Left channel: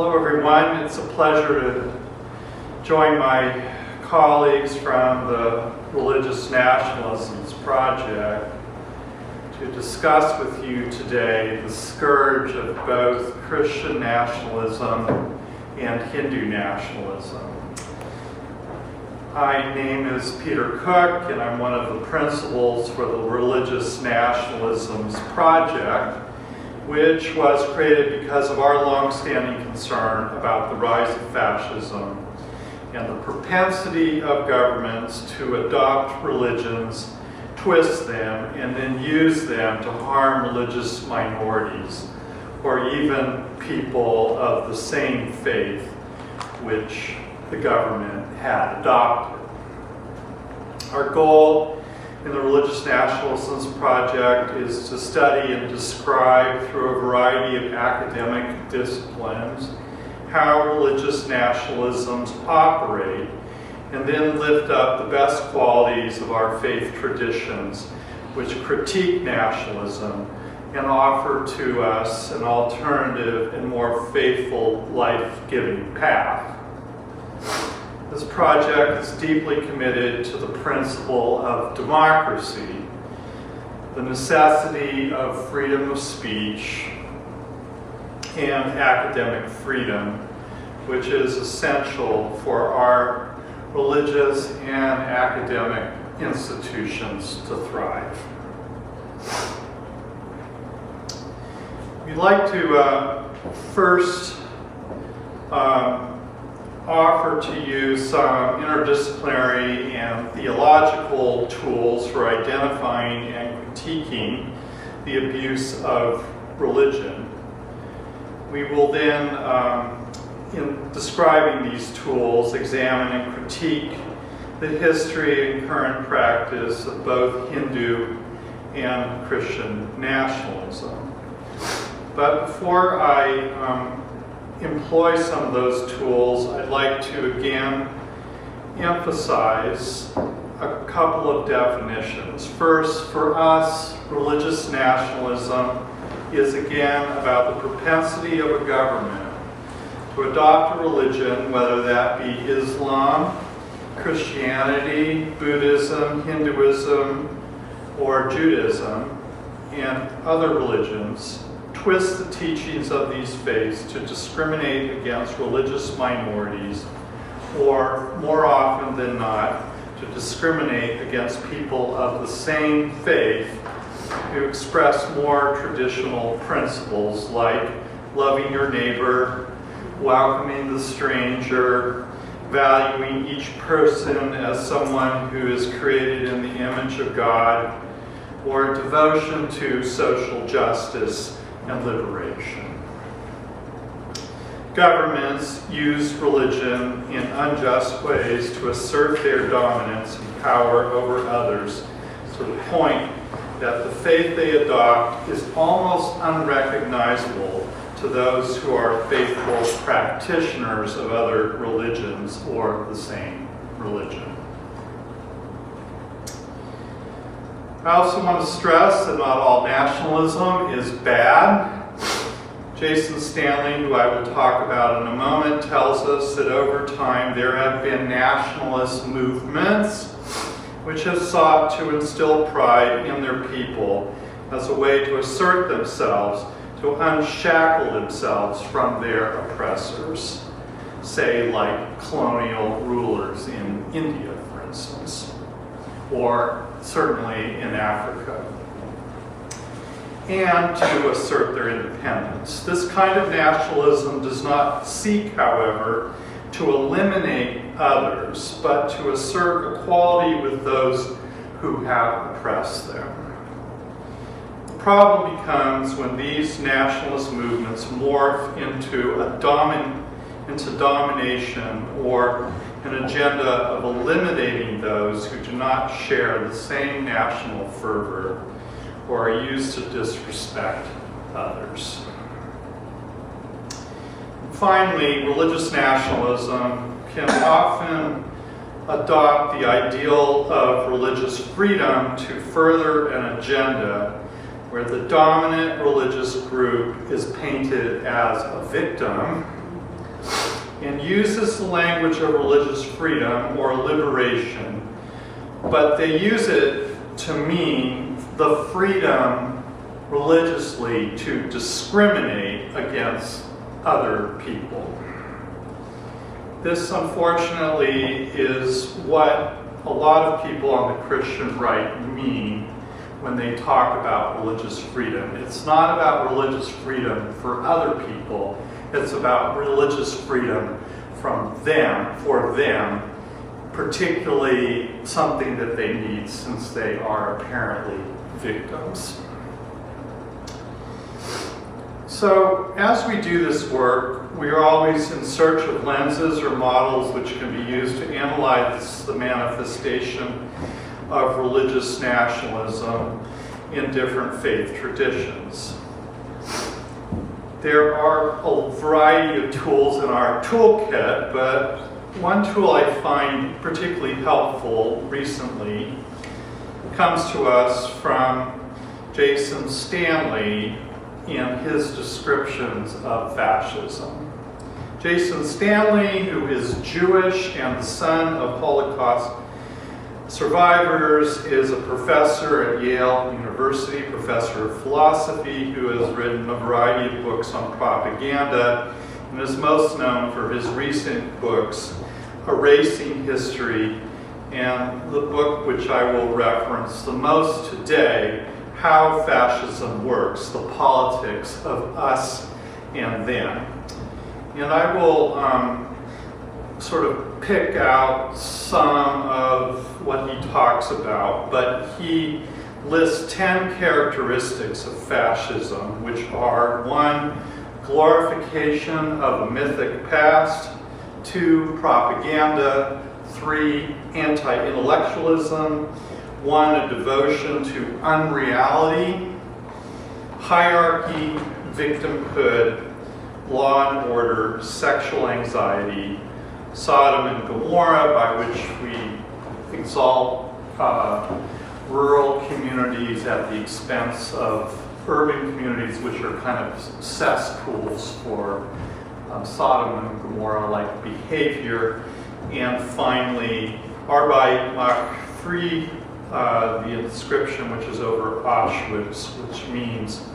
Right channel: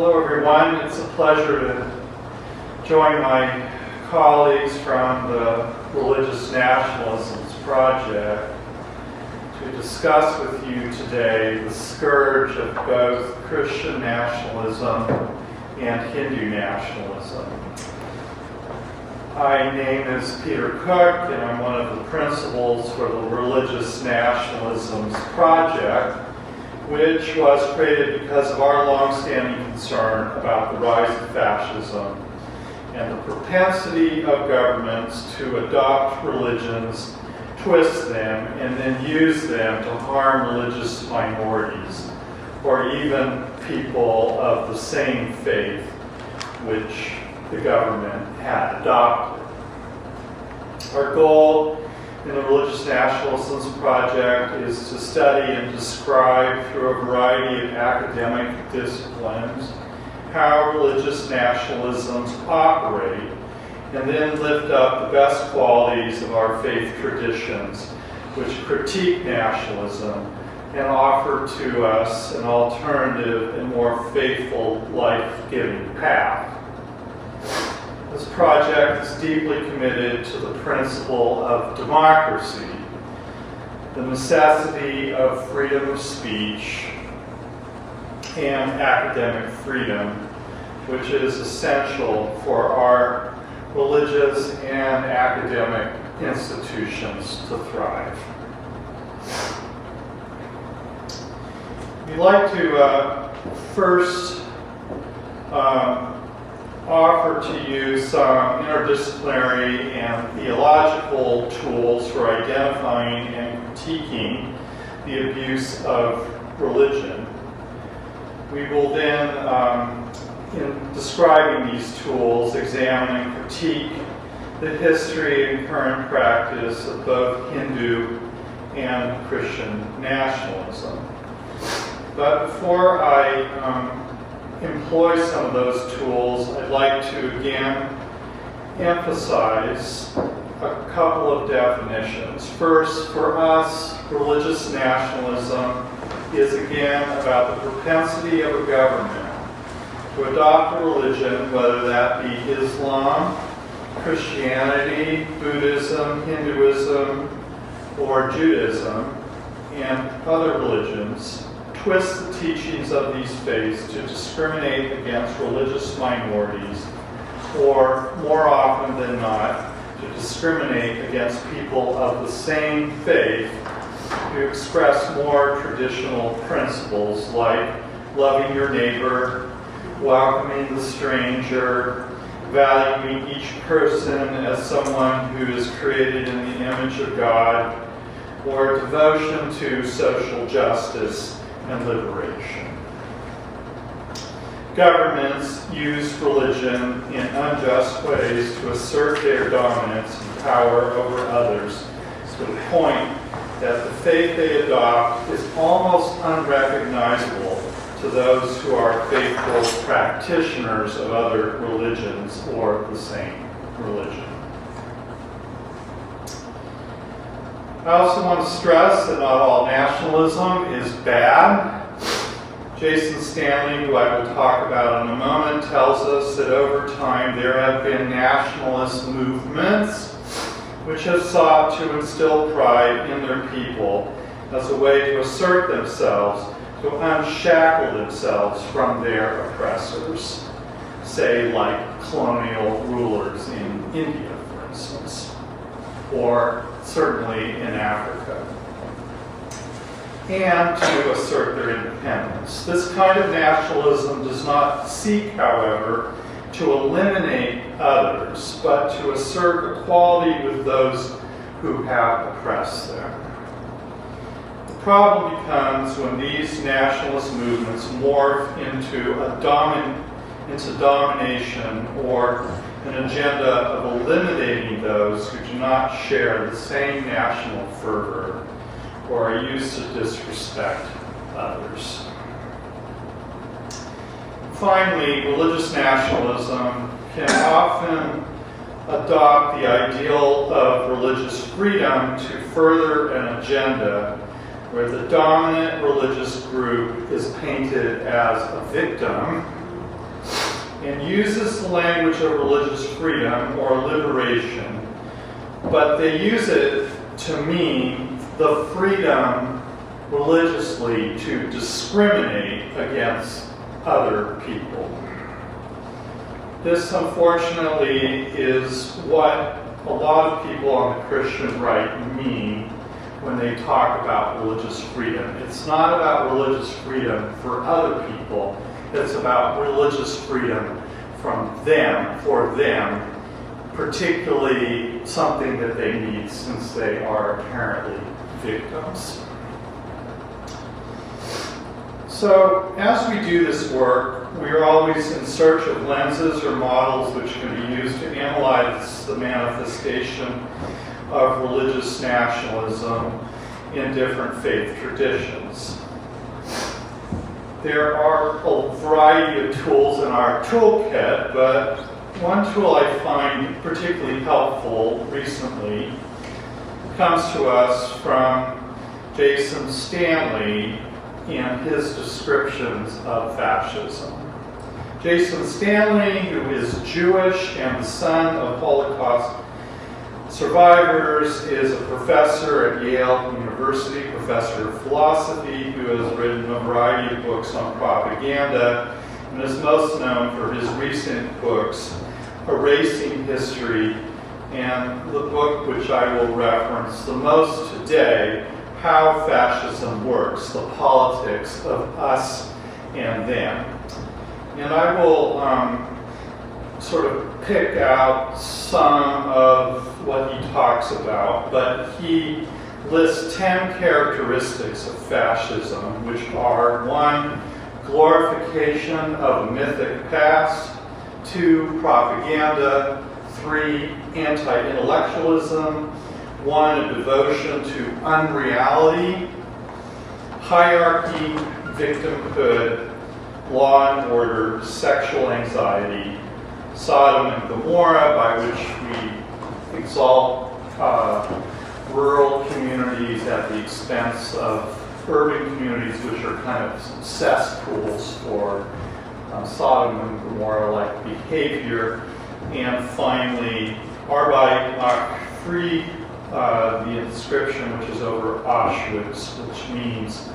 Hello everyone, it's a pleasure to join my colleagues from the Religious Nationalisms Project to discuss with you today the scourge of both Christian nationalism and Hindu nationalism. My name is Peter Cook, and I'm one of the principals for the Religious Nationalisms Project, which was created because of our long-standing concern about the rise of fascism and the propensity of governments to adopt religions, twist them, and then use them to harm religious minorities or even people of the same faith which the government had adopted. Our goal in the Religious Nationalisms Project is to study and describe through a variety of academic disciplines how religious nationalisms operate, and then lift up the best qualities of our faith traditions which critique nationalism and offer to us an alternative and more faithful, life-giving path. This project is deeply committed to the principle of democracy, the necessity of freedom of speech, and academic freedom, which is essential for our religious and academic institutions to thrive. We'd like to first offer to you some interdisciplinary and theological tools for identifying and critiquing the abuse of religion. We will then, in describing these tools, examine and critique the history and current practice of both Hindu and Christian nationalism. But before I employ some of those tools, I'd like to again emphasize a couple of definitions. First, for us, religious nationalism is again about the propensity of a government to adopt a religion, whether that be Islam, Christianity, Buddhism, Hinduism, or Judaism, and other religions, twist the teachings of these faiths to discriminate against religious minorities, or more often than not, to discriminate against people of the same faith who express more traditional principles like loving your neighbor, welcoming the stranger, valuing each person as someone who is created in the image of God, or devotion to social justice and liberation. Governments use religion in unjust ways to assert their dominance and power over others, to the point that the faith they adopt is almost unrecognizable to those who are faithful practitioners of other religions or the same religion. I also want to stress that not all nationalism is bad. Jason Stanley, who I will talk about in a moment, tells us that over time there have been nationalist movements which have sought to instill pride in their people as a way to assert themselves, to unshackle themselves from their oppressors, say like colonial rulers in India, for instance, or certainly in Africa, and to assert their independence. This kind of nationalism does not seek, however, to eliminate others, but to assert equality with those who have oppressed them. The problem becomes when these nationalist movements morph into domination or an agenda of eliminating those who do not share the same national fervor or are used to disrespect others. Finally, religious nationalism can often adopt the ideal of religious freedom to further an agenda where the dominant religious group is painted as a victim and uses the language of religious freedom or liberation, but they use it to mean the freedom religiously to discriminate against other people. This, unfortunately, is what a lot of people on the Christian right mean when they talk about religious freedom. It's not about religious freedom for other people. It's about religious freedom from them, for them, particularly something that they need since they are apparently victims. So as we do this work, we are always in search of lenses or models which can be used to analyze the manifestation of religious nationalism in different faith traditions. There are a variety of tools in our toolkit, but one tool I find particularly helpful recently comes to us from Jason Stanley in his descriptions of fascism. Jason Stanley, who is Jewish and the son of Holocaust survivors, is a professor at Yale University, professor of philosophy, who has written a variety of books on propaganda, and is most known for his recent books, Erasing History, and the book which I will reference the most today, How Fascism Works, the Politics of Us and Them. And I will sort of pick out some of what he talks about, but he lists 10 characteristics of fascism, which are 1, glorification of a mythic past, 2, propaganda, 3, anti-intellectualism, 1, a devotion to unreality, hierarchy, victimhood, law and order, sexual anxiety, Sodom and Gomorrah, by which we exalt rural communities at the expense of urban communities, which are kind of cesspools for Sodom and Gomorrah-like behavior. And finally, Arbeit macht frei, the inscription which is over Auschwitz, which means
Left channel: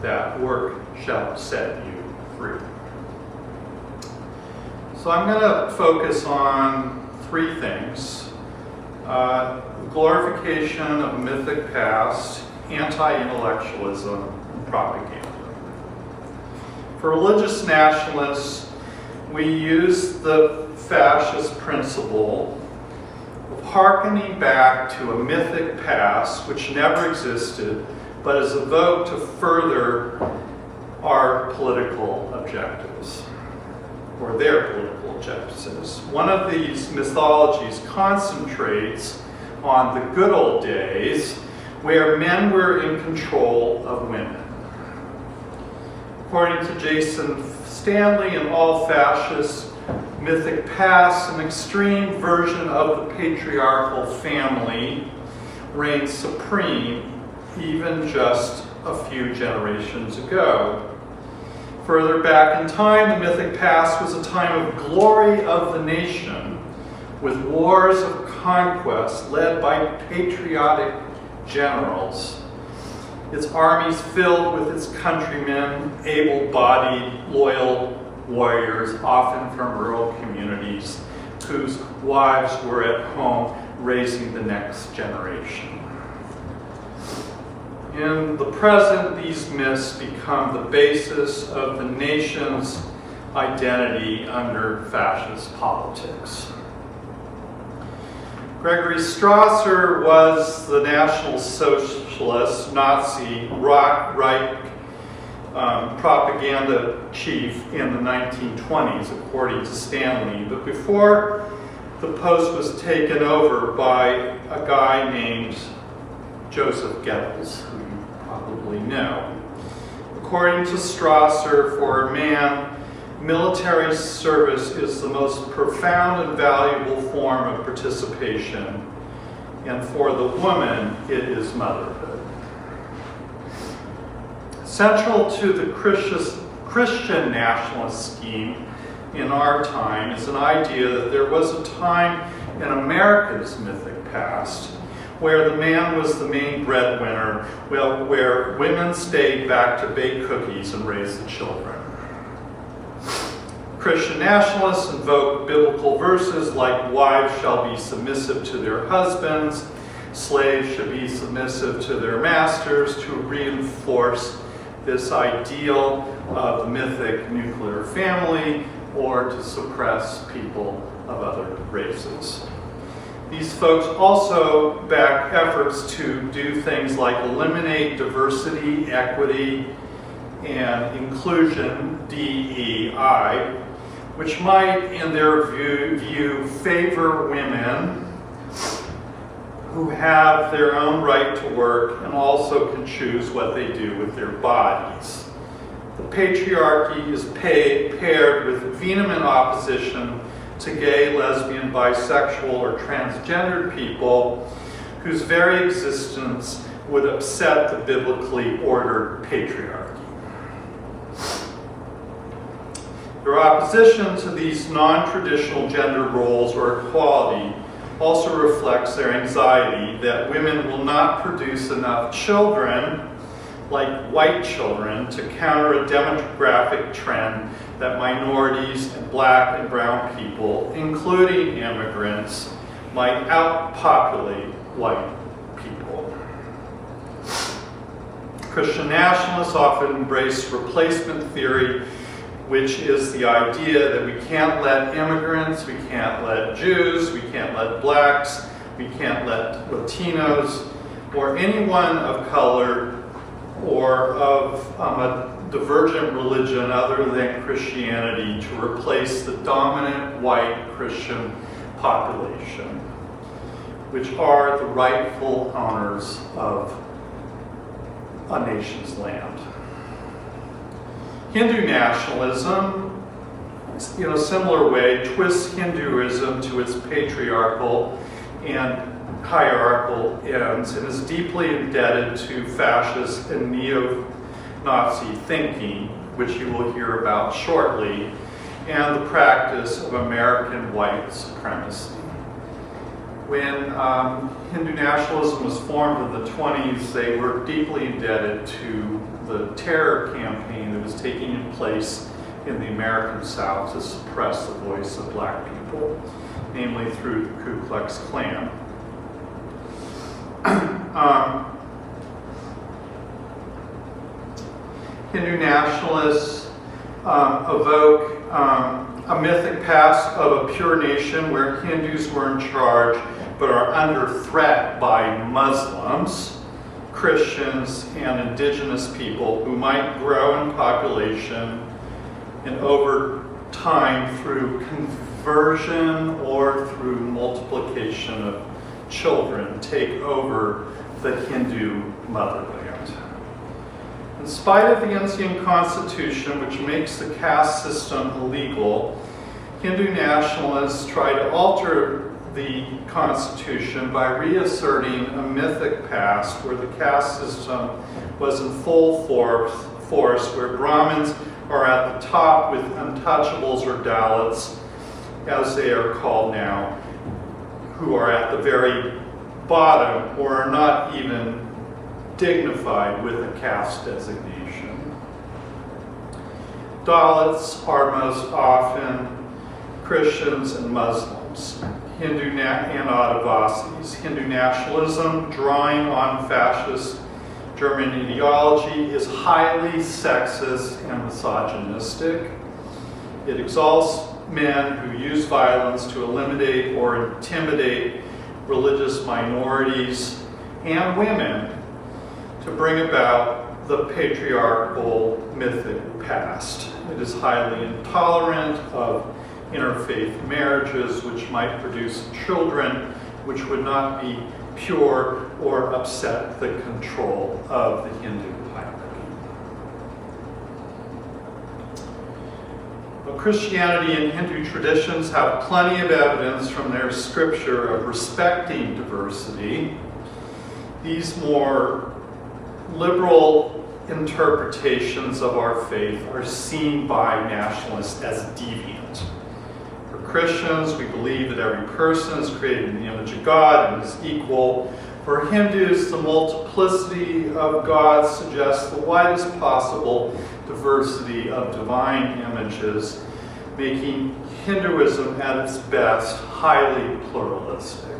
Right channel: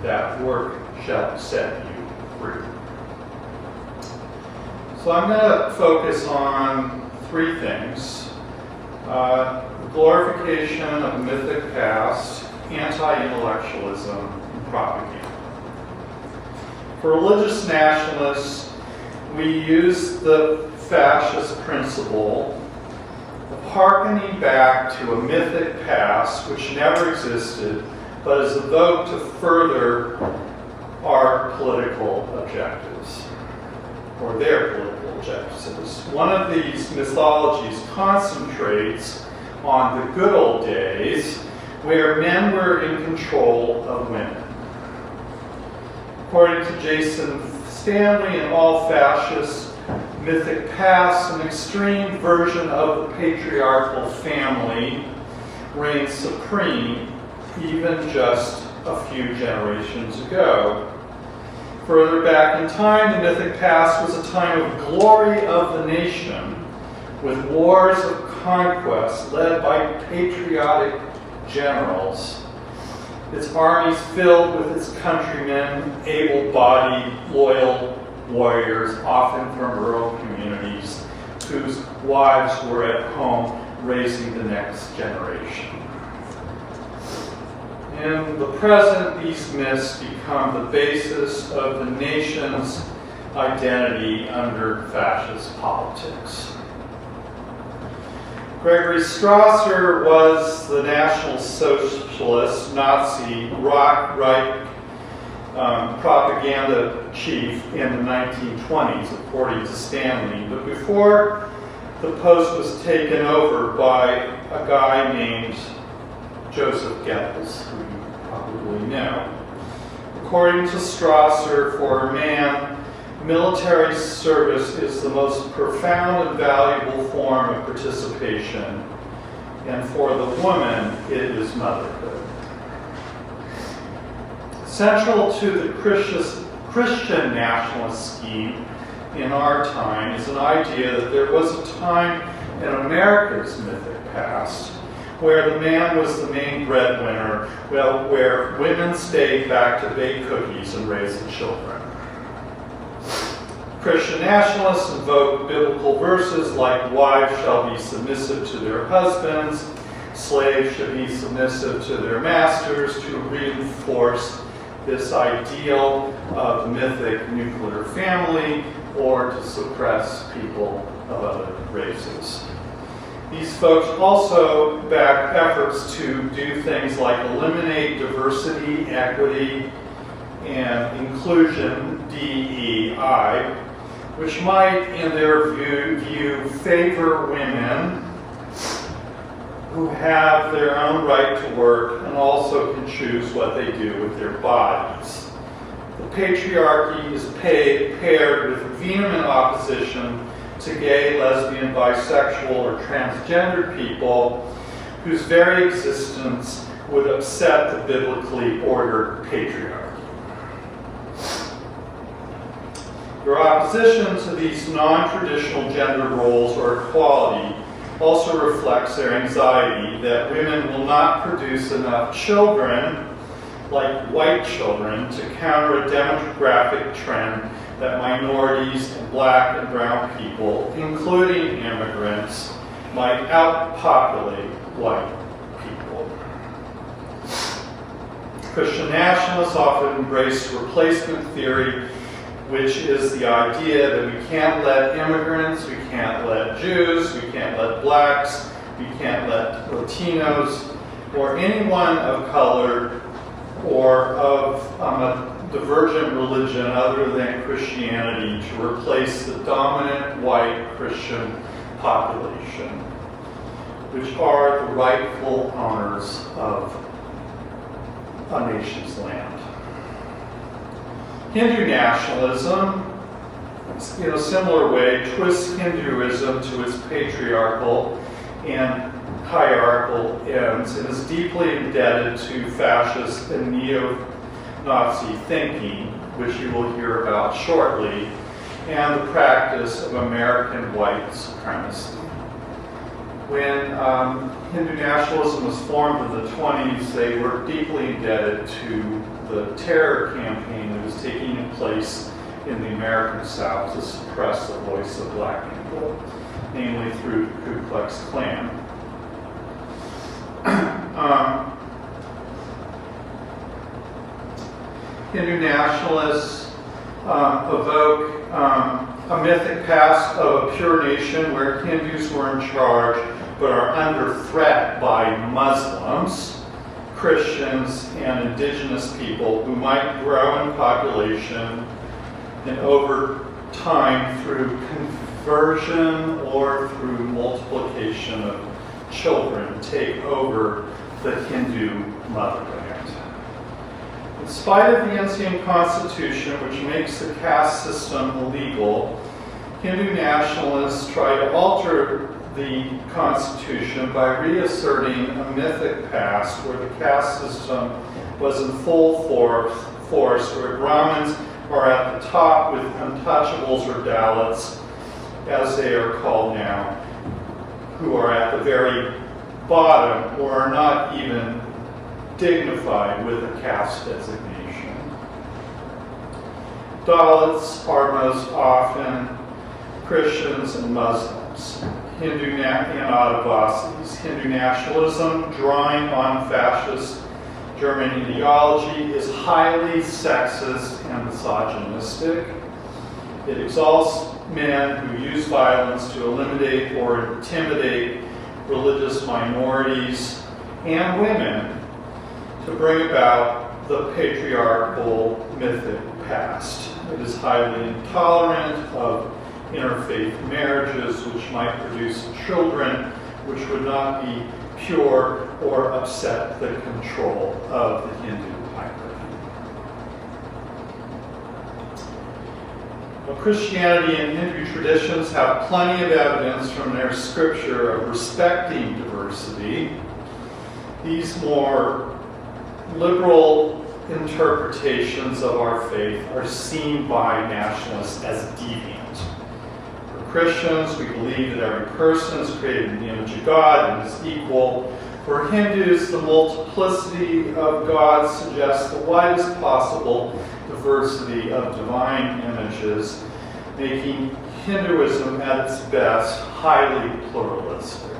that work shall set you free. So I'm going to focus on 3 things. Glorification of a mythic past, anti-intellectualism, and propaganda. For religious nationalists, we use the fascist principle of hearkening back to a mythic past which never existed, but is evoked to further our political objectives, or their political objectives. One of these mythologies concentrates on the good old days where men were in control of women. According to Jason Stanley, in all fascist mythic pasts, an extreme version of the patriarchal family reigned supreme even just a few generations ago. Further back in time, the mythic past was a time of glory of the nation, with wars of conquest led by patriotic generals, its armies filled with its countrymen, able-bodied, loyal warriors, often from rural communities, whose wives were at home raising the next generation. In the present, these myths become the basis of the nation's identity under fascist politics. Gregory Strasser was the National Socialist Nazi right propaganda chief in the 1920s, according to Stanley. But before the post was taken over by a guy named Joseph Goebbels, who you probably know. According to Strasser, for a man, military service is the most profound and valuable form of participation, and for the woman, it is motherhood. Central to the Christian nationalist scheme in our time is an idea that there was a time in America's mythic past where the man was the main breadwinner, where women stayed back to bake cookies and raise the children. Christian nationalists invoke biblical verses like wives shall be submissive to their husbands, slaves should be submissive to their masters, to reinforce this ideal of the mythic nuclear family or to suppress people of other races. These folks also back efforts to do things like eliminate diversity, equity, and inclusion, DEI, which might, in their view, favor women who have their own right to work and also can choose what they do with their bodies. The patriarchy is paired with vehement opposition to gay, lesbian, bisexual, or transgendered people whose very existence would upset the biblically ordered patriarchy. Their opposition to these non-traditional gender roles or equality also reflects their anxiety that women will not produce enough children, like white children, to counter a demographic trend that minorities and black and brown people, including immigrants, might outpopulate white people. Christian nationalists often embrace replacement theory, which is the idea that we can't let immigrants, we can't let Jews, we can't let blacks, we can't let Latinos, or anyone of color or of a divergent religion other than Christianity to replace the dominant white Christian population, which are the rightful owners of a nation's land. Hindu nationalism, in a similar way, twists Hinduism to its patriarchal and hierarchical ends and is deeply indebted to fascist and neo-Nazi thinking, which you will hear about shortly, and the practice of American white supremacy. When Hindu nationalism was formed in the 20s, they were deeply indebted to the terror campaign that was taking place in the American South to suppress the voice of black people, namely through the Ku Klux Klan. Hindu nationalists evoke a mythic past of a pure nation where Hindus were in charge but are under threat by Muslims, Christians, and indigenous people who might grow in population and over time through conversion or through multiplication of children take over the Hindu motherland. In spite of the Indian Constitution, which makes the caste system illegal, Hindu nationalists try to alter the Constitution by reasserting a mythic past where the caste system was in full force, where Brahmins are at the top with untouchables or Dalits, as they are called now, who are at the very bottom or are not even dignified with a caste designation. Dalits are most often Christians and Muslims, Hindu and Adivasis. Hindu nationalism, drawing on fascist German ideology, is highly sexist and misogynistic. It exalts men who use violence to eliminate or intimidate religious minorities and women to bring about the patriarchal mythic past. It is highly intolerant of interfaith marriages, which might produce children which would not be pure or upset the control of the Hindu hierarchy. Well, Christianity and Hindu traditions have plenty of evidence from their scripture of respecting diversity. These more liberal interpretations of our faith are seen by nationalists as deviant. For Christians, we believe that every person is created in the image of God and is equal. For Hindus, the multiplicity of gods suggests the widest possible diversity of divine images, making Hinduism at its best highly pluralistic.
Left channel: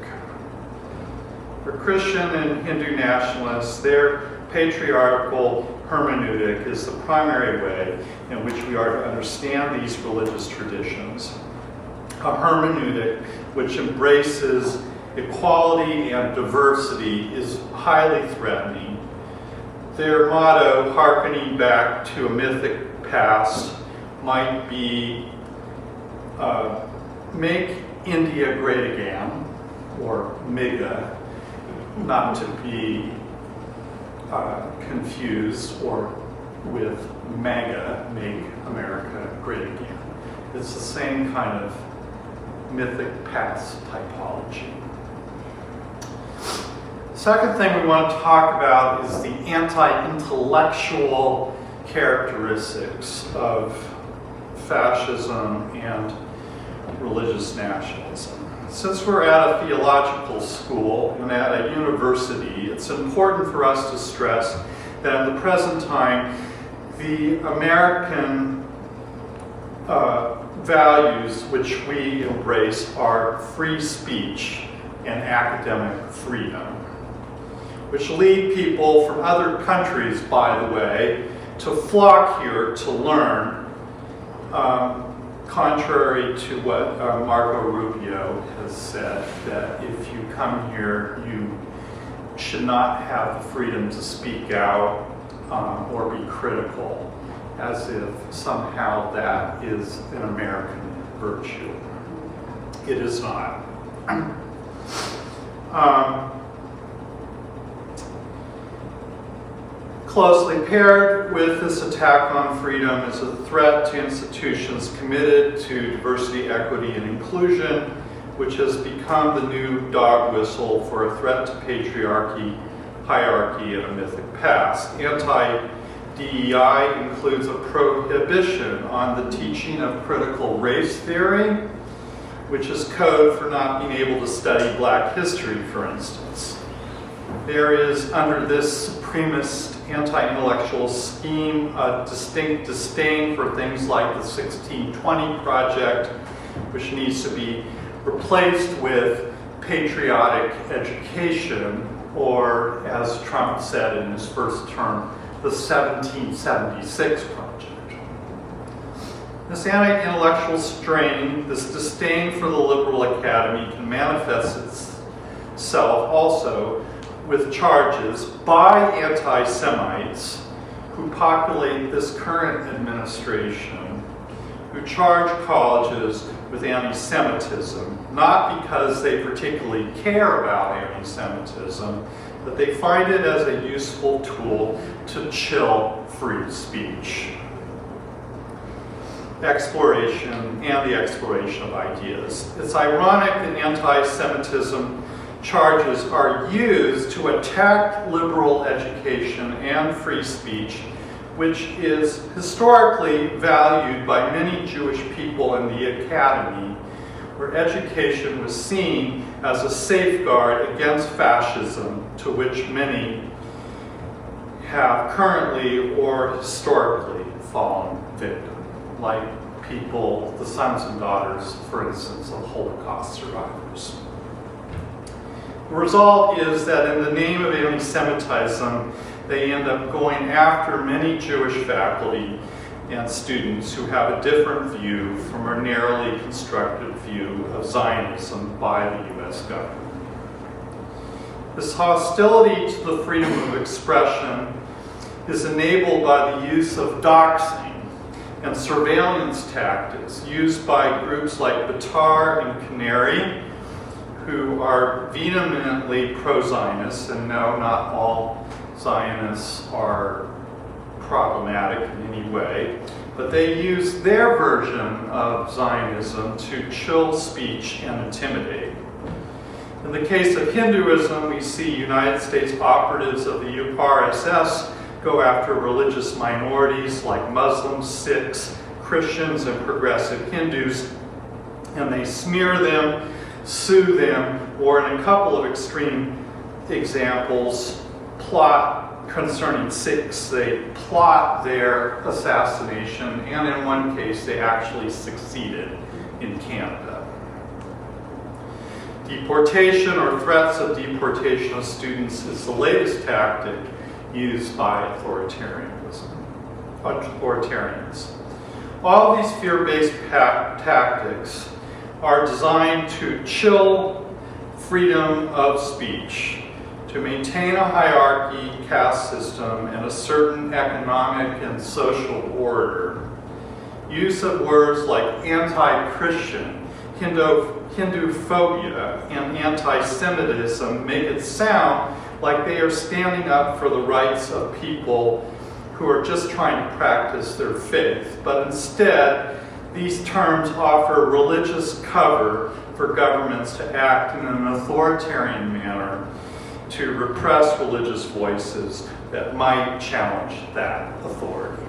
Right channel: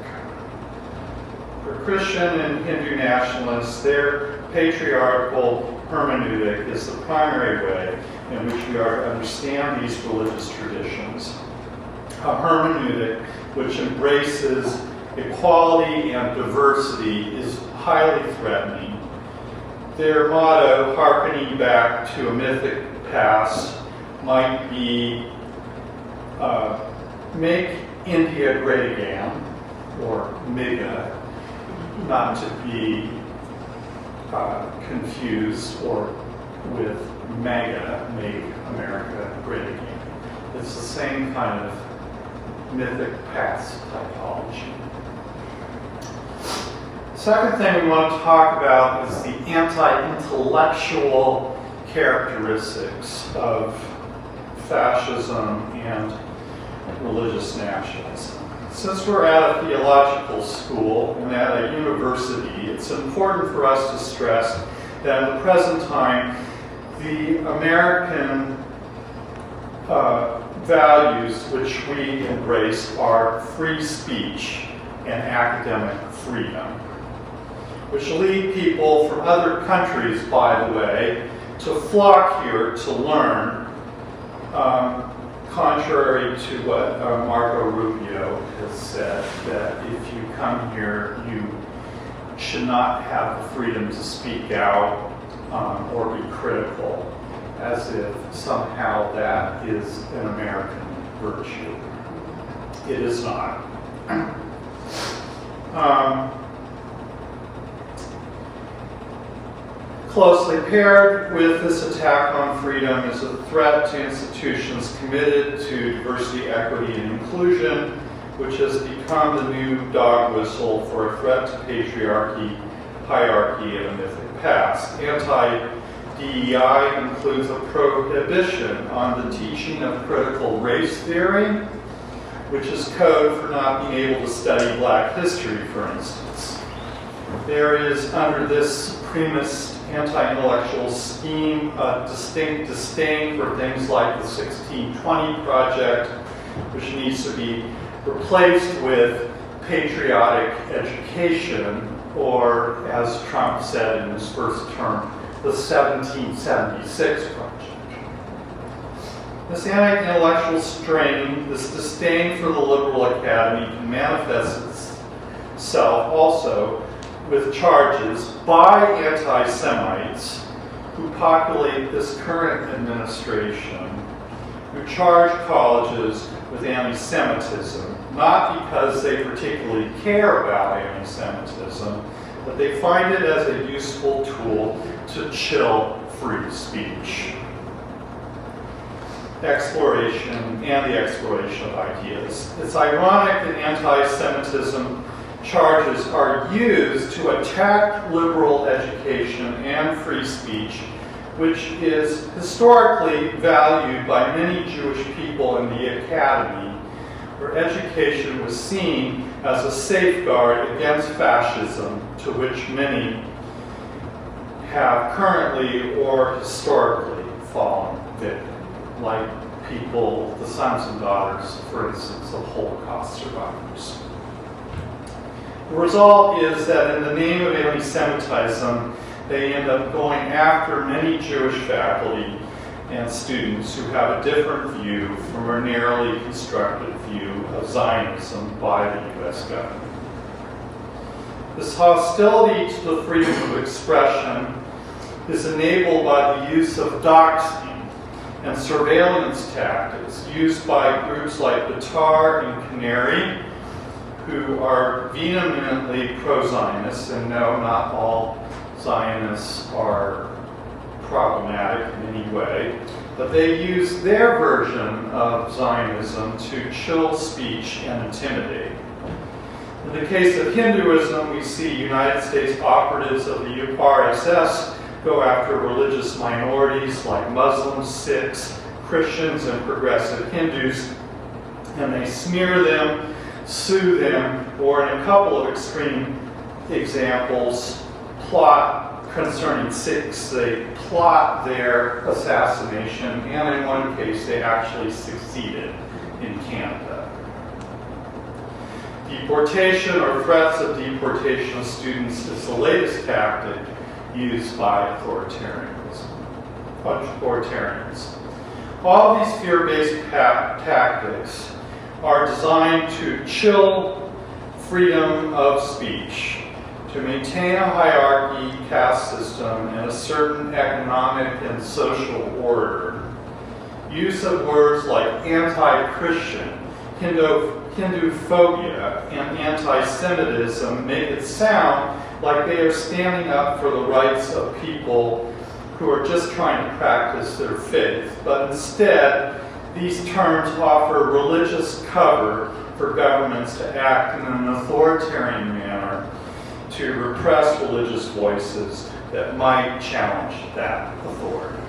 For Christian and Hindu nationalists, their patriarchal hermeneutic is the primary way in which we are to understand these religious traditions. A hermeneutic which embraces equality and diversity is highly threatening. Their motto, hearkening back to a mythic past, might be make India great again, or mega, not to be confused or with mega, make America great again. It's the same kind of mythic past typology. Second thing we want to talk about is the anti-intellectual characteristics of fascism and religious nationalism. Since we're at a theological school and at a university, it's important for us to stress that in the present time, the American values which we embrace are free speech and academic freedom, which lead people from other countries, by the way, to flock here to learn, contrary to what Marco Rubio has said, that if you come here, you should not have the freedom to speak out or be critical, as if somehow that is an American virtue. It is not. Closely paired with this attack on freedom is a threat to institutions committed to diversity, equity, and inclusion, which has become the new dog whistle for a threat to patriarchy, hierarchy, and a mythic past. Anti-DEI includes a prohibition on the teaching of critical race theory, which is code for not being able to study Black history, for instance. There is, under this supremacist anti-intellectual scheme, a distinct disdain for things like the 1620 Project, which needs to be replaced with patriotic education, or, as Trump said in his first term, the 1776 Project. This anti-intellectual strain, this disdain for the liberal academy, can manifest itself also with charges by anti-Semites who populate this current administration, who charge colleges with anti-Semitism, not because they particularly care about anti-Semitism, but they find it as a useful tool to chill free speech. Exploration and the exploration of ideas. It's ironic that anti-Semitism charges are used to attack liberal education and free speech, which is historically valued by many Jewish people in the academy, where education was seen as a safeguard against fascism, to which many have currently or historically fallen victim, like people, the sons and daughters, for instance, of Holocaust survivors. The result is that in the name of anti-Semitism, they end up going after many Jewish faculty and students who have a different view from a narrowly constructed view of Zionism by the U.S. government. This hostility to the freedom of expression is enabled by the use of doxing and surveillance tactics used by groups like Batar and Canary, who are vehemently pro-Zionist, and no, not all Zionists are problematic in any way, but they use their version of Zionism to chill speech and intimidate. In the case of Hinduism, we see United States operatives of the RSS go after religious minorities like Muslims, Sikhs, Christians, and progressive Hindus, and they smear them, sue them, or in a couple of extreme examples, plot concerning Sikhs. They plot their assassination, and in one case, they actually succeeded in Canada. Deportation or threats of deportation of students is the latest tactic used by authoritarians. All of these fear-based tactics are designed to chill freedom of speech, to maintain a hierarchy, caste system, and a certain economic and social order. Use of words like anti-Christian, Hinduphobia, and anti-Semitism make it sound like they are standing up for the rights of people who are just trying to practice their faith. But instead, these terms offer religious cover for governments to act in an authoritarian manner to repress religious voices that might challenge that authority.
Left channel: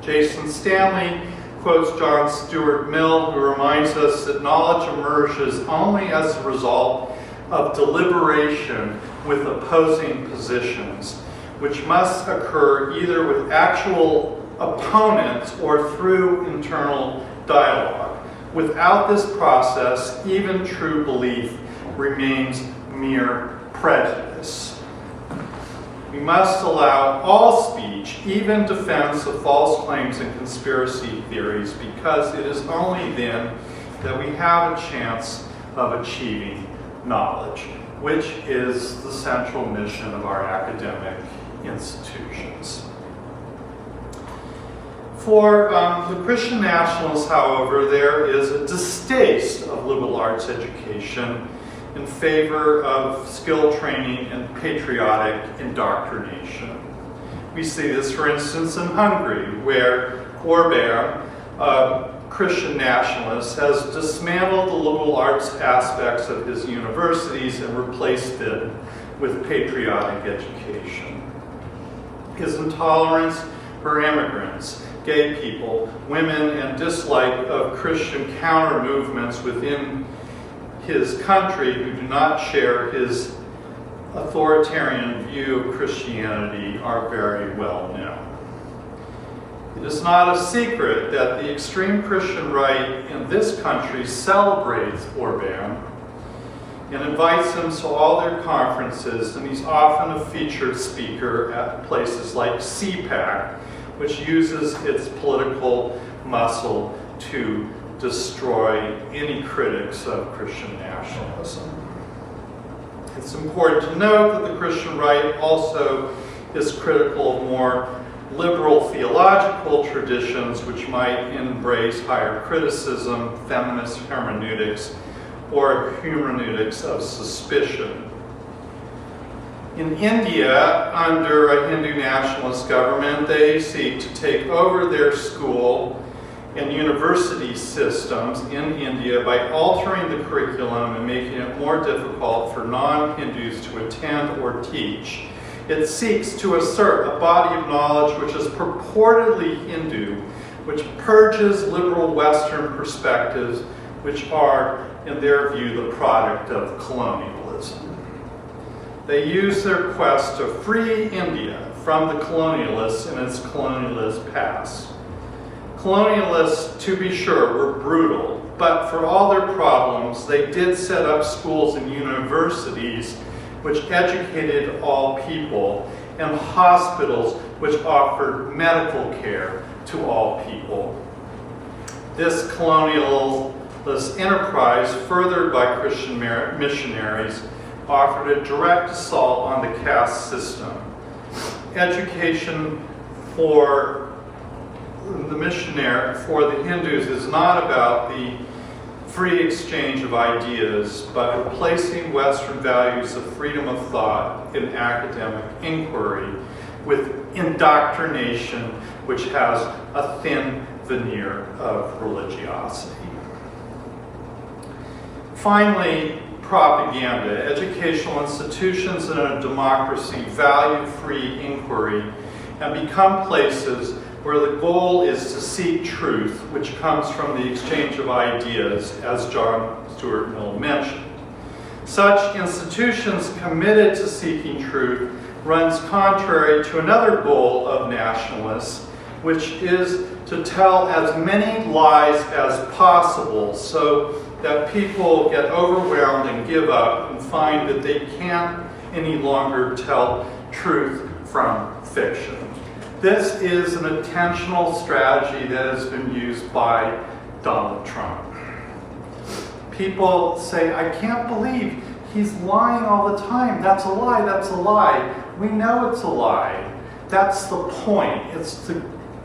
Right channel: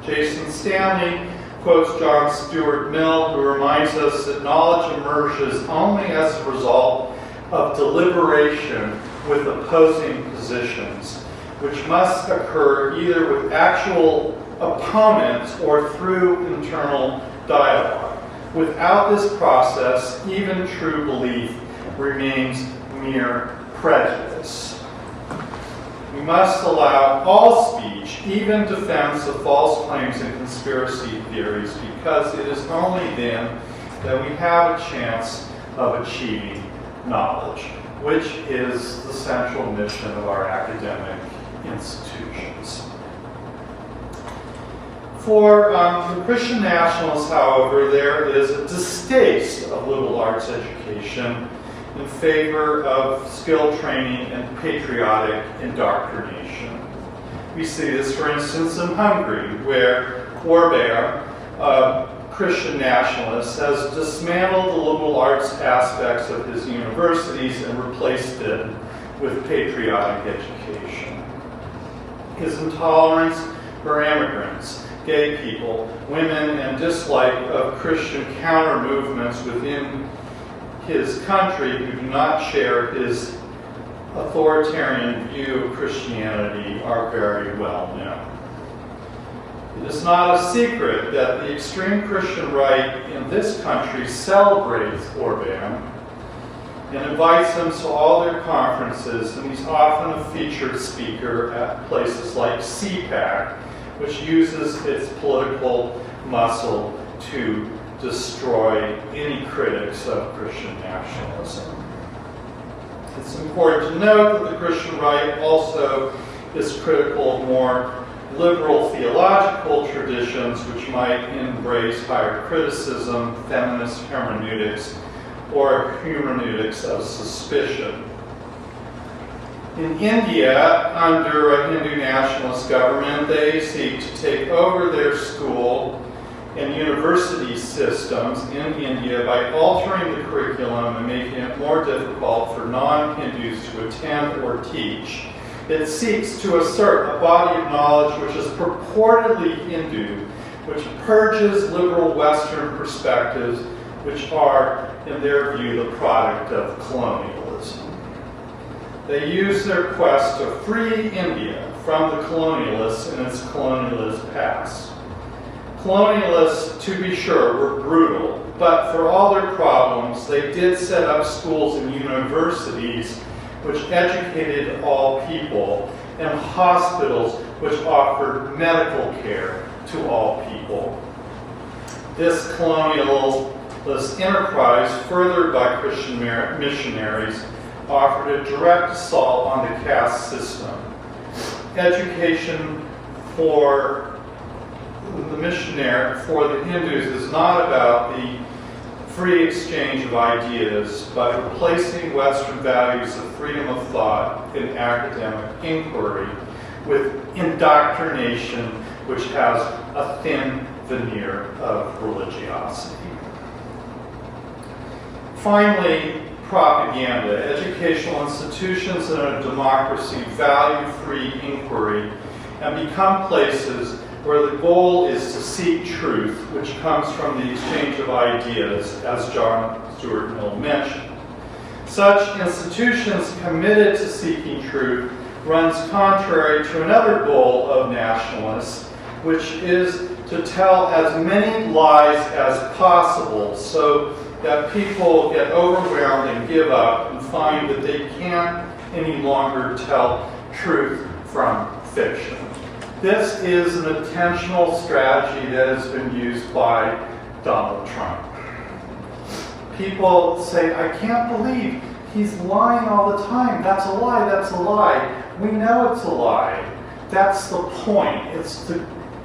Jason Stanley quotes John Stuart Mill, who reminds us that knowledge emerges only as a result of deliberation with opposing positions, which must occur either with actual opponents or through internal dialogue. Without this process, even true belief remains mere prejudice. We must allow all speech, even defense of false claims and conspiracy theories, because it is only then that we have a chance of achieving knowledge, which is the central mission of our academic institutions. For the Christian nationalists, however, there is a distaste of liberal arts education in favor of skill training and patriotic indoctrination. We see this, for instance, in Hungary, where Orbán, a Christian nationalist, has dismantled the liberal arts aspects of his universities and replaced it with patriotic education. His intolerance for immigrants, gay people, women, and dislike of Christian counter movements within his country who do not share his authoritarian view of Christianity are very well known. It is not a secret that the extreme Christian right in this country celebrates Orbán and invites him to all their conferences, and he's often a featured speaker at places like CPAC, which uses its political muscle to destroy any critics of Christian nationalism. It's important to note that the Christian right also is critical of more liberal theological traditions which might embrace higher criticism, feminist hermeneutics, or hermeneutics of suspicion. In India, under a Hindu nationalist government, they seek to take over their school and university systems in India by altering the curriculum and making it more difficult for non-Hindus to attend or teach. It seeks to assert a body of knowledge which is purportedly Hindu, which purges liberal Western perspectives, which are, in their view, the product of colonialism. They use their quest to free India from the colonialists in its colonialist past. Colonialists, to be sure, were brutal, but for all their problems, they did set up schools and universities which educated all people, and hospitals which offered medical care to all people. This colonialist enterprise, furthered by Christian missionaries, offered a direct assault on the caste system. Education for the Hindus is not about the free exchange of ideas, but replacing Western values of freedom of thought and academic inquiry with indoctrination, which has a thin veneer of religiosity. Finally, propaganda. Educational institutions in a democracy value free inquiry and become places where the goal is to seek truth, which comes from the exchange of ideas, as John Stuart Mill mentioned. Such institutions committed to seeking truth runs contrary to another goal of nationalists, which is to tell as many lies as possible so that people get overwhelmed and give up and find that they can't any longer tell truth from fiction. This is an intentional strategy that has been used by Donald Trump. People say, I can't believe he's lying all the time. That's a lie, that's a lie. We know it's a lie. That's the point. It's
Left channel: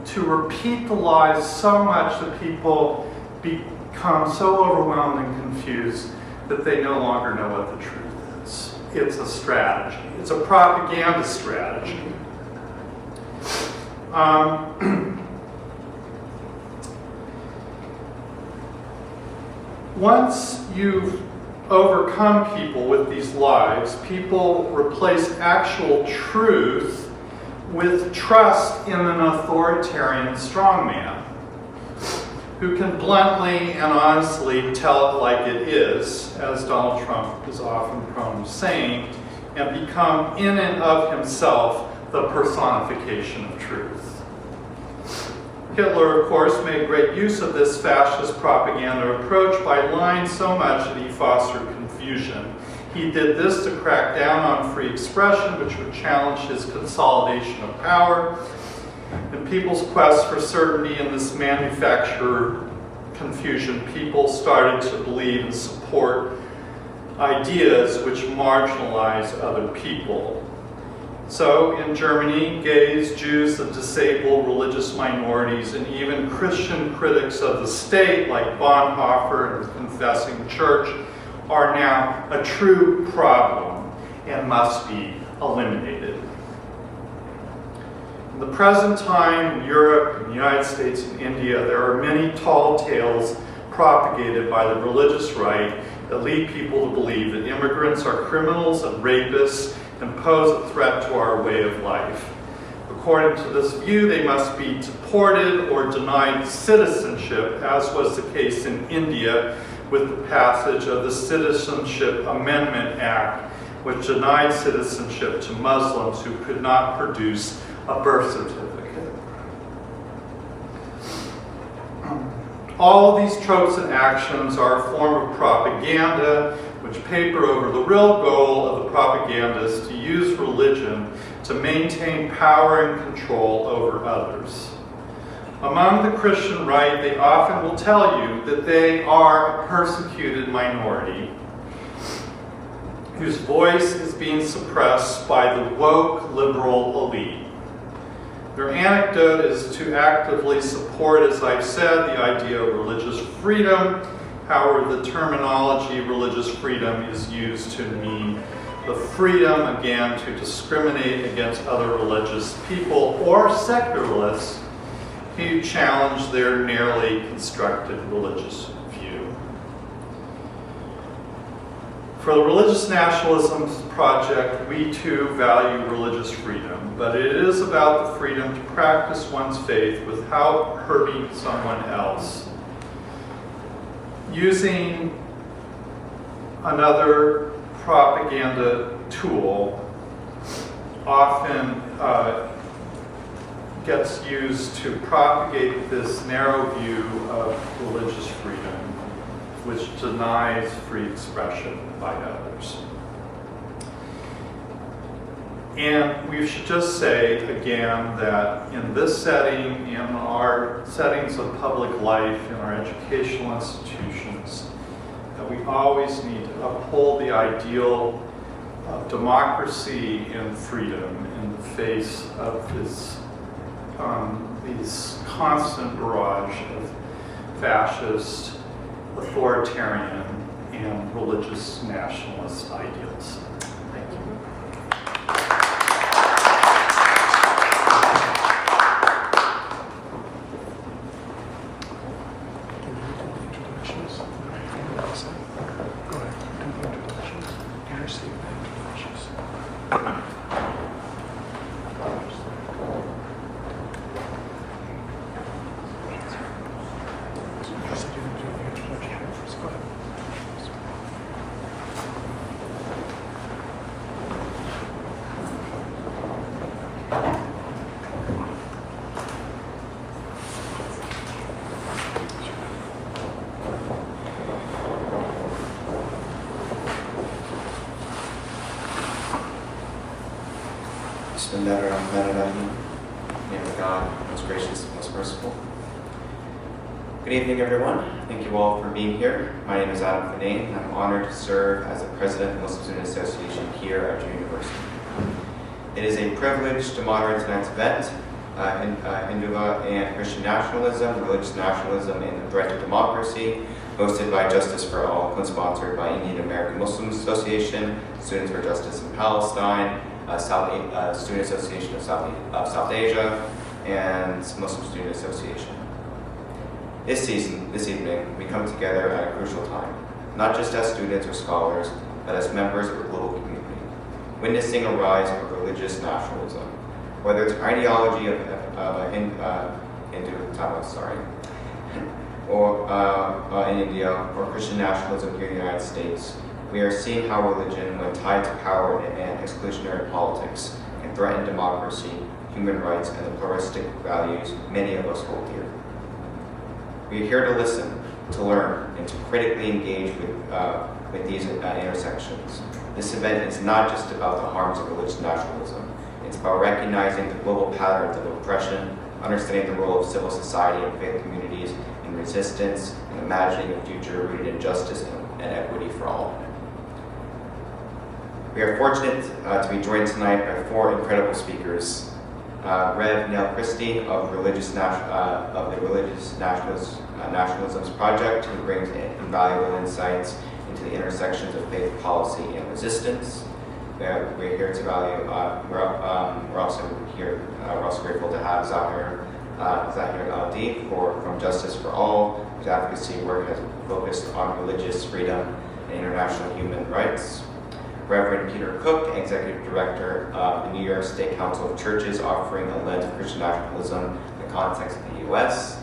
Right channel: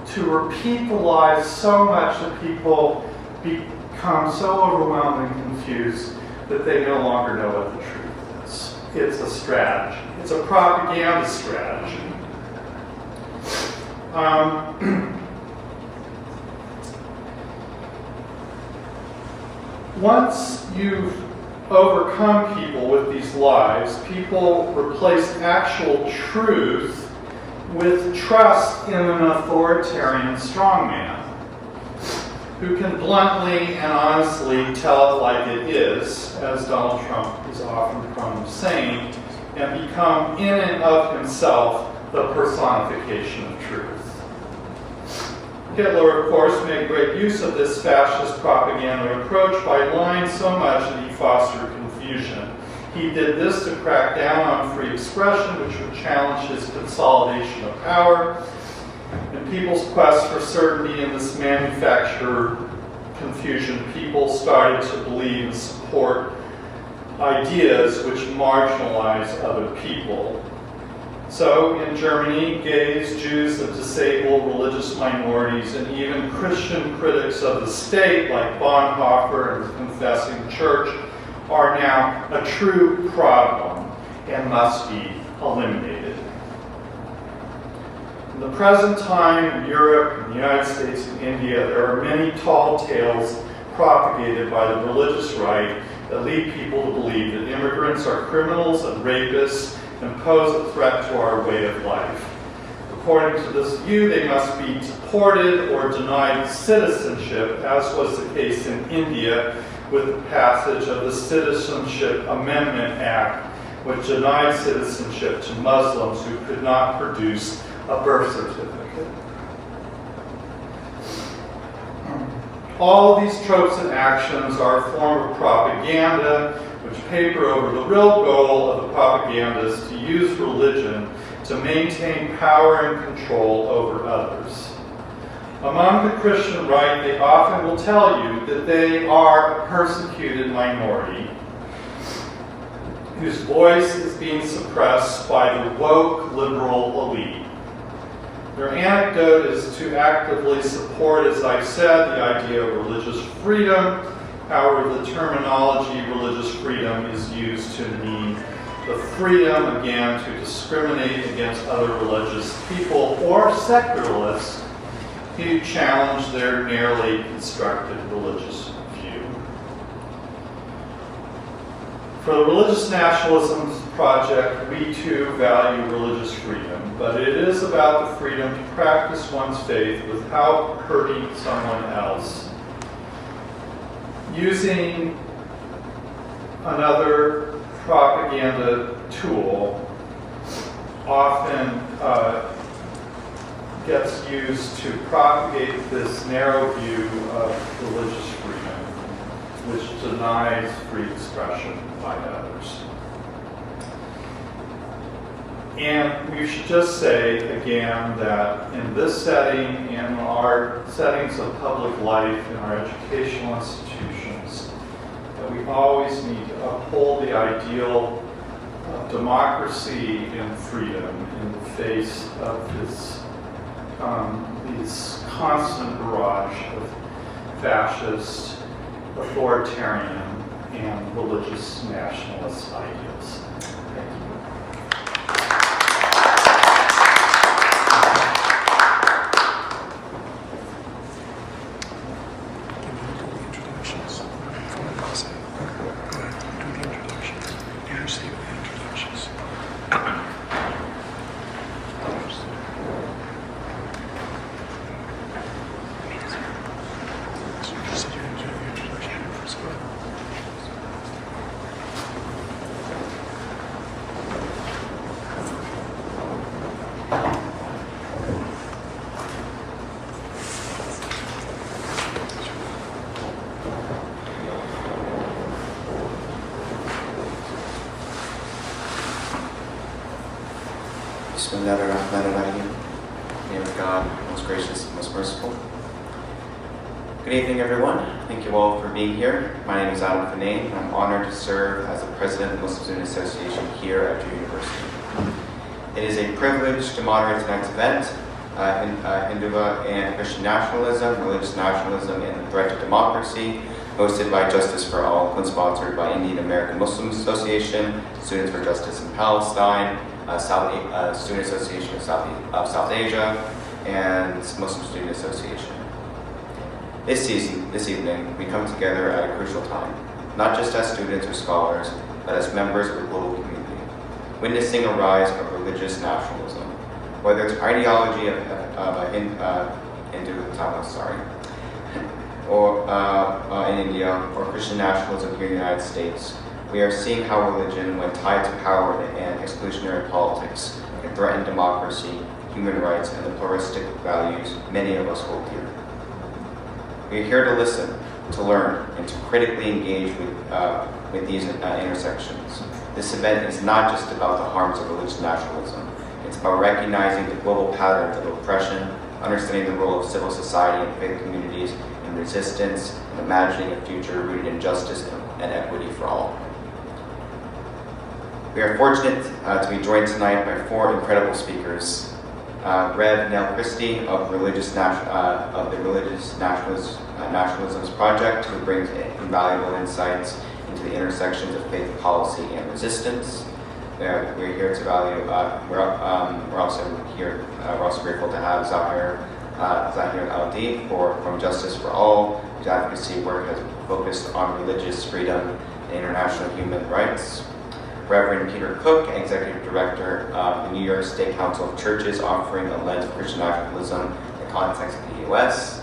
to repeat the lies so much that people become so overwhelmed and confused that they no longer know what the truth is. It's a strategy. It's a propaganda strategy. Once you've overcome people with these lies, people replace actual truth with trust in an authoritarian strongman who can bluntly and honestly tell it like it is, as Donald Trump is often prone to saying, and become in and of himself the personification of truth. Hitler, of course, made great use of this fascist propaganda approach by lying so much that he fostered confusion. He did this to crack down on free expression, which would challenge his consolidation of power. In people's quest for certainty in this manufactured confusion, people started to believe and support ideas which marginalize other people. So in Germany, gays, Jews, the disabled, religious minorities, and even Christian critics of the state like Bonhoeffer and the Confessing Church are now a true problem and must be eliminated. In the present time in Europe, in the United States, and India, there are many tall tales propagated by the religious right that lead people to believe that immigrants are criminals and rapists and pose a threat to our way of life. According to this view, they must be deported or denied citizenship, as was the case in India with the passage of the Citizenship Amendment Act, which denied citizenship to Muslims who could not produce a birth certificate. All of these tropes and actions are a form of propaganda which paper over the real goal of the propagandists to use religion to maintain power and control over others. Among the Christian right, they often will tell you that they are a persecuted minority whose voice is being suppressed by the woke liberal elite. Their anecdote is to actively support, as I've said, the idea of religious freedom. However, the terminology religious freedom is used to mean the freedom, again, to discriminate against other religious people or secularists who challenge their narrowly constructed religious view. For the Religious Nationalisms Project, we too value religious freedom, but it is about the freedom to practice one's faith without hurting someone else. Using another propaganda tool often gets used to propagate this narrow view of religious freedom, which denies free expression by others. And we should just say again that in this setting, in our settings of public life, in our educational institutions, that we always need to uphold the ideal of democracy and freedom in the face of these constant barrage of fascist, authoritarian, and religious nationalist ideals. Thank you. Go ahead, do the introduction. Bismillahirrahmanirrahim. In the name of God, most gracious, most merciful. Good evening, everyone. Thank you all for being here. My name is Adam Fanane. I'm honored to serve as the president of the Muslim Student Association here at your university. It is a privilege to moderate tonight's event, Hindu and Christian nationalism, religious nationalism, and the threat to democracy, hosted by Justice for All, co-sponsored by Indian American Muslim Association, Students for Justice in Palestine, Student Association of South Asia, and Muslim Student Association. This evening, we come together at a crucial time, not just as students or scholars, but as members of the global community, witnessing a rise of religious nationalism, whether it's ideology of Hinduism, or in India, or Christian nationalism here in the United States. We are seeing how religion, when tied to power and exclusionary politics, can threaten democracy, human rights, and the pluralistic values many of us hold dear. We are here to listen, to learn, and to critically engage with these intersections. This event is not just about the harms of religious nationalism. It's about recognizing the global patterns of oppression, understanding the role of civil society and faith communities in resistance, and imagining a future rooted in justice and equity for all. We are fortunate to be joined tonight by four incredible speakers. Rev. Nell Christie of the Religious Nationalisms Project, who brings invaluable insights into the intersections of faith policy and resistance. We're here to value. We're also grateful to have Zahir Al-Di from Justice for All, whose advocacy work has focused on religious freedom and international human rights. Reverend Peter Cook, Executive Director of the New York State Council of Churches, offering a lens of Christian nationalism in the context of the U.S.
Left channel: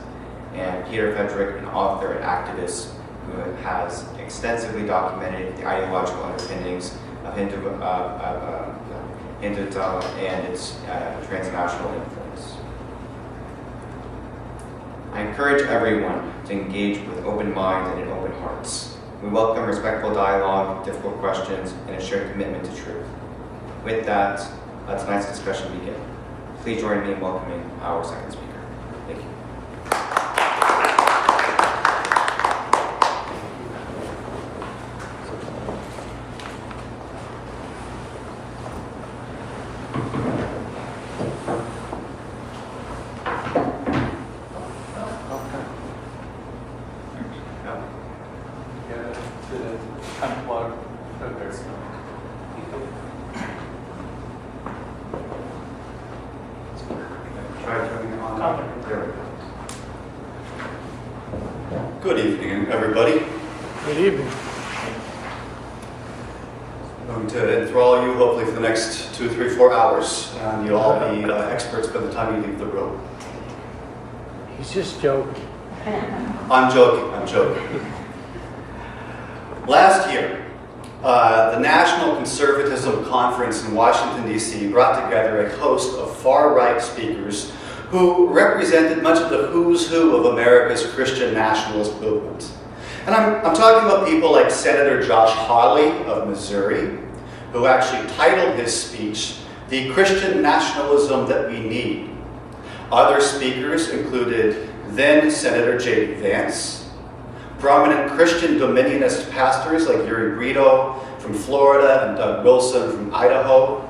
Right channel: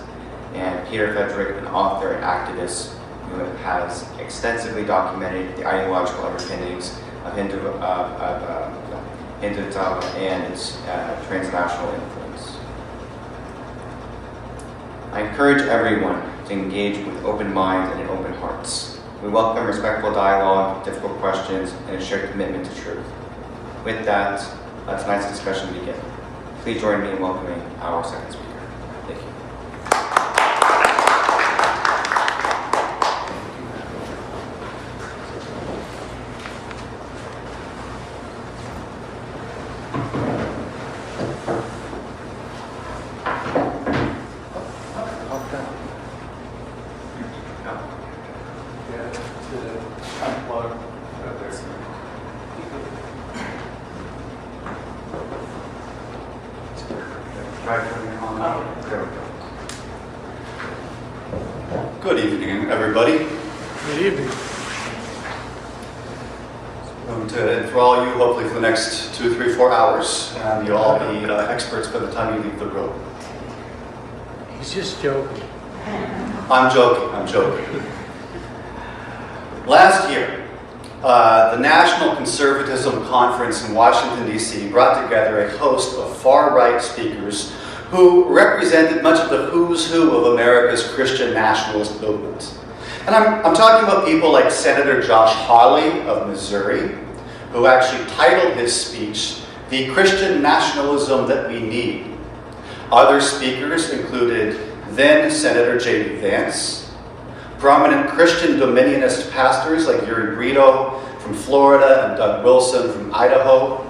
And Peter Frederick, an author and activist who has extensively documented the ideological underpinnings of Hinduism and its transnational influence. I encourage everyone to engage with open minds and open hearts. We welcome respectful dialogue, difficult questions, and a shared commitment to truth. With that, let tonight's discussion begin. Please join me in welcoming our second speaker. Thank you. Good evening, everybody. Good evening. I'm going to enthrall you hopefully for the next 2, 3, 4 hours, and you'll all be experts by the time you leave the room. He's just joking. I'm joking. Last year, the National Conservatism Conference in Washington, D.C. brought together a host of far-right speakers who represented much of the who's who of America's Christian nationalist movement. And I'm talking about people like Senator Josh Hawley of Missouri, who actually titled his speech, "The Christian Nationalism That We Need." Other speakers included then Senator J.D. Vance, prominent Christian dominionist pastors like Yuri Brito from Florida and Doug Wilson from Idaho,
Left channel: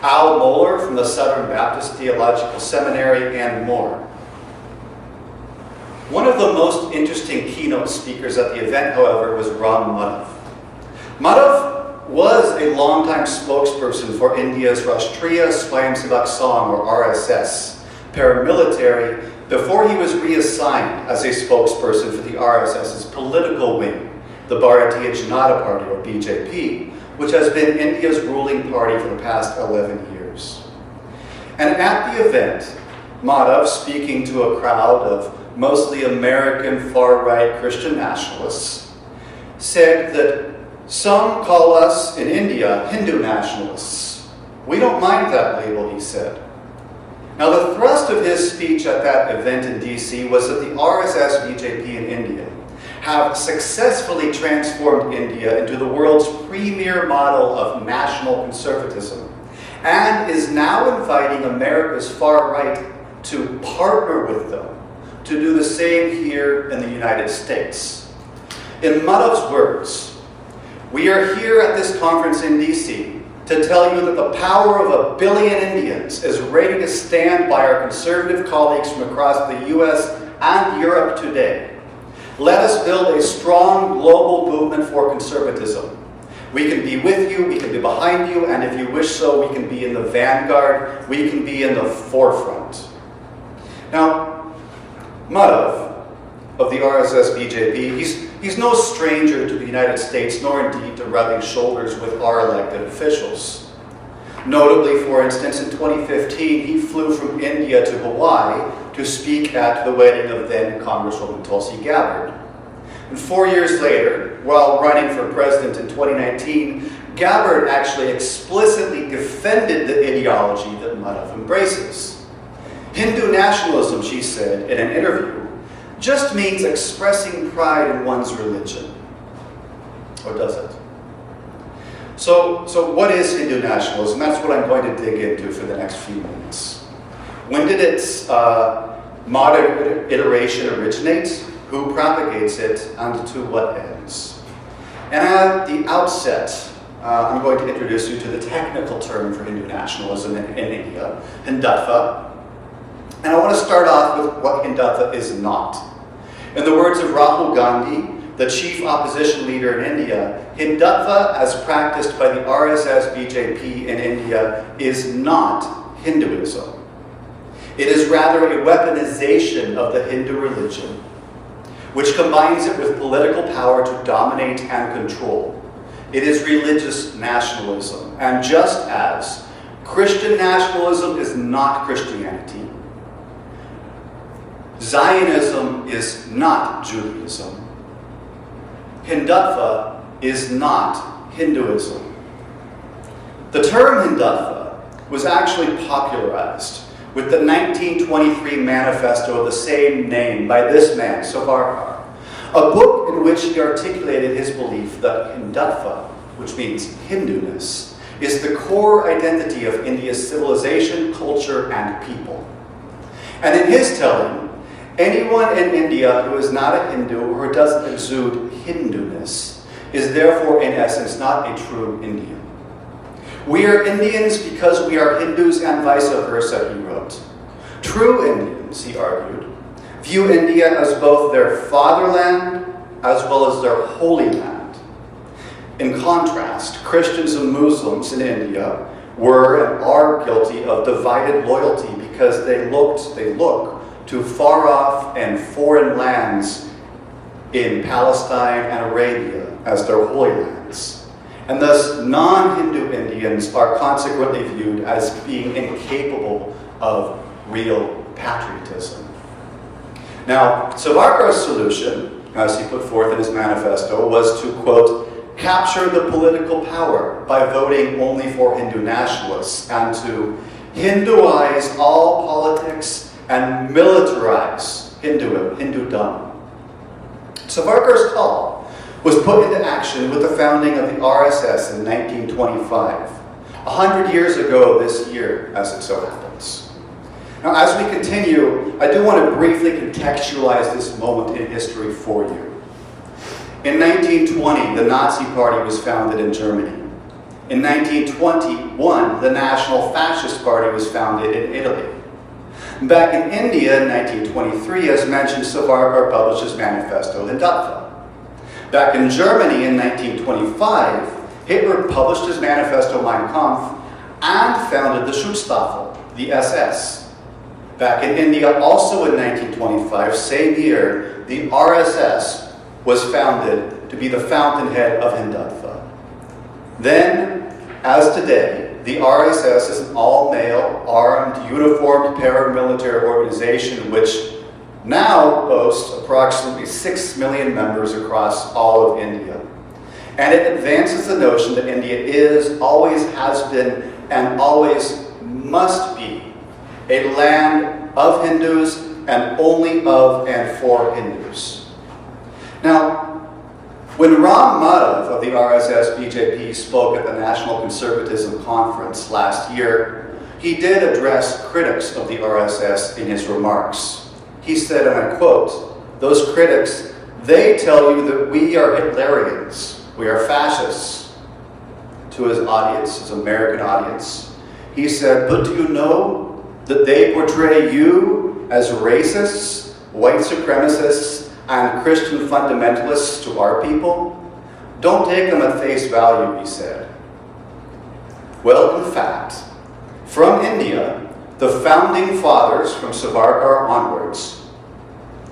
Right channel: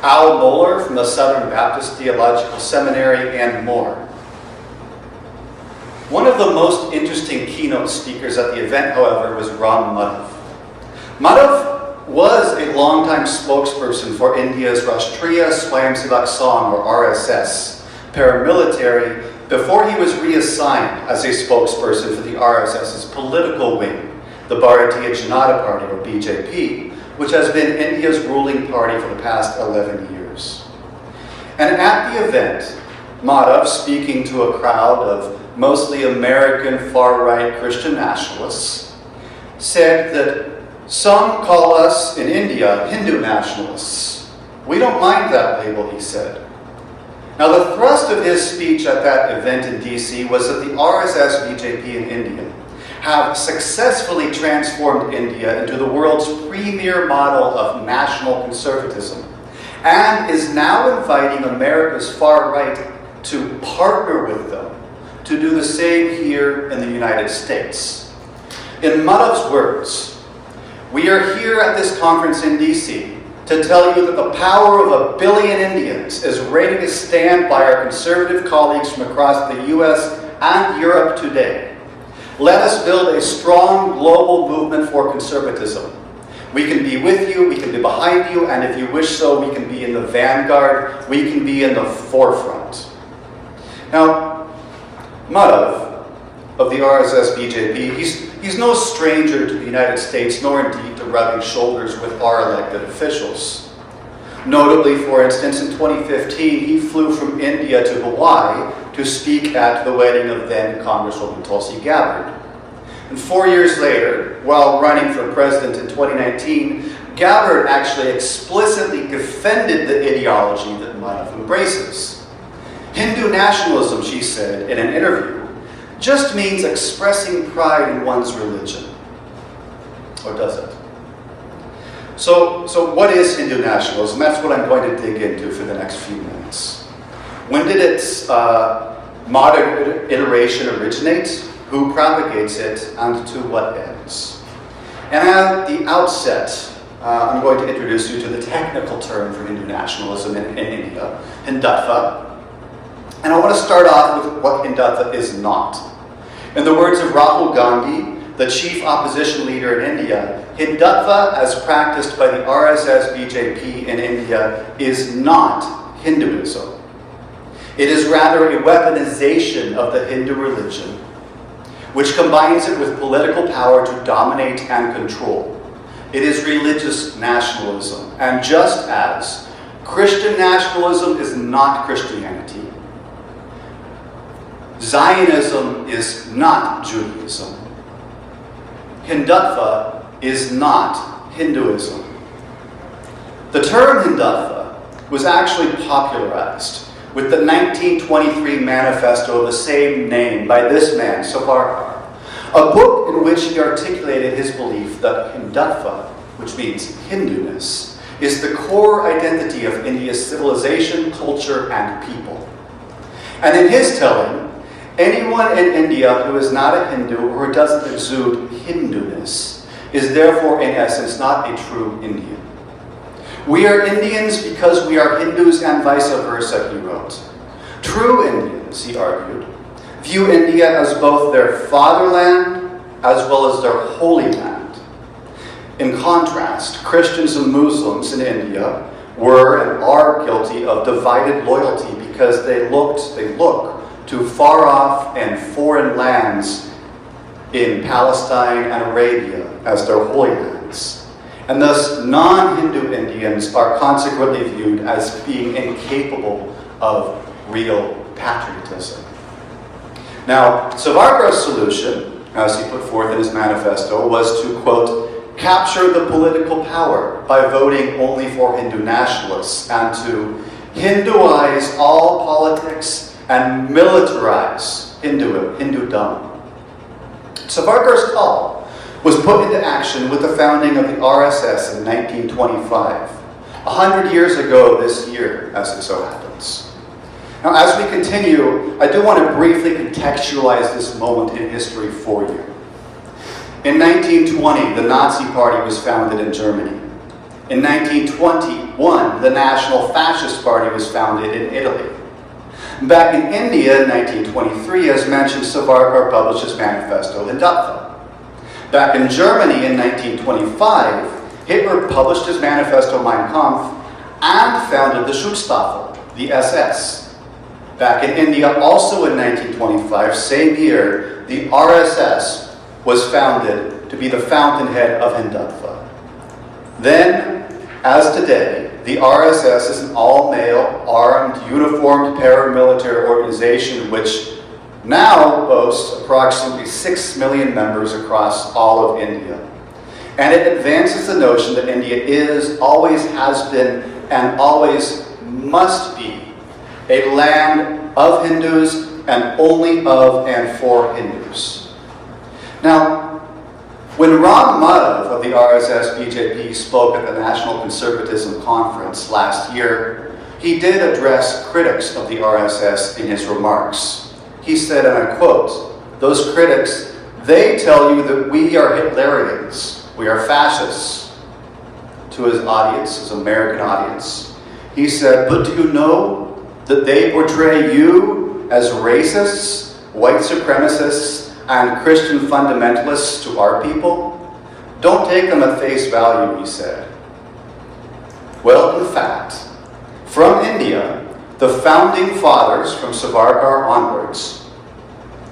Al Mohler from the Southern Baptist Theological Seminary, and more. One of the most interesting keynote speakers at the event, however, was Ram Madhav. Madhav was a longtime spokesperson for India's Rashtriya Swayamsevak Sangh, or RSS, paramilitary, before he was reassigned as a spokesperson for the RSS's political wing, the Bharatiya Janata Party, or BJP, which has been India's ruling party for the past 11 years. And at the event, Madhav, speaking to a crowd of mostly American far-right Christian nationalists, said that some call us in India Hindu nationalists. We don't mind that label, he said. Now, the thrust of his speech at that event in DC was that the RSS BJP in India have successfully transformed India into the world's premier model of national conservatism, and is now inviting America's far right to partner with them to do the same here in the United States. In Madhav's words, "We are here at this conference in DC to tell you that the power of 1 billion Indians is ready to stand by our conservative colleagues from across the US and Europe today. Let us build a strong global movement for conservatism. We can be with you, we can be behind you, and if you wish so, we can be in the vanguard, we can be in the forefront." Now, Madhav of the RSS BJP, he's no stranger to the United States, nor indeed to rubbing shoulders with our elected officials. Notably, for instance, in 2015, he flew from India to Hawaii to speak at the wedding of then Congresswoman Tulsi Gabbard. And 4 years later, while running for president in 2019, Gabbard actually explicitly defended the ideology that Madhav embraces. "Hindu nationalism," she said in an interview, "just means expressing pride in one's religion." Or does it? So what is Hindu nationalism? That's what I'm going to dig into for the next few minutes. When did its modern iteration originate? Who propagates it? And to what ends? And at the outset, I'm going to introduce you to the technical term for Hindu nationalism in India, Hindutva. And I want to start off with what Hindutva is not. In the words of Rahul Gandhi, the chief opposition leader in India, Hindutva, as practiced by the RSS BJP in India, is not Hinduism. It is rather a weaponization of the Hindu religion, which combines it with political power to dominate and control. It is religious nationalism. And just as Christian nationalism is not Christianity, Zionism is not Judaism, Hindutva is not Hinduism. The term Hindutva was actually popularized with the 1923 manifesto of the same name by this man, Savarkar, a book in which he articulated his belief that Hindutva, which means Hinduness, is the core identity of India's civilization, culture, and people. And in his telling, anyone in India who is not a Hindu or who doesn't exude Hinduness is therefore, in essence, not a true Indian. "We are Indians because we are Hindus and vice versa," he wrote. True Indians, he argued, view India as both their fatherland as well as their holy land. In contrast, Christians and Muslims in India were and are guilty of divided loyalty because they look to far-off and foreign lands in Palestine and Arabia as their holy lands. And thus, non-Hindu Indians are consequently viewed as being incapable of real patriotism. Now, Savarkar's solution, as he put forth in his manifesto, was to, quote, "capture the political power by voting only for Hindu nationalists and to Hinduize all politics and militarize Hindudom." Savarkar's call was put into action with the founding of the RSS in 1925, 100 years ago this year, as it so happens. Now, as we continue, I do want to briefly contextualize this moment in history for you. In 1920, the Nazi Party was founded in Germany. In 1921, the National Fascist Party was founded in Italy. Back in India in 1923, as mentioned, Savarkar published his manifesto Hindutva. Back in Germany in 1925, Hitler published his manifesto Mein Kampf and founded the Schutzstaffel, the SS. Back in India, also in 1925, same year, the RSS was founded to be the fountainhead of Hindutva. Then, as today, the RSS is an all-male, armed, uniformed paramilitary organization which now boasts approximately 6 million members across all of India. And it advances the notion that India is, always has been, and always must be a land of Hindus and only of and for Hindus. Now, When Ram Madhav of the RSS-BJP spoke at the National Conservatism Conference last year, he did address critics of the RSS in his remarks. He said, and I quote, "Those critics, they tell you that we are Hitlerians, we are fascists." To his audience, his American audience, he said, "But do you know that they portray you as racists, white supremacists, and Christian fundamentalists to our people? Don't take them at face value," he said. Well, in fact, from India, the founding fathers from Savarkar onwards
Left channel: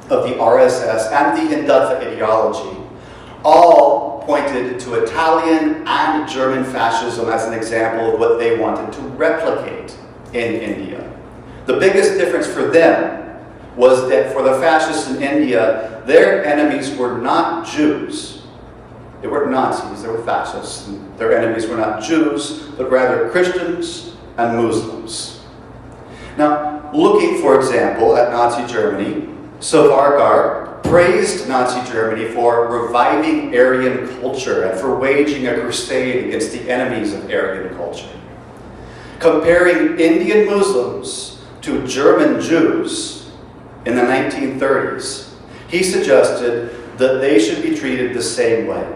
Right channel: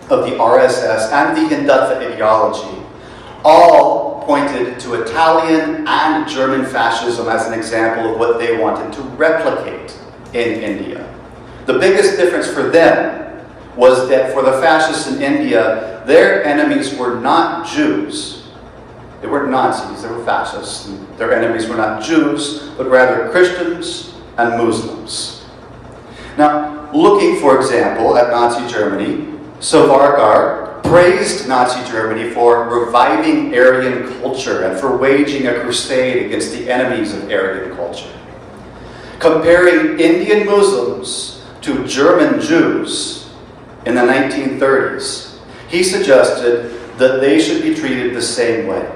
of the RSS and the Hindutva ideology all pointed to Italian and German fascism as an example of what they wanted to replicate in India. The biggest difference for them was that for the fascists in India, their enemies were not Jews. They weren't Nazis, they were fascists. Their enemies were not Jews, but rather Christians and Muslims. Now, looking, for example, at Nazi Germany, Savarkar praised Nazi Germany for reviving Aryan culture and for waging a crusade against the enemies of Aryan culture. Comparing Indian Muslims to German Jews in the 1930s, he suggested that they should be treated the same way.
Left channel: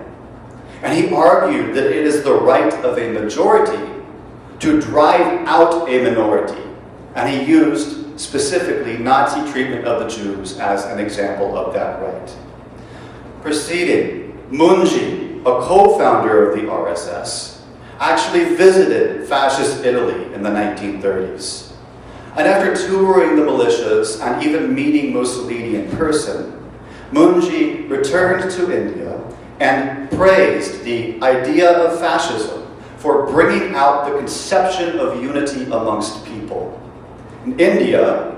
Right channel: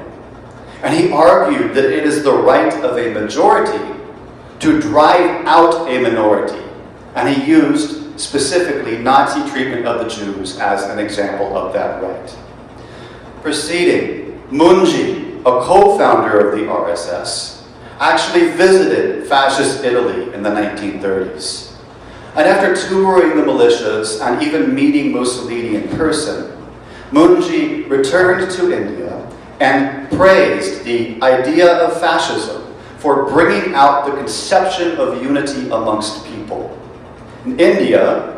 And he argued that it is the right of a majority to drive out a minority. And he used specifically Nazi treatment of the Jews as an example of that right. Proceeding, Munji, a co-founder of the RSS, actually visited fascist Italy in the 1930s. And after touring the militias and even meeting Mussolini in person, Munji returned to India and praised the idea of fascism for bringing out the conception of unity amongst people. In India,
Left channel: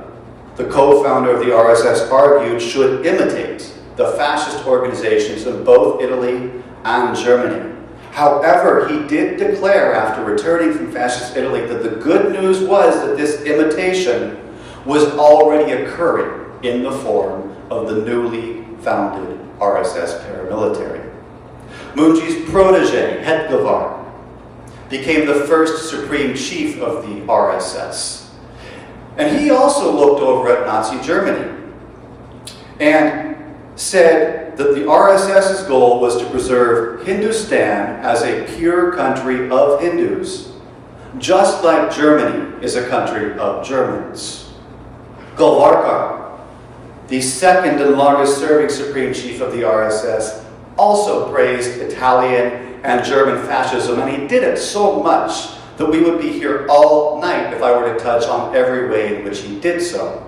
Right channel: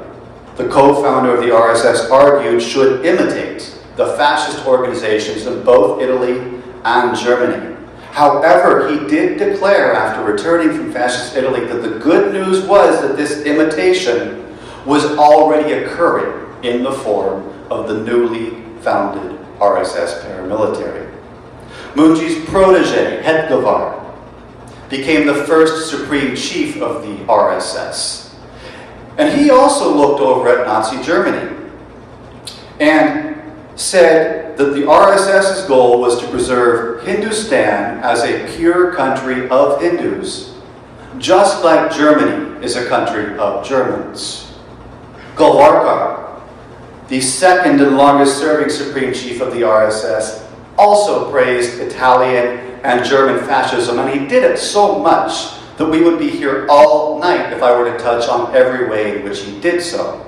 the co-founder of the RSS argued should imitate the fascist organizations in both Italy and Germany. However, he did declare after returning from fascist Italy that the good news was that this imitation was already occurring in the form of the newly founded RSS paramilitary. Munji's protege, Hedgavar, became the first supreme chief of the RSS. And he also looked over at Nazi Germany and said that the RSS's goal was to preserve Hindustan as a pure country of Hindus, just like Germany is a country of Germans. Golwarkar, the second and longest serving supreme chief of the RSS, also praised Italian and German fascism, and he did it so much that we would be here all night if I were to touch on every way in which he did so.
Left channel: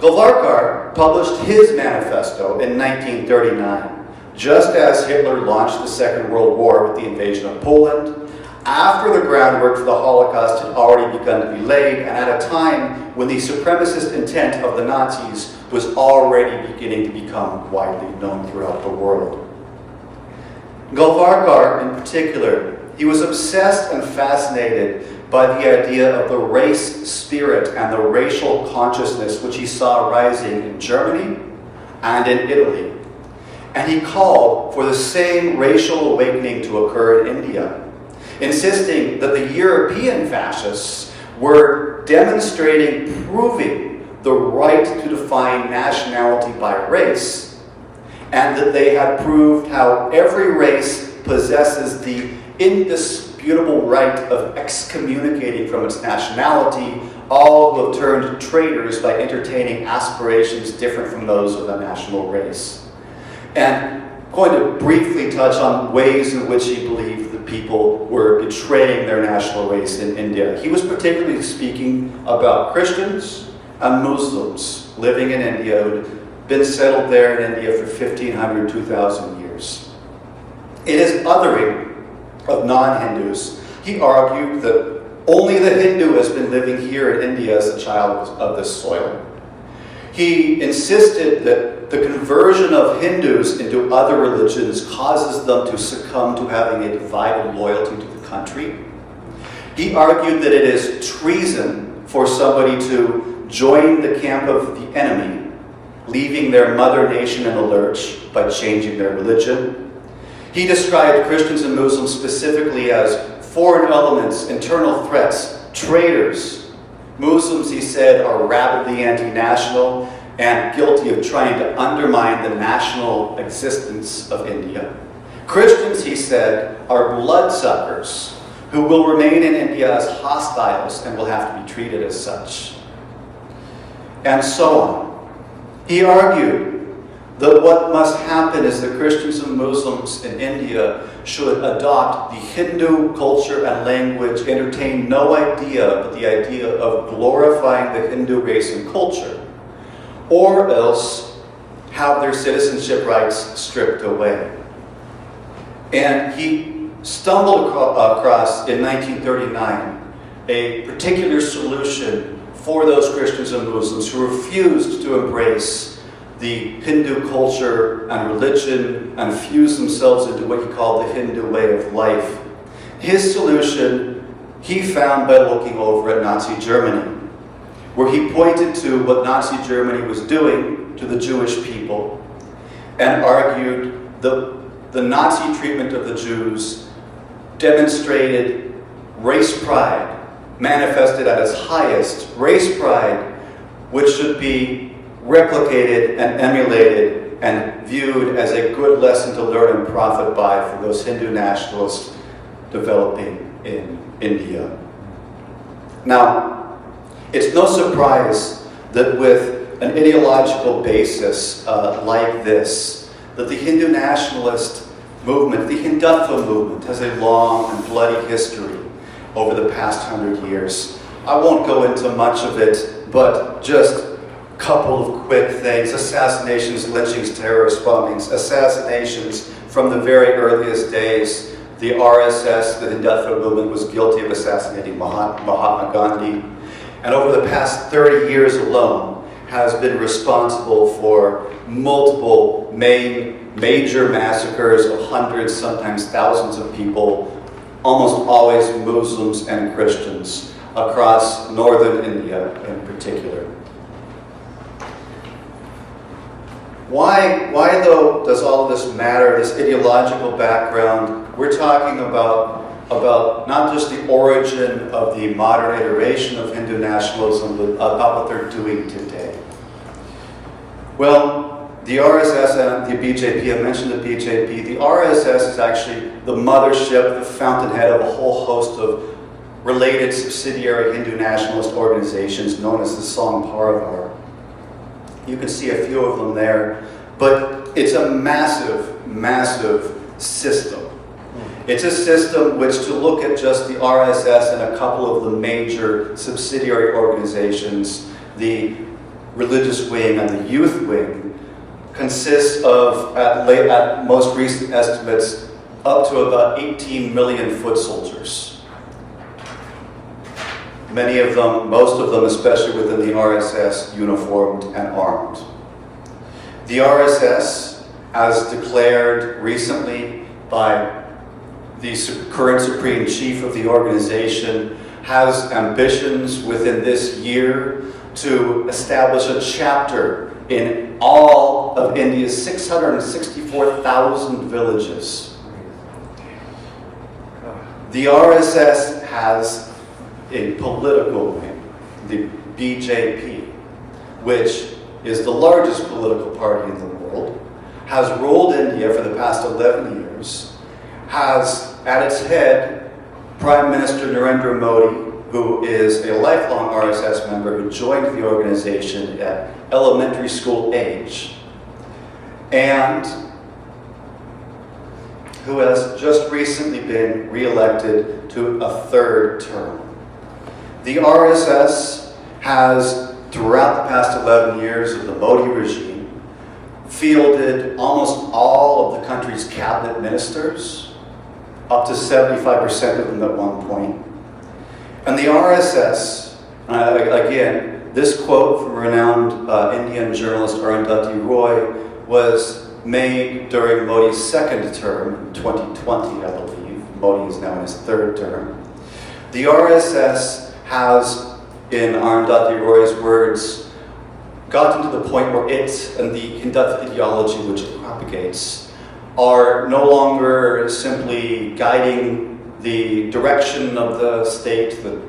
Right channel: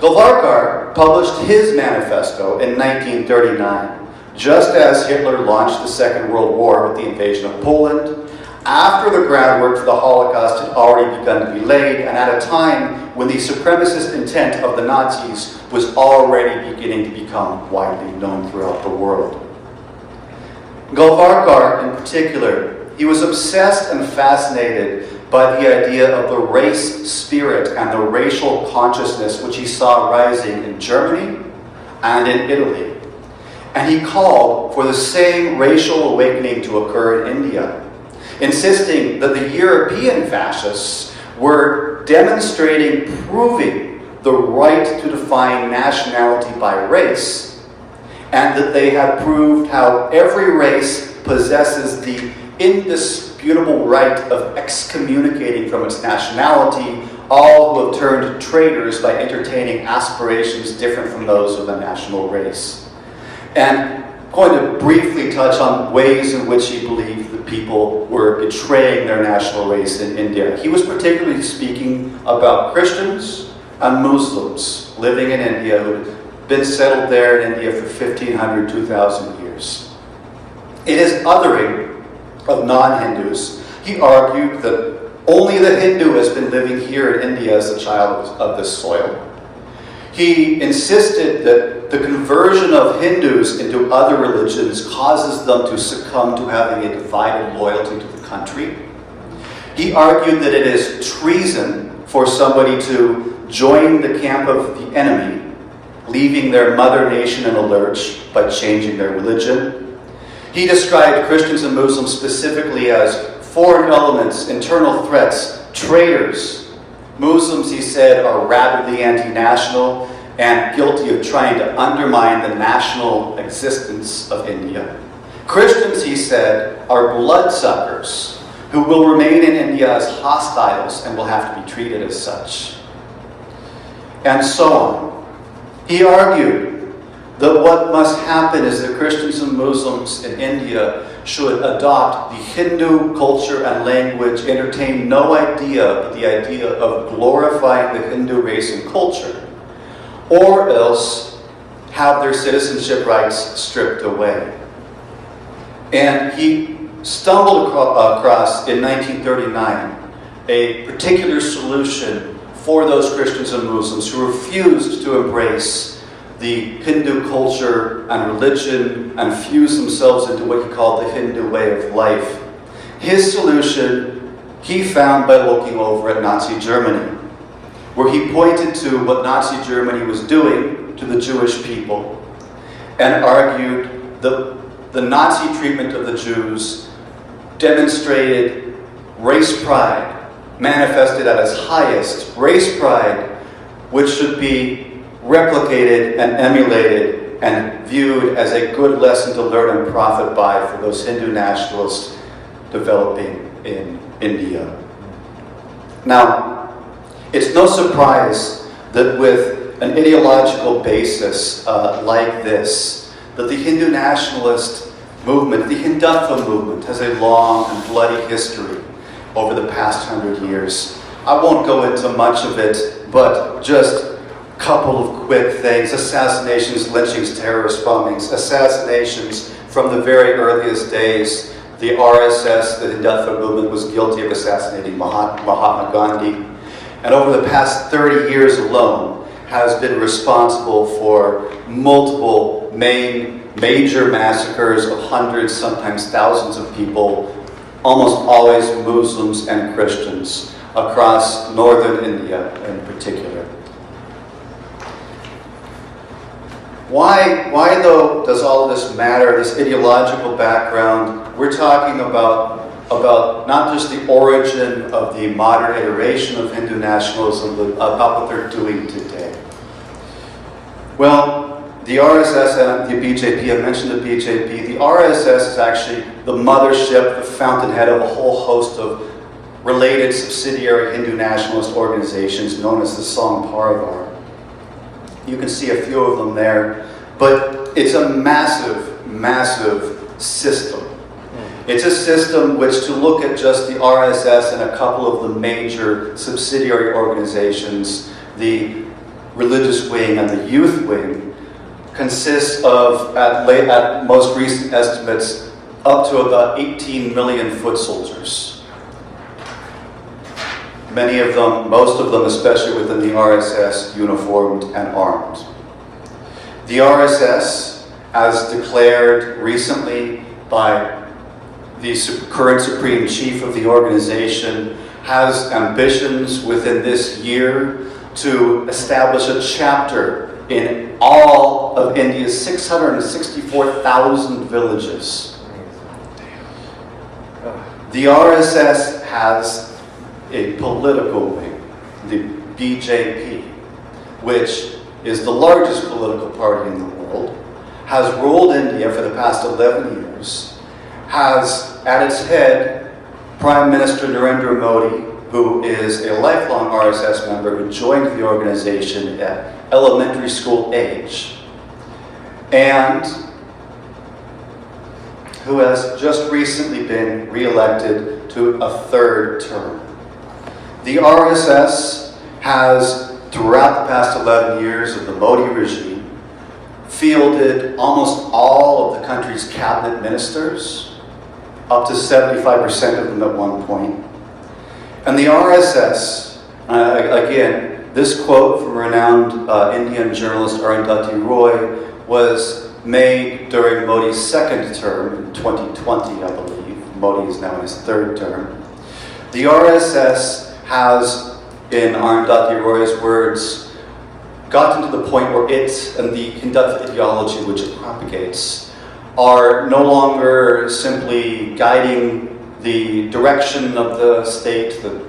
Golwarkar published his manifesto in 1939, just as Hitler launched the Second World War with the invasion of Poland, after the groundwork for the Holocaust had already begun to be laid, and at a time when the supremacist intent of the Nazis was already beginning to become widely known throughout the world. Golwarkar, in particular, he was obsessed and fascinated by the idea of the race spirit and the racial consciousness which he saw rising in Germany and in Italy. And he called for the same racial awakening to occur in India, insisting that the European fascists were demonstrating, proving the right to define nationality by race, and that they had proved how every race possesses the indisputable right of excommunicating from its nationality all who have turned traitors by entertaining aspirations different from those of the national race. And I'm going to briefly touch on ways in which he believed that people were betraying their national race in India. He was particularly speaking about Christians and Muslims living in India who'd been settled there in India for 1,500, 2,000 years. In his othering of non-Hindus, he argued that only the Hindu has been living here in India as a child of this soil. He insisted that the conversion of Hindus into other religions causes them to succumb to having a divided loyalty to the country. He argued that it is treason for somebody to join the camp of the enemy, leaving their mother nation in a lurch by changing their religion. He described Christians and Muslims specifically as foreign elements, internal threats, traitors. Muslims, he said, are rabidly anti-national and guilty of trying to undermine the national existence of India. Christians, he said, are bloodsuckers who will remain in India as hostiles and will have to be treated as such. And so on. He argued that what must happen is that Christians and Muslims in India should adopt the Hindu culture and language, entertain no idea but the idea of glorifying the Hindu race and culture, or else have their citizenship rights stripped away. And he stumbled across, in 1939, a particular solution for those Christians and Muslims who refused to embrace the Hindu culture and religion and fuse themselves into what he called the Hindu way of life. His solution he found by looking over at Nazi Germany, where he pointed to what Nazi Germany was doing to the Jewish people and argued that the Nazi treatment of the Jews demonstrated race pride, manifested at its highest, race pride, which should be replicated and emulated and viewed as a good lesson to learn and profit by for those Hindu nationalists developing in India. Now, it's no surprise that with an ideological basis like this, that the Hindu nationalist movement, the Hindutva movement, has a long and bloody history over the past 100 years. I won't go into much of it, but just a couple of quick things. Assassinations, lynchings, terrorist bombings, assassinations from the very earliest days. The RSS, the Hindutva movement, was guilty of assassinating Mahatma Gandhi. And over the past 30 years alone, has been responsible for multiple major massacres of hundreds, sometimes thousands of people, almost always Muslims and Christians, across northern India in particular. Why though does all of this matter, this ideological background? We're talking about not just the origin of the modern iteration of Hindu nationalism, but about what they're doing today. Well, the RSS and the BJP, I mentioned the BJP. The RSS is actually the mothership, the fountainhead of a whole host of related subsidiary Hindu nationalist organizations known as the Sangh Parivar. You can see a few of them there, but it's a massive, massive system. It's a system which, to look at just the RSS and a couple of the major subsidiary organizations, the religious wing and the youth wing, consists of, at most recent estimates, up to about 18 million foot soldiers. Many of them, most of them, especially within the RSS, uniformed and armed. The RSS, as declared recently by the current Supreme Chief of the organization, has ambitions within this year to establish a chapter in all of India's 664,000 villages. The RSS has a political wing, the BJP, which is the largest political party in the world, has ruled India for the past 11 years, has at its head Prime Minister Narendra Modi, who is a lifelong RSS member who joined the organization at elementary school age, and who has just recently been re-elected to a third term. The RSS has, throughout the past 11 years of the Modi regime, fielded almost all of the country's cabinet ministers, up to 75% of them at one point. And the RSS, again, this quote from renowned Indian journalist Arundhati Roy was made during Modi's second term, in 2020, I believe. Modi is now in his third term. The RSS has, in Arundhati Roy's words, gotten to the point where it and the Hindutva ideology which it propagates are no longer simply guiding the direction of the state, the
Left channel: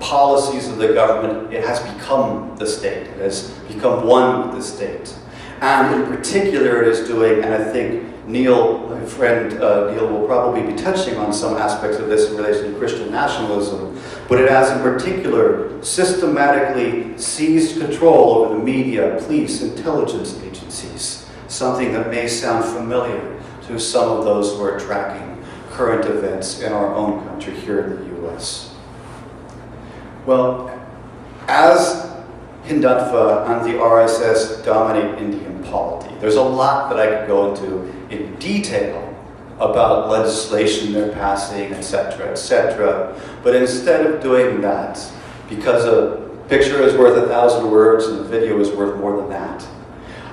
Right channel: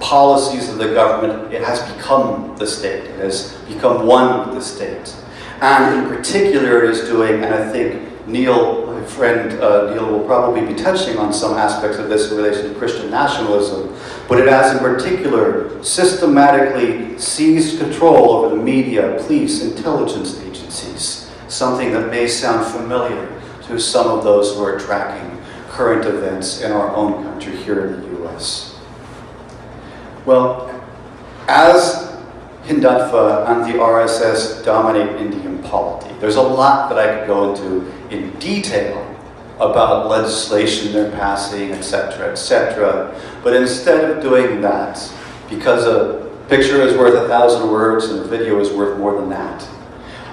policies of the government. It has become the state. It has become one with the state. And in particular is doing, and I think Neil, my friend Neil, will probably be touching on some aspects of this in relation to Christian nationalism, but it has in particular systematically seized control over the media, police, intelligence agencies, something that may sound familiar to some of those who are tracking current events in our own country here in the US. Well, as Hindutva and the RSS dominate Indian polity, there's a lot that I could go into in detail about legislation they're passing, etc., etc. But instead of doing that, because a picture is worth 1,000 words and a video is worth more than that,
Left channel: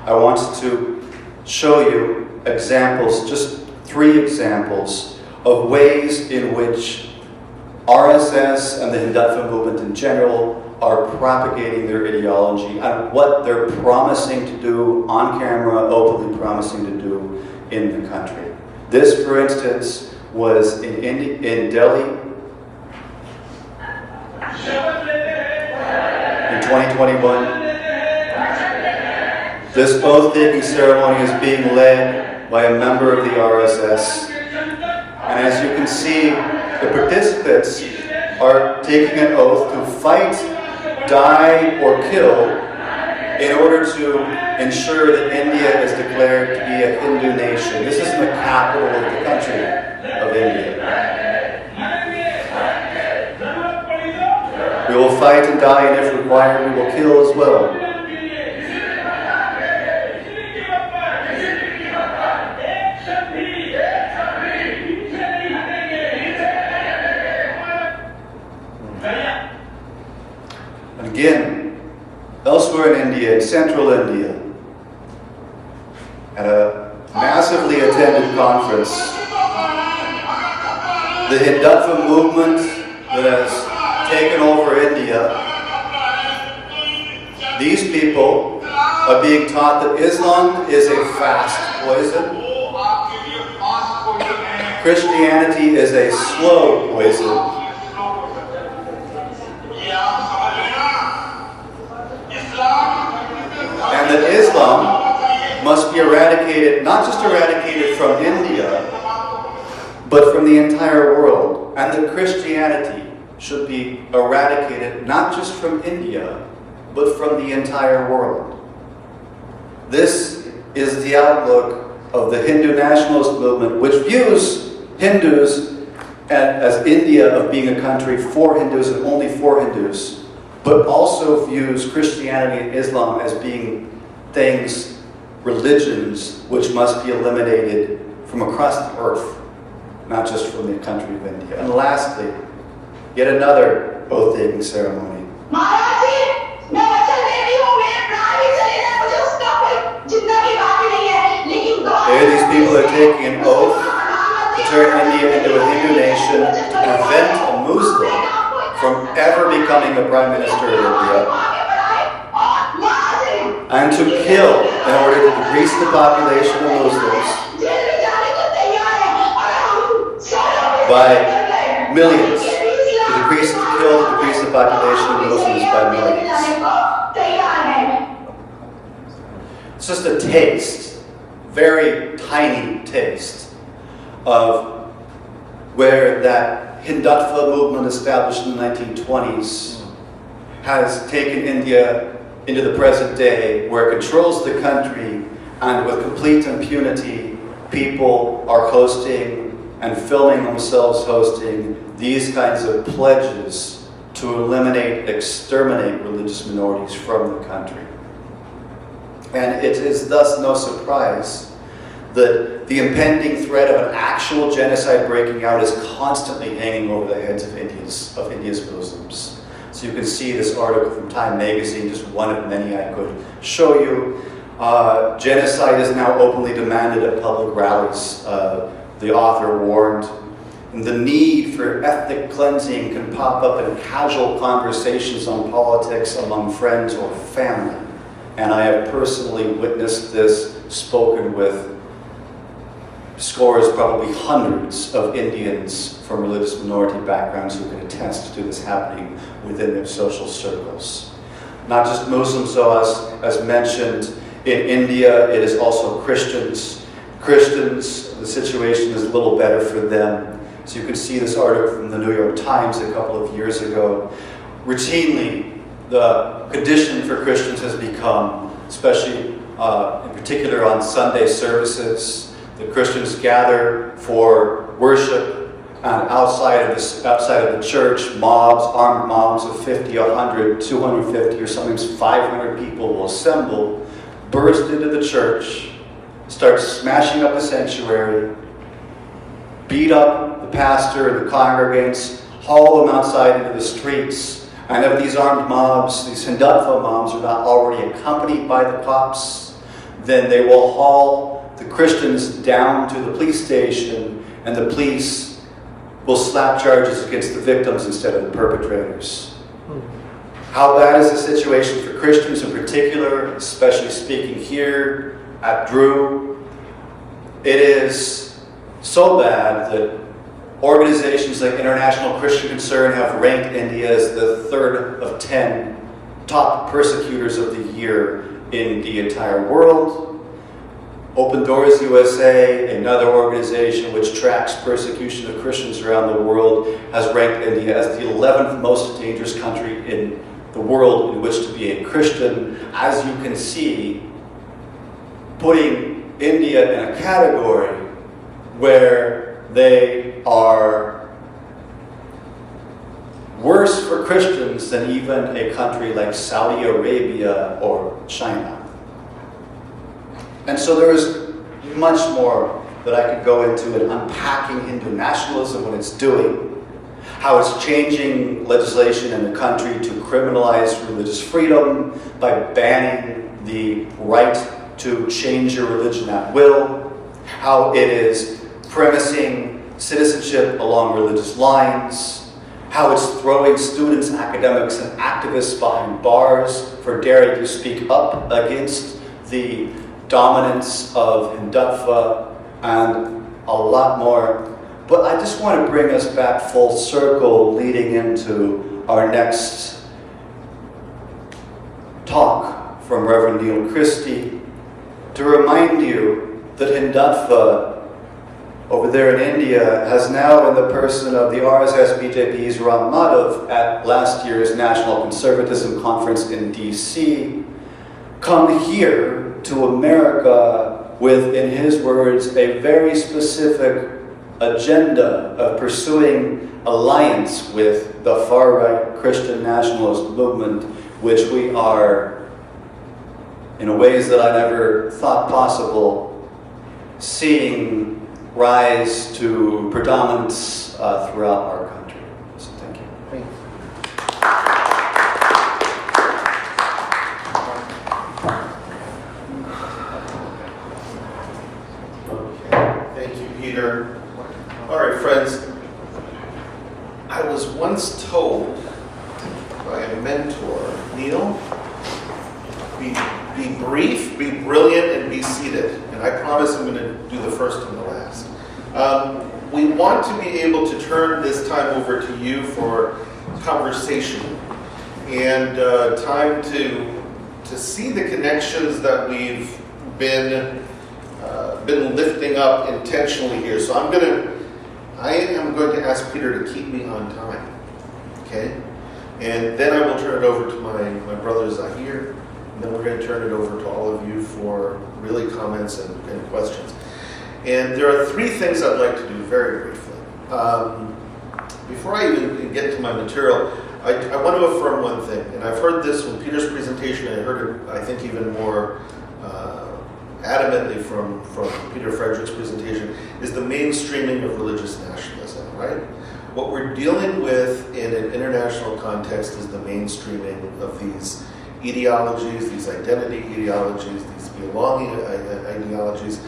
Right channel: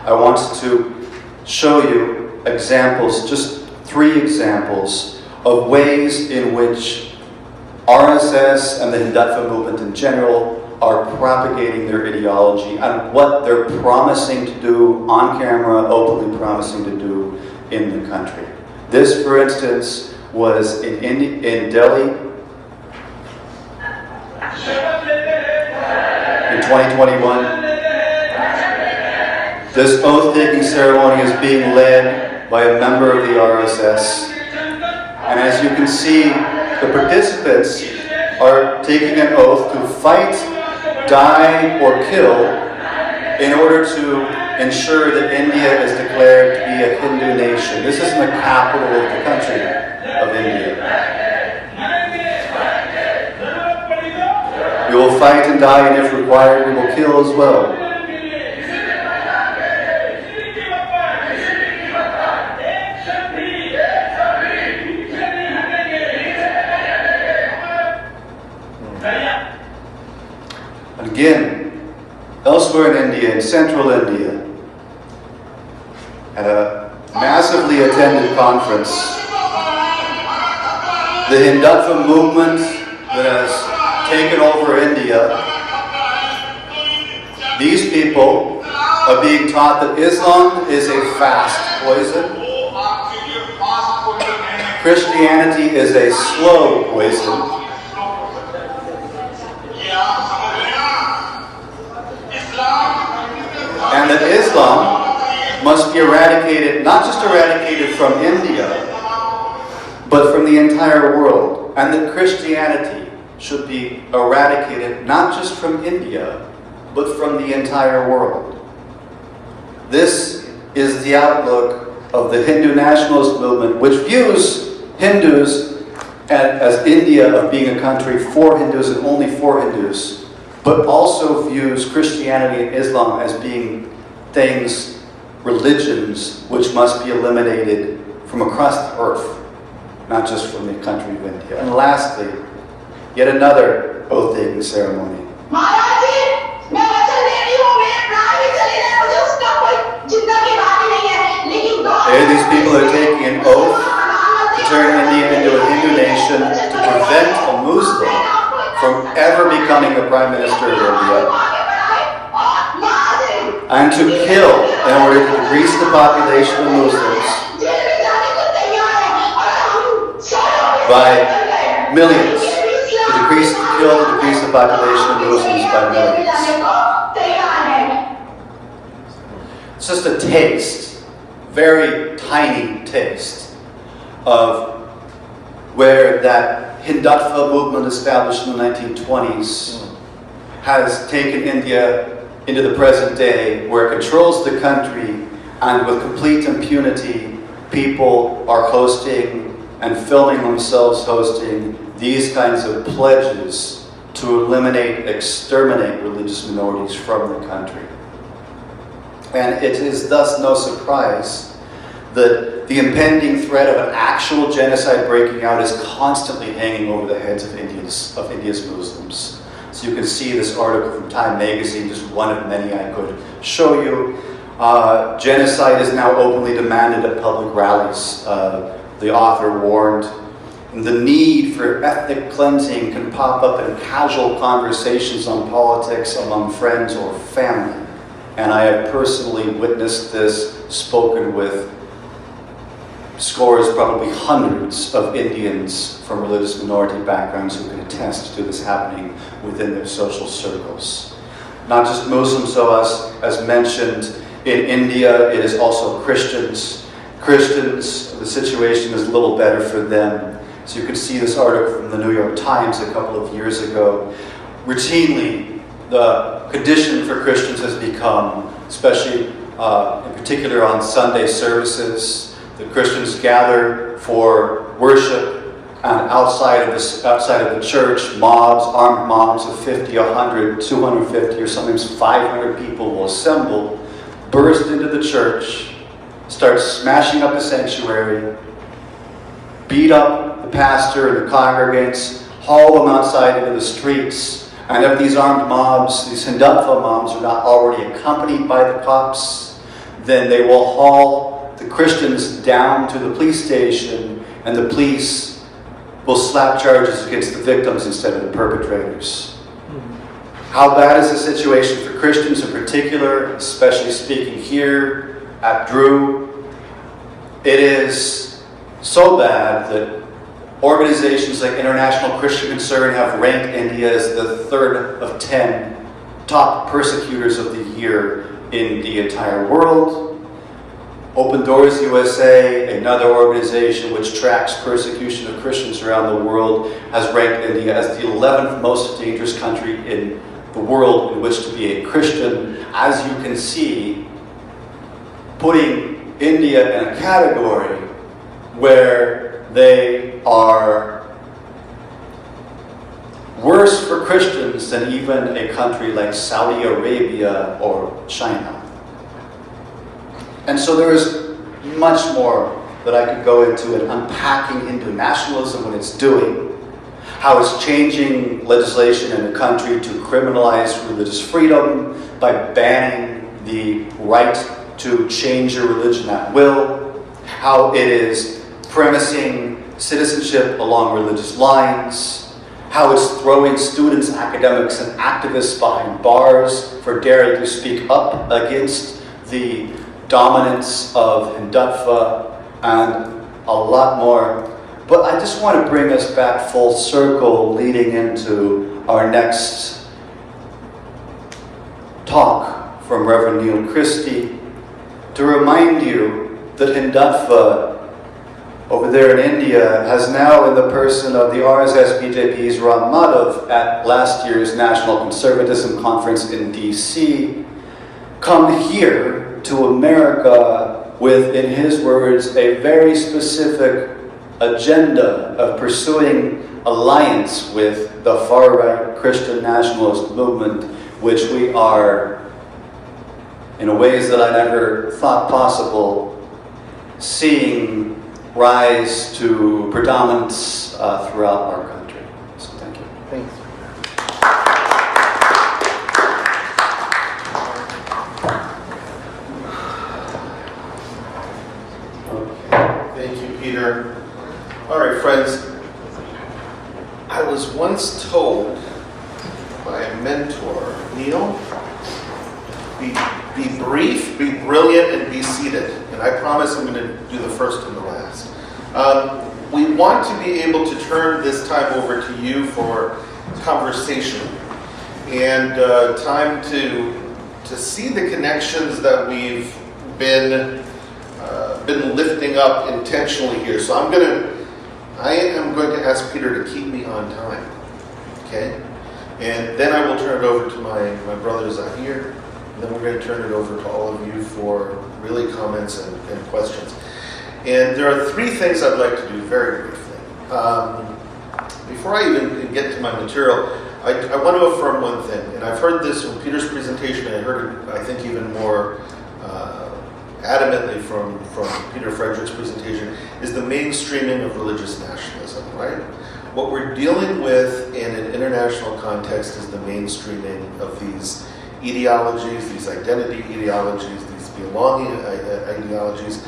I want to show you examples, just 3 examples of ways in which RSS and the Hindutva movement in general are propagating their ideology and what they're promising to do on camera, openly promising to do in the country. This, for instance, was in Delhi in 2021. This oath-taking ceremony is being led by a member of the RSS. And as you can see, the participants are taking an oath to fight, die, or kill in order to ensure that India is declared to be a Hindu nation. This is in the capital of the country of India. We will fight and die, and if required, we will kill as well. And again, elsewhere in India, in central India, at a massively attended conference, the Hindutva movement that has taken over India, these people are being taught that Islam is a fast poison, Christianity is a slow poison, and that Islam must be eradicated, not just eradicated from India, but from the entire world. And that Christianity should be eradicated not just from India, but from the entire world. This is the outlook of the Hindu nationalist movement, which views Hindus as India of being a country for Hindus and only for Hindus, but also views Christianity and Islam as being things, religions, which must be eliminated from across the earth, not just from the country of India. And lastly, yet another oath-taking ceremony. These people are taking an oath to turn India into a Hindu nation, to prevent a Muslim from ever becoming the Prime Minister of India, and to kill in order to decrease the population of Muslims by millions, to decrease the population of Muslims by millions. It's just a taste, very tiny taste, of where that Hindutva movement established in the 1920s has taken India into the present day, where it controls the country, and with complete impunity, people are hosting and filming themselves hosting these kinds of pledges to eliminate, exterminate religious minorities from the country. And it is thus no surprise that the impending threat of an actual genocide breaking out is constantly hanging over the heads of India's Muslims. So you can see this article from Time magazine, just one of many I could show you. Genocide is now openly demanded at public rallies. The author warned. And the need for ethnic cleansing can pop up in casual conversations on politics among friends or family. And I have personally witnessed this, spoken with scores, probably hundreds of Indians from religious minority backgrounds who can attest to this happening within their social circles. Not just Muslims, so as mentioned, in India it is also Christians. Christians, the situation is a little better for them. So you can see this article from the New York Times a couple of years ago. Routinely, the condition for Christians has become, especially in particular on Sunday services, the Christians gather for worship, and outside of the church, mobs, armed mobs of 50, 100, 250, or sometimes 500 people will assemble, burst into the church, start smashing up the sanctuary, beat up the pastor and the congregants, haul them outside into the streets. And if these armed mobs, these Hindutva mobs, are not already accompanied by the cops, then they will haul the Christians down to the police station, and the police will slap charges against the victims instead of the perpetrators. How bad is the situation for Christians in particular, especially speaking here at Drew? It is so bad that organizations like International Christian Concern have ranked India as the 3rd of 10 top persecutors of the year in the entire world. Open Doors USA, another organization which tracks persecution of Christians around the world, has ranked India as the 11th most dangerous country in the world in which to be a Christian. As you can see, putting India in a category where they are worse for Christians than even a country like Saudi Arabia or China. And so there's much more that I could go into in unpacking Hindu nationalism, what it's doing, how it's changing legislation in the country to criminalize religious freedom by banning the right to change your religion at will, how it is premising citizenship along religious lines, how it's throwing students, academics, and activists behind bars for daring to speak up against the dominance of Hindutva, and a lot more. But I just want to bring us back full circle leading into our next talk from Reverend Neil Christie to remind you that Hindutva over there in India has now, in the person of the RSS BJP's Ram Madhav at last year's National Conservatism Conference in DC, come here to America with, in his words, a very specific agenda of pursuing alliance with the far-right Christian nationalist movement, which we are, in ways that I never thought possible, seeing rise to predominance throughout our country. So thank you. Thanks. Thank you, Peter. All right, friends. I was once told by a mentor, Neil, be brief, be brilliant, and be seated. And I promise I'm going to do the first and the last. We want to be able to turn this time over to you for conversation and time to see the connections that we've been lifting up intentionally here. So I am going to ask Peter to keep me on time, okay? And then I will turn it over to my brother Zahir, and then we're going to turn it over to all of you for really comments and questions. And there are 3 things I'd like to do very briefly. Before I even get to my material, I want to affirm one thing, and I've heard this from Peter's presentation, and I heard it, I think, even more adamantly from Peter Frederick's presentation, is the mainstreaming of religious nationalism, right? What we're dealing with in an international context is the mainstreaming of these ideologies, these identity ideologies, these belonging ideologies,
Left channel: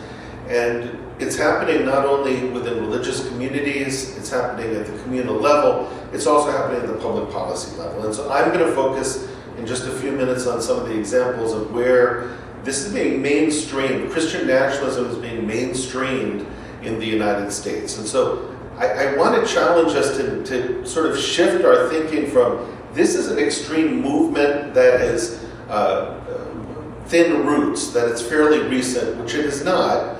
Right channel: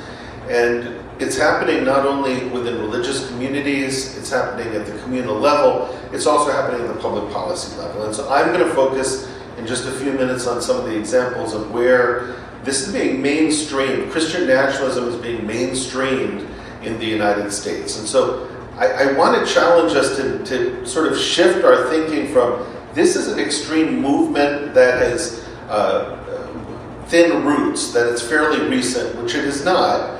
and it's happening not only within religious communities, it's happening at the communal level, it's also happening at the public policy level. And so I'm going to focus in just a few minutes on some of the examples of where this is being mainstreamed. Christian nationalism is being mainstreamed in the United States. And so I want to challenge us to sort of shift our thinking from this is an extreme movement that has thin roots, that it's fairly recent, which it is not,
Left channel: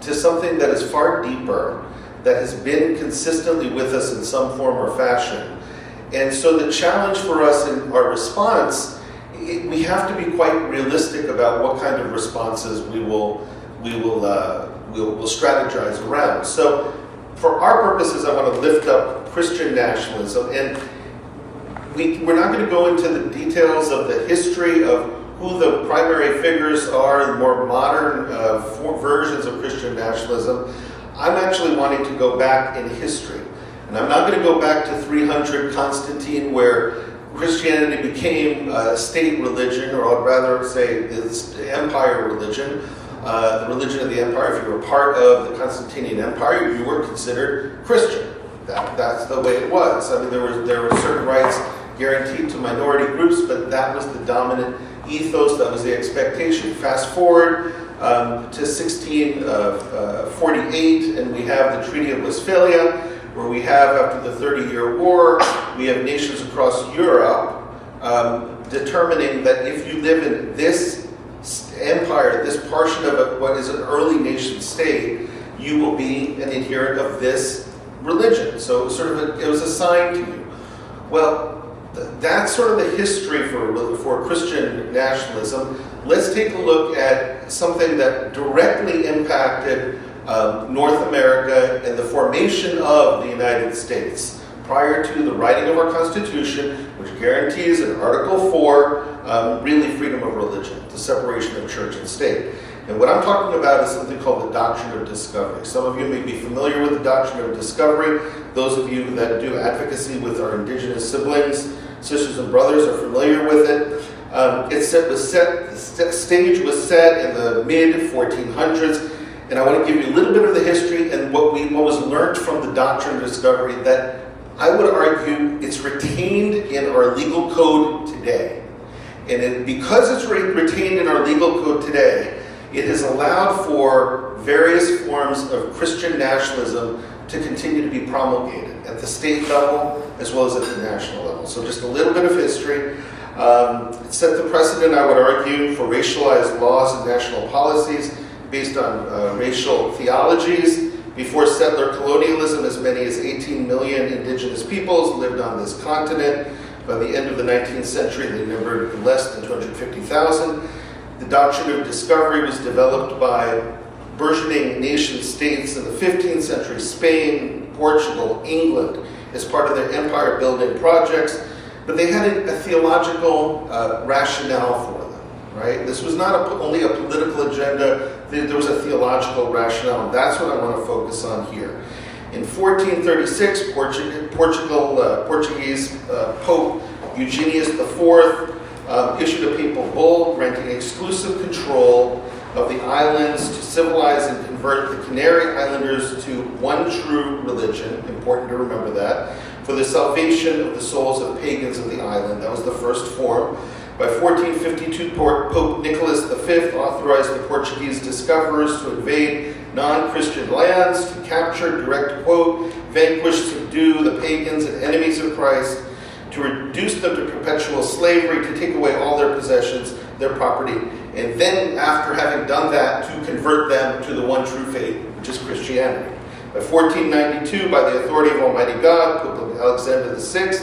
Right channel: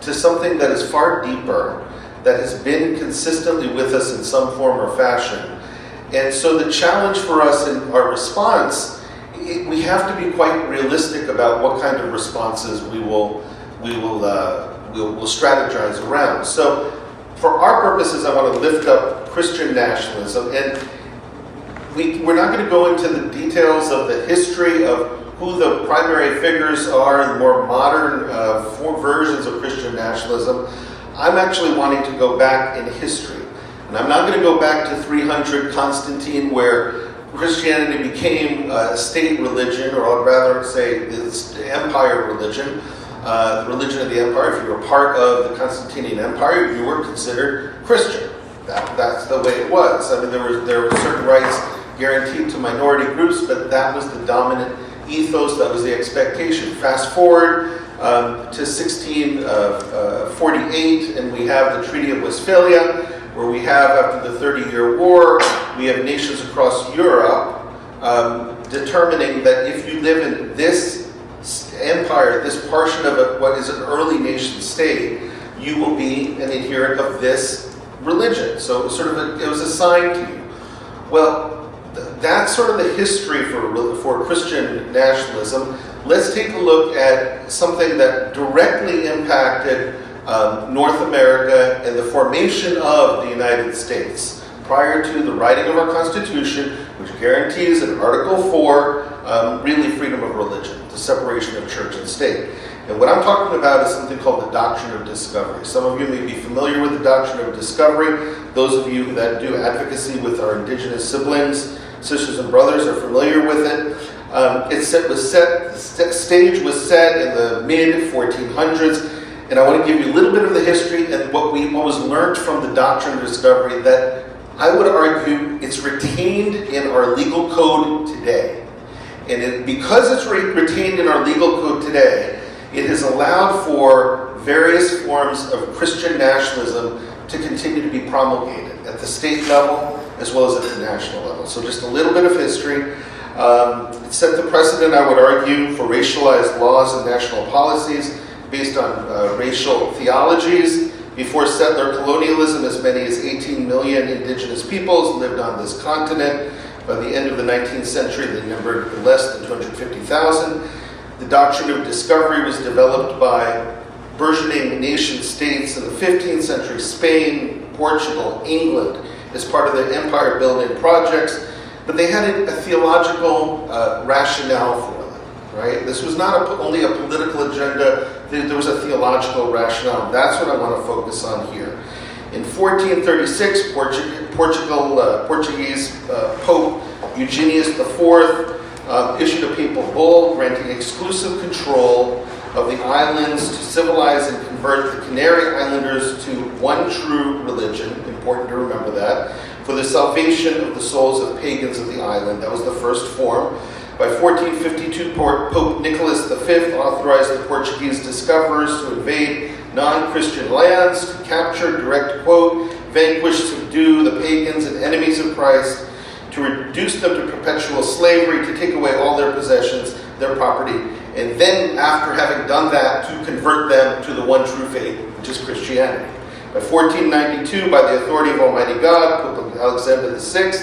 to something that is far deeper, that has been consistently with us in some form or fashion. And so the challenge for us in our response, we have to be quite realistic about what kind of responses we will strategize around. So for our purposes, I want to lift up Christian nationalism, and we're not going to go into the details of the history of who the primary figures are, the more modern versions of Christian nationalism. I'm actually wanting to go back in history. And I'm not going to go back to 300 Constantine, where Christianity became a state religion, or I'd rather say it's empire religion, the religion of the empire. If you were part of the Constantinian Empire, you were considered Christian. That's the way it was. I mean, there were certain rights guaranteed to minority groups, but that was the dominant ethos, that was the expectation. Fast forward to 1648, and we have the Treaty of Westphalia, where we have, after the 30-year war, we have nations across Europe determining that if you live in this empire, this portion of what is an early nation state, you will be an adherent of this religion. So it was assigned to you. Well, that's sort of the history for Christian nationalism. Let's take a look at something that directly impacted North America and the formation of the United States prior to the writing of our Constitution, which guarantees in Article 4 really freedom of religion, the separation of church and state. And what I'm talking about is something called the Doctrine of Discovery. Some of you may be familiar with the Doctrine of Discovery. Those of you that do advocacy with our indigenous siblings, sisters and brothers, are familiar with it. The stage was set in the mid-1400s, and I want to give you a little bit of the history and what was learned from the Doctrine of Discovery that I would argue it's retained in our legal code today. And because it's retained in our legal code today, it has allowed for various forms of Christian nationalism to continue to be promulgated at the state level as well as at the national level. So just a little bit of history. It set the precedent, I would argue, for racialized laws and national policies based on racial theologies. Before settler colonialism, as many as 18 million indigenous peoples lived on this continent. By the end of the 19th century, they numbered less than 250,000. The Doctrine of Discovery was developed by burgeoning nation states in the 15th century, Spain, Portugal, England, as part of their empire building projects. But they had a theological rationale for them, right? This was not only a political agenda, there was a theological rationale. That's what I want to focus on here. In 1436, Portuguese Pope Eugenius IV issued a papal bull granting exclusive control of the islands to civilize and convert the Canary Islanders to one true religion, important to remember that, for the salvation of the souls of pagans of the island. That was the first form. By 1452, Pope Nicholas V authorized the Portuguese discoverers to invade non-Christian lands, to capture, direct quote, vanquish, subdue the pagans and enemies of Christ, to reduce them to perpetual slavery, to take away all their possessions, their property, and then, after having done that, to convert them to the one true faith, which is Christianity. By 1492, by the authority of Almighty God, Pope Alexander VI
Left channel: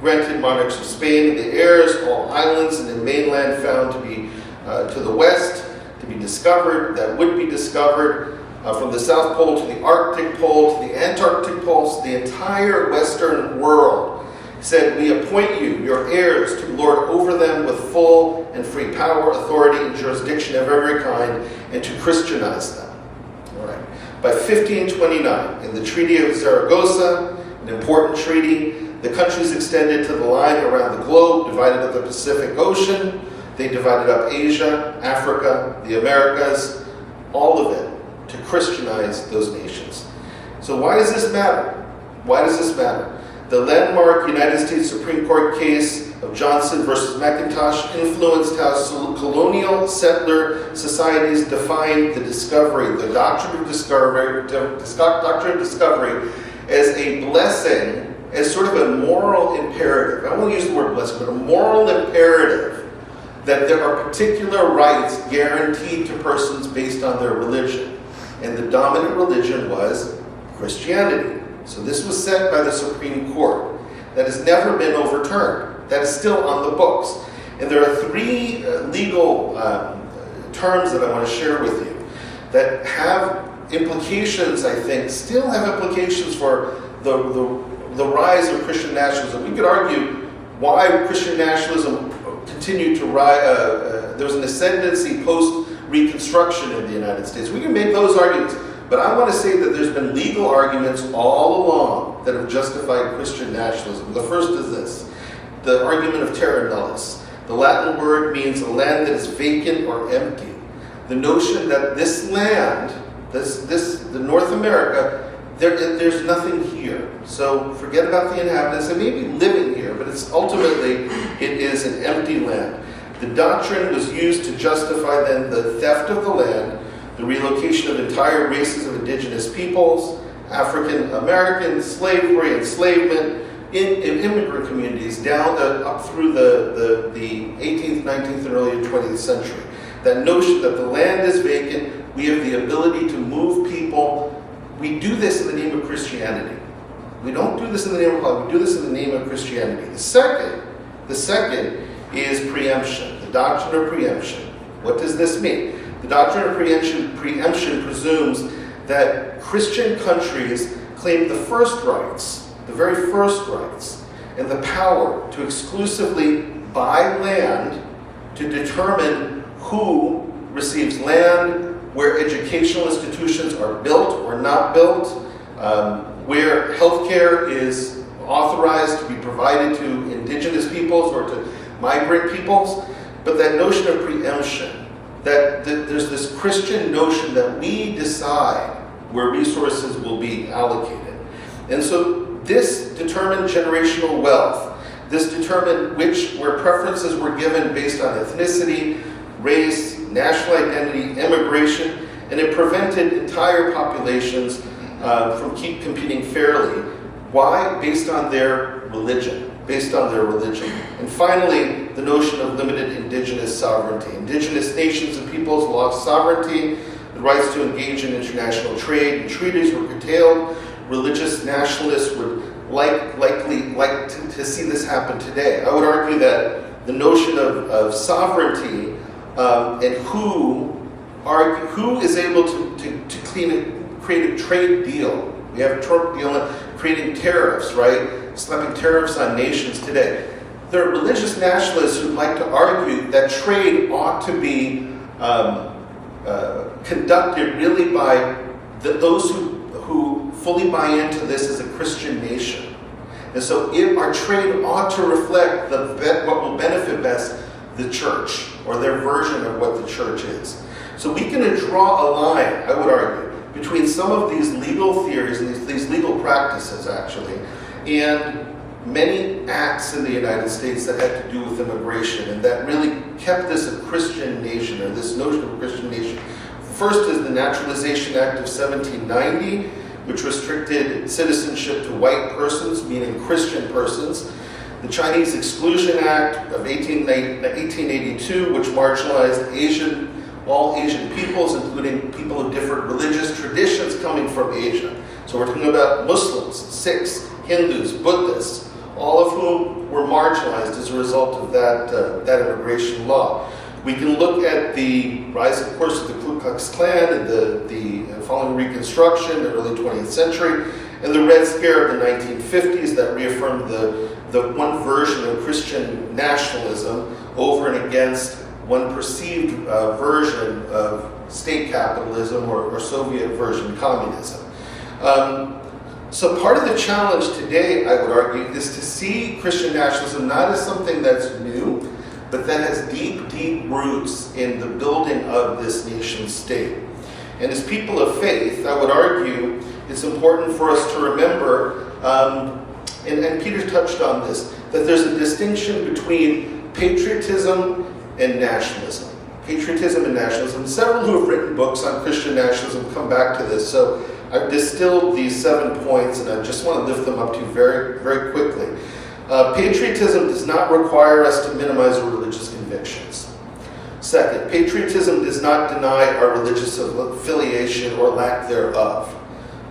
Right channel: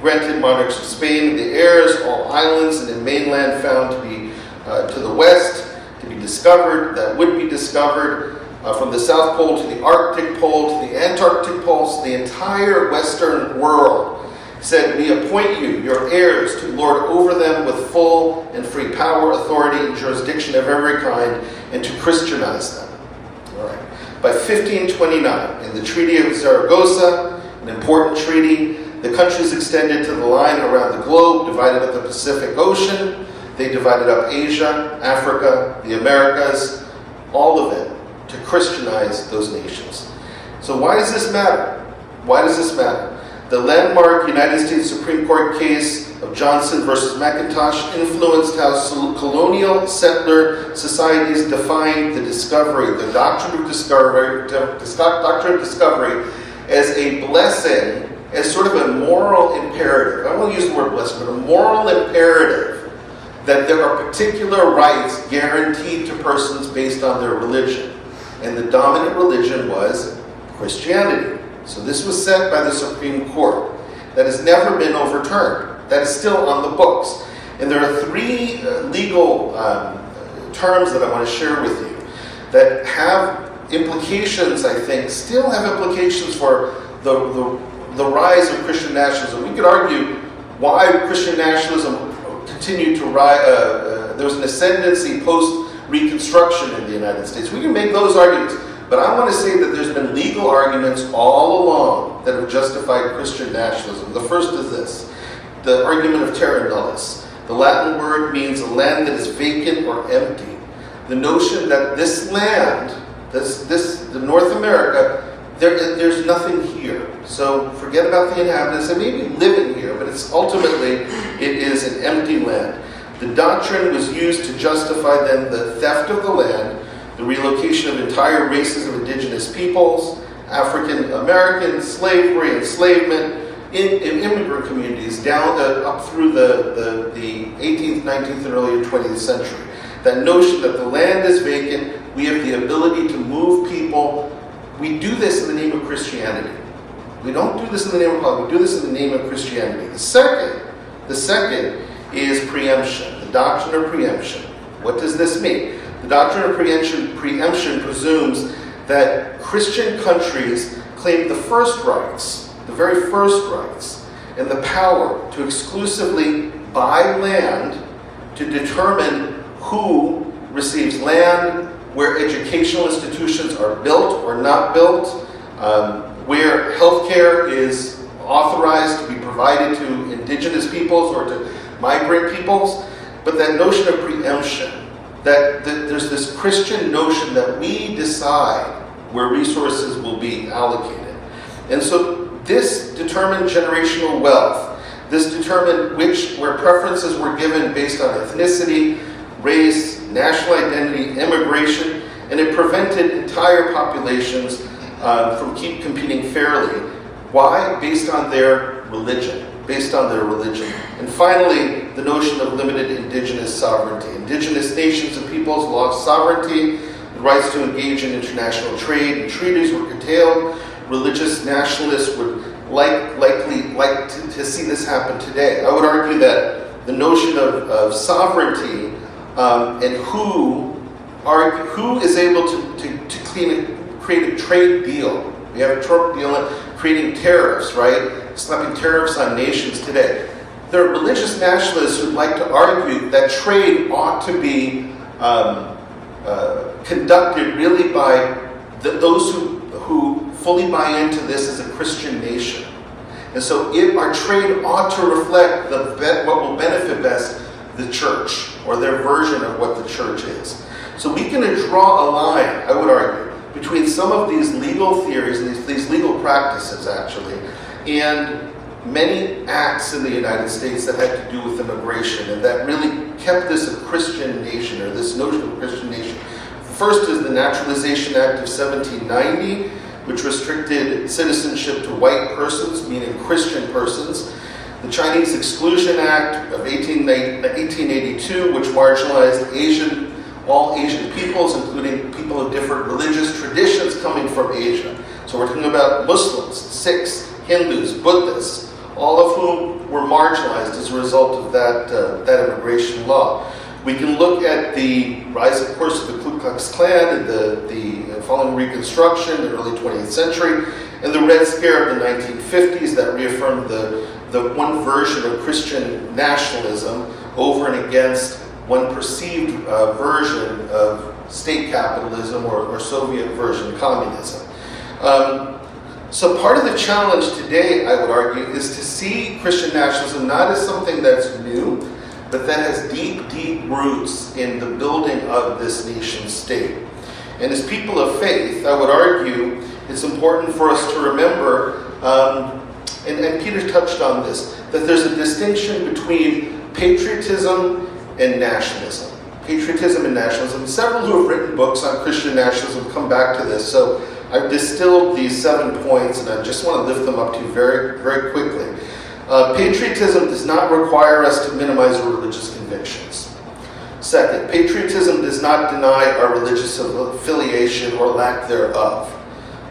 granted monarchs of Spain, the heirs, all islands and the mainland found to be to the west, to be discovered, that would be discovered, from the South Pole to the Arctic Pole to the Antarctic Pole, so the entire Western world, said, we appoint you, your heirs, to lord over them with full and free power, authority, and jurisdiction of every kind, and to Christianize them. All right. By 1529, in the Treaty of Zaragoza, an important treaty, the countries extended to the line around the globe, divided up the Pacific Ocean. They divided up Asia, Africa, the Americas, all of it, to Christianize those nations. So why does this matter? Why does this matter? The landmark United States Supreme Court case of Johnson versus McIntosh influenced how colonial settler societies defined the discovery, the doctrine of discovery, as a blessing, as sort of a moral imperative. I won't use the word blessing, but a moral imperative that there are particular rights guaranteed to persons based on their religion. And the dominant religion was Christianity. So this was set by the Supreme Court. That has never been overturned. That is still on the books. And there are three legal terms that I want to share with you that have implications, I think, still have implications for the rise of Christian nationalism. We could argue why Christian nationalism continued to rise. There was an ascendancy post-Reconstruction in the United States. We can make those arguments. But I want to say that there's been legal arguments all along that have justified Christian nationalism. The first is this, the argument of terra nullius. The Latin word means a land that is vacant or empty. The notion that this land, the North America, there's nothing here. So forget about the inhabitants. They may be living here, but it is an empty land. The doctrine was used to justify then the theft of the land, the relocation of entire races of indigenous peoples, African Americans, slavery, enslavement, in immigrant communities down up through the 18th, 19th, and early 20th century. That notion that the land is vacant, we have the ability to move people. We do this in the name of Christianity. We don't do this in the name of God, we do this in the name of Christianity. The second is preemption, the doctrine of preemption. What does this mean? The doctrine of preemption presumes that Christian countries claim the first rights, the very first rights, and the power to exclusively buy land to determine who receives land, where educational institutions are built or not built, where healthcare is authorized to be provided to indigenous peoples or to migrant peoples. But that notion of preemption, that there's this Christian notion that we decide where resources will be allocated. And so this determined generational wealth. This determined where preferences were given based on ethnicity, race, national identity, immigration, and it prevented entire populations from competing fairly. Why? Based on their religion. And finally, the notion of limited indigenous sovereignty. Indigenous nations and peoples lost sovereignty. The rights to engage in international trade and treaties were curtailed. Religious nationalists would likely like to see this happen today. I would argue that the notion of sovereignty and who is able to create a trade deal. We have a Trump deal on creating tariffs, right? Slapping tariffs on nations today. There are religious nationalists who like to argue that trade ought to be conducted really by those who fully buy into this as a Christian nation. And so if our trade ought to reflect what will benefit best the church, or their version of what the church is. So we can draw a line, I would argue, between some of these legal theories and these legal practices, actually, and many acts in the United States that had to do with immigration and that really kept this a Christian nation, or this notion of a Christian nation. First is the Naturalization Act of 1790, which restricted citizenship to white persons, meaning Christian persons. The Chinese Exclusion Act of 1882, which marginalized all Asian peoples, including people of different religious traditions coming from Asia. So we're talking about Muslims, Sikhs, Hindus, Buddhists, all of whom were marginalized as a result of that immigration law. We can look at the rise, of course, of the Ku Klux Klan and the following Reconstruction, the early 20th century, and the Red Scare of the 1950s that reaffirmed the one version of Christian nationalism over and against one perceived version of state capitalism or Soviet version communism. So part of the challenge today, I would argue, is to see Christian nationalism not as something that's new, but that has deep, deep roots in the building of this nation state. And as people of faith, I would argue it's important for us to remember and Peter touched on this, that there's a distinction between patriotism and nationalism. Patriotism and nationalism. Several who have written books on Christian nationalism come back to this. So I've distilled these 7 points, and I just want to lift them up to you very, very quickly. Patriotism does not require us to minimize our religious convictions. Second, patriotism does not deny our religious affiliation or lack thereof.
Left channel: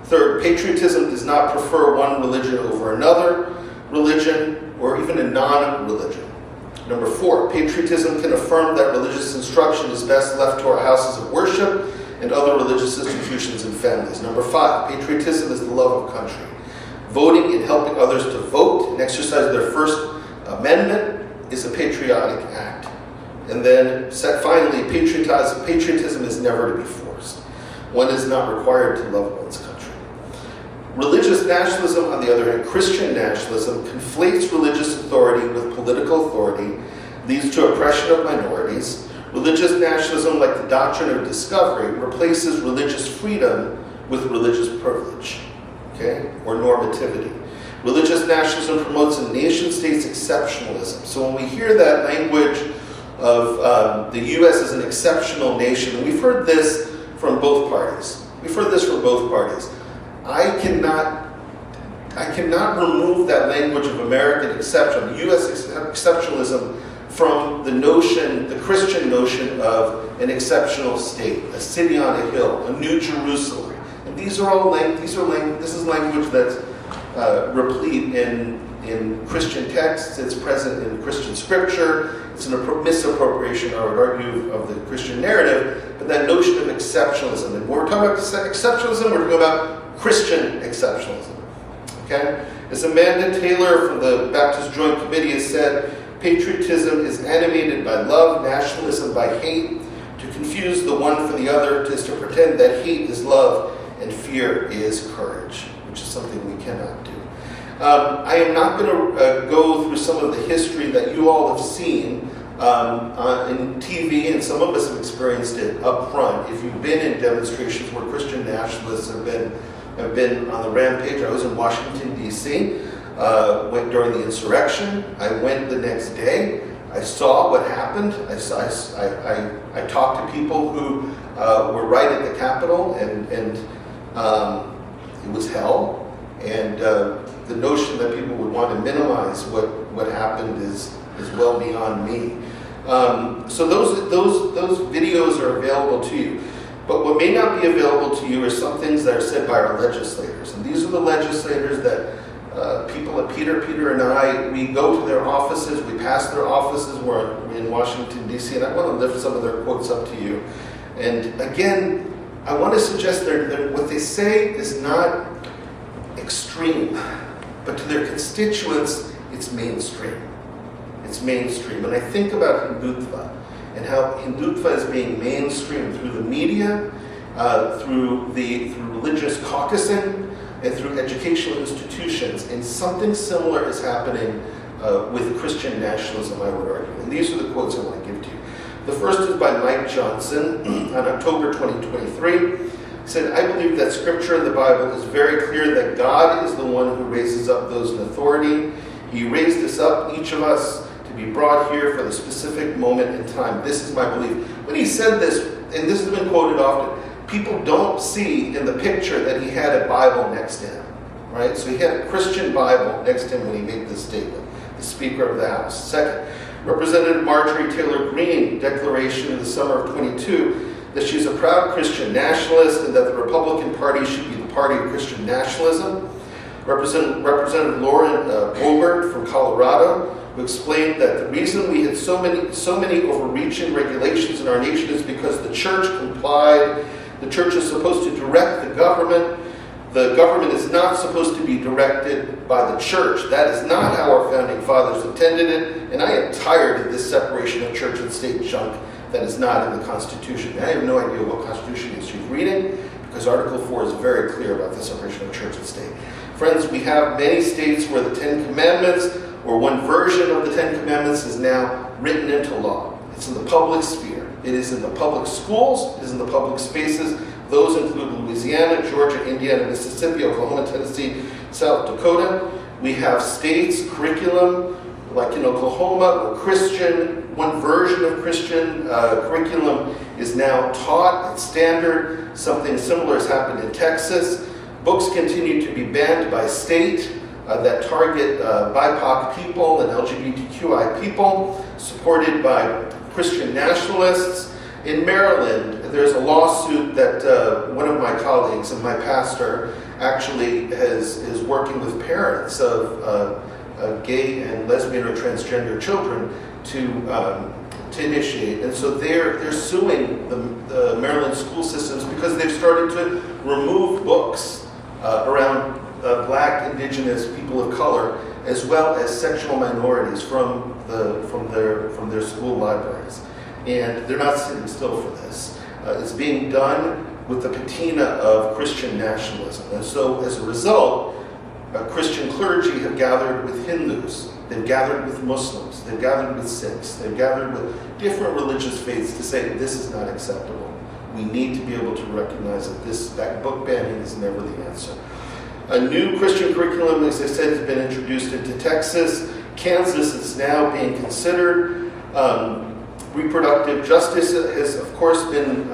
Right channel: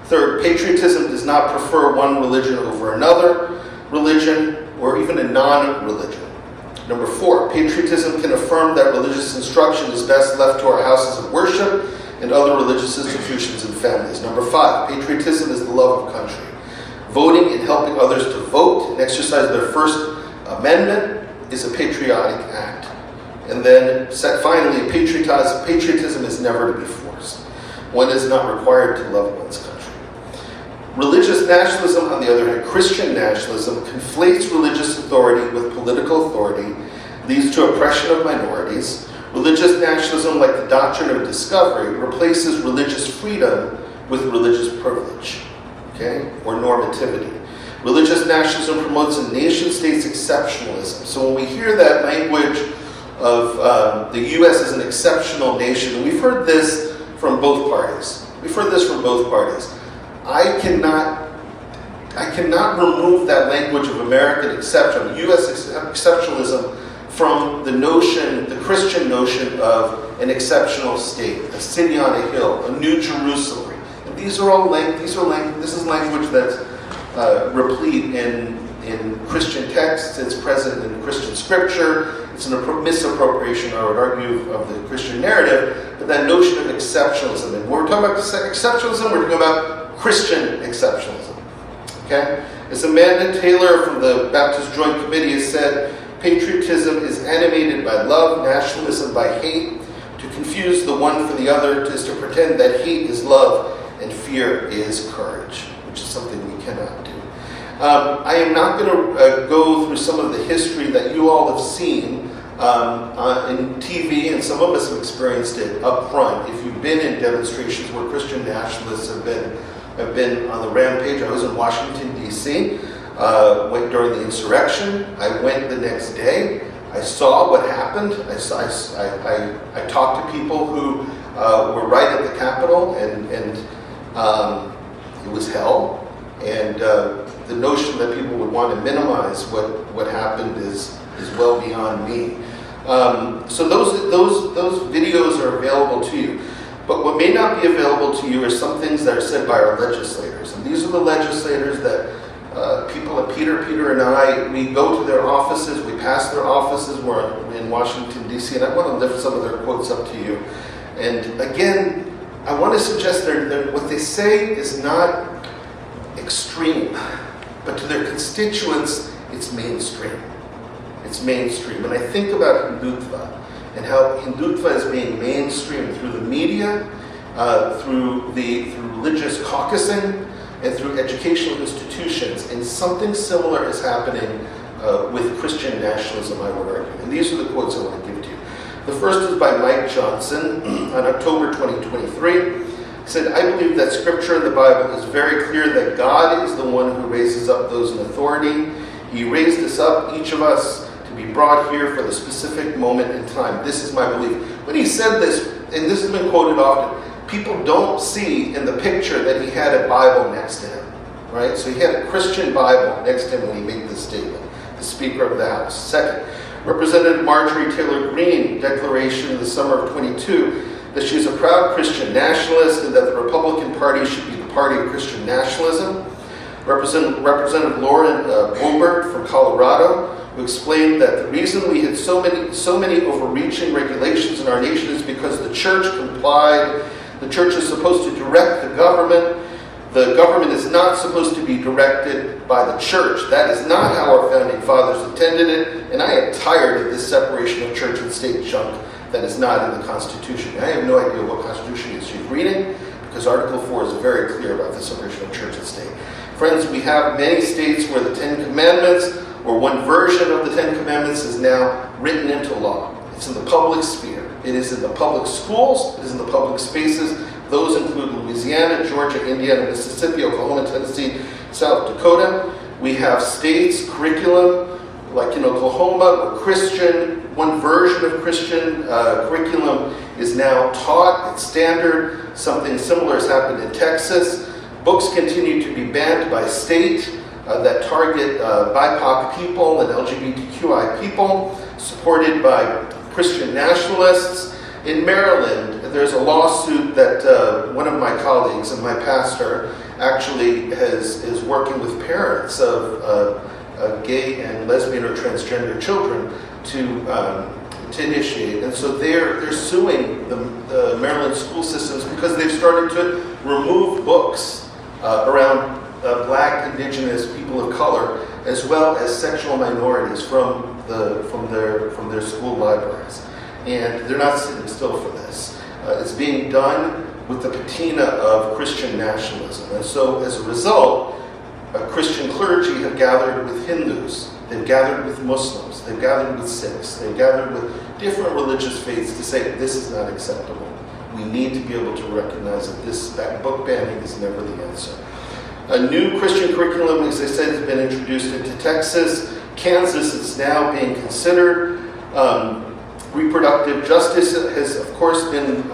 Third, patriotism does not prefer one religion over another religion or even a non-religion. Number 4, patriotism can affirm that religious instruction is best left to our houses of worship and other religious institutions and families. Number 5, patriotism is the love of country. Voting and helping others to vote and exercise their First Amendment is a patriotic act. And then, finally, patriotism is never to be forced. One is not required to love one's country. Religious nationalism, on the other hand, Christian nationalism, conflates religious authority with political authority, leads to oppression of minorities. Religious nationalism, like the doctrine of discovery, replaces religious freedom with religious privilege, okay, or normativity. Religious nationalism promotes a nation-state's exceptionalism. So when we hear that language of the U.S. as an exceptional nation, and we've heard this from both parties. I cannot remove that language of American exception, U.S. exceptionalism, from the notion, the Christian notion of an exceptional state, a city on a hill, a New Jerusalem. And these are all this is language that's replete in Christian texts. It's present in Christian scripture. It's a misappropriation, I would argue, of the Christian narrative. But that notion of exceptionalism, and when we're talking about exceptionalism, we're talking about Christian exceptionalism. Okay? As Amanda Taylor from the Baptist Joint Committee has said, patriotism is animated by love, nationalism by hate. To confuse the one for the other is to pretend that hate is love and fear is courage, which is something we cannot do. I am not going to go through some of the history that you all have seen in TV, and some of us have experienced it up front. If you've been in demonstrations where Christian nationalists have been on the rampage. I was in Washington, D.C., went during the insurrection. I went the next day. I saw what happened. I talked to people who were right at the Capitol, and it was hell. And the notion that people would want to minimize what happened is well beyond me. So those videos are available to you. But what may not be available to you are some things that are said by our legislators. And these are the legislators that people like Peter and I, we go to their offices, we pass their offices. We're in Washington, D.C., and I want to lift some of their quotes up to you. And again, I want to suggest that what they say is not extreme, but to their constituents, it's mainstream. It's mainstream. And I think about Hindutva and how Hindutva is being mainstreamed through the media, through religious caucusing, and through educational institutions. And something similar is happening with Christian nationalism, I would argue. And these are the quotes I want to give to you. The first is by Mike Johnson on October 2023. He said, I believe that Scripture in the Bible is very clear that God is the one who raises up those in authority. He raised us up, each of us, to be brought here for the specific moment in time. This is my belief. When he said this, and this has been quoted often, people don't see in the picture that he had a Bible next to him, right? So he had a Christian Bible next to him when he made this statement, the Speaker of the House. Second, Representative Marjorie Taylor Greene declaration in the summer of 22 that she's a proud Christian nationalist and that the Republican Party should be the party of Christian nationalism. Representative Lauren Boebert from Colorado, who explained that the reason we had so many overreaching regulations in our nation is because the church complied. The church is supposed to direct the government. The government is not supposed to be directed by the church. That is not how our founding fathers intended it, and I am tired of this separation of church and state junk that is not in the Constitution. I have no idea what Constitution she's reading, because Article 4 is very clear about the separation of church and state. Friends, we have many states where the Ten Commandments, or one version of the Ten Commandments, is now written into law. It's in the public sphere. It is in the public schools, it is in the public spaces. Those include Louisiana, Georgia, Indiana, Mississippi, Oklahoma, Tennessee, South Dakota. We have states, curriculum, like in Oklahoma, where Christian, one version of Christian curriculum is now taught. It's standard. Something similar has happened in Texas. Books continue to be banned by state that target BIPOC people and LGBTQI people, supported by Christian nationalists. In Maryland, there's a lawsuit that one of my colleagues and my pastor actually is working with parents of gay and lesbian or transgender children to initiate. And so they're suing the Maryland school systems because they've started to remove books around Black, Indigenous, people of color, as well as sexual minorities from their school libraries. And they're not sitting still for this. It's being done with the patina of Christian nationalism. And so as a result, Christian clergy have gathered with Hindus, they've gathered with Muslims, they've gathered with Sikhs, they've gathered with different religious faiths to say this is not acceptable. We need to be able to recognize that book banning is never the answer. A new Christian curriculum, as I said, has been introduced into Texas. Kansas is now being considered. Reproductive justice has, of course, been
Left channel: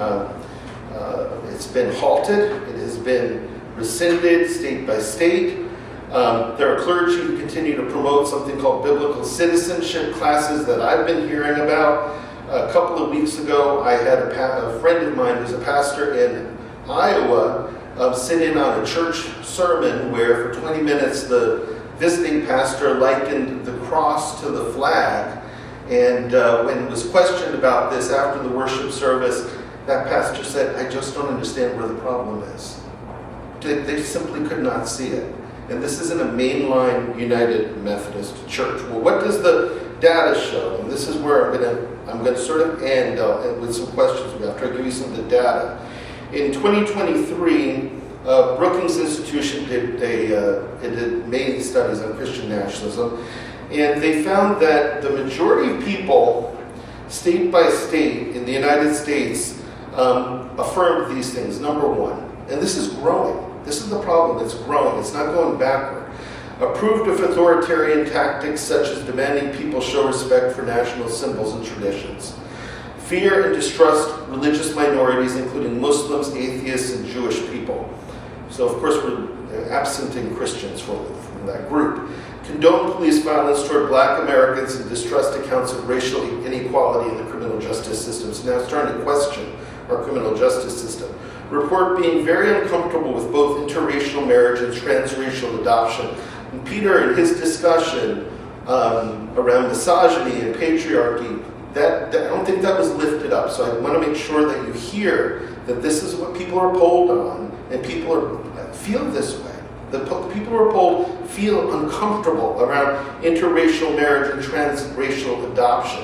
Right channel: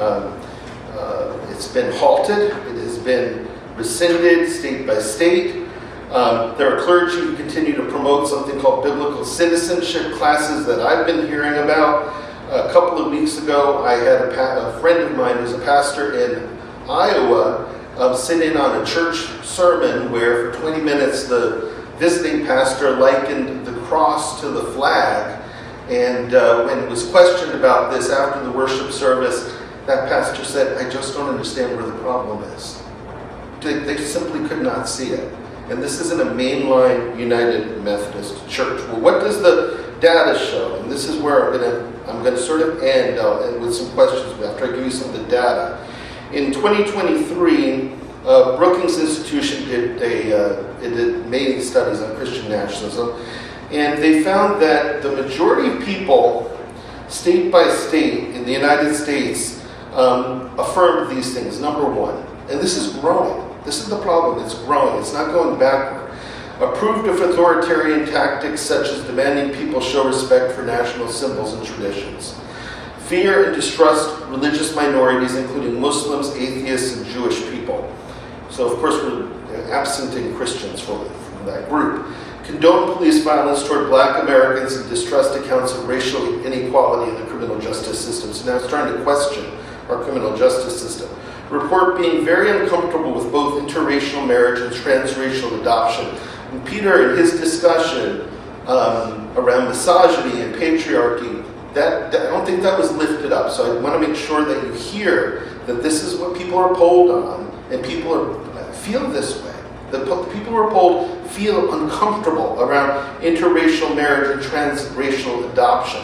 it's been halted. It has been rescinded state by state. There are clergy who continue to promote something called biblical citizenship classes that I've been hearing about. A couple of weeks ago, I had a friend of mine who's a pastor in Iowa sit in on a church sermon where for 20 minutes the visiting pastor likened the cross to the flag. And when it was questioned about this after the worship service, that pastor said, I just don't understand where the problem is. They simply could not see it. And this isn't a mainline United Methodist church. Well, what does the data show? And this is where I'm going to sort of end with some questions after I give you some of the data. In 2023, Brookings Institution did many studies on Christian nationalism. And they found that the majority of people, state by state in the United States, affirmed these things. Number one, and this is growing. This is the problem. It's growing. It's not going backward. Approved of authoritarian tactics such as demanding people show respect for national symbols and traditions. Fear and distrust religious minorities, including Muslims, atheists, and Jewish people. So, of course, we're absenting Christians from that group. Condone police violence toward Black Americans and distrust accounts of racial inequality in the criminal justice system. So now it's starting to question our criminal justice system. Report being very uncomfortable with both interracial marriage and transracial adoption. And Peter, in his discussion around misogyny and patriarchy, I don't think that was lifted up. So I want to make sure that you hear that this is what people are polled on, and people feel this way. The people who are polled feel uncomfortable around interracial marriage and transracial adoption.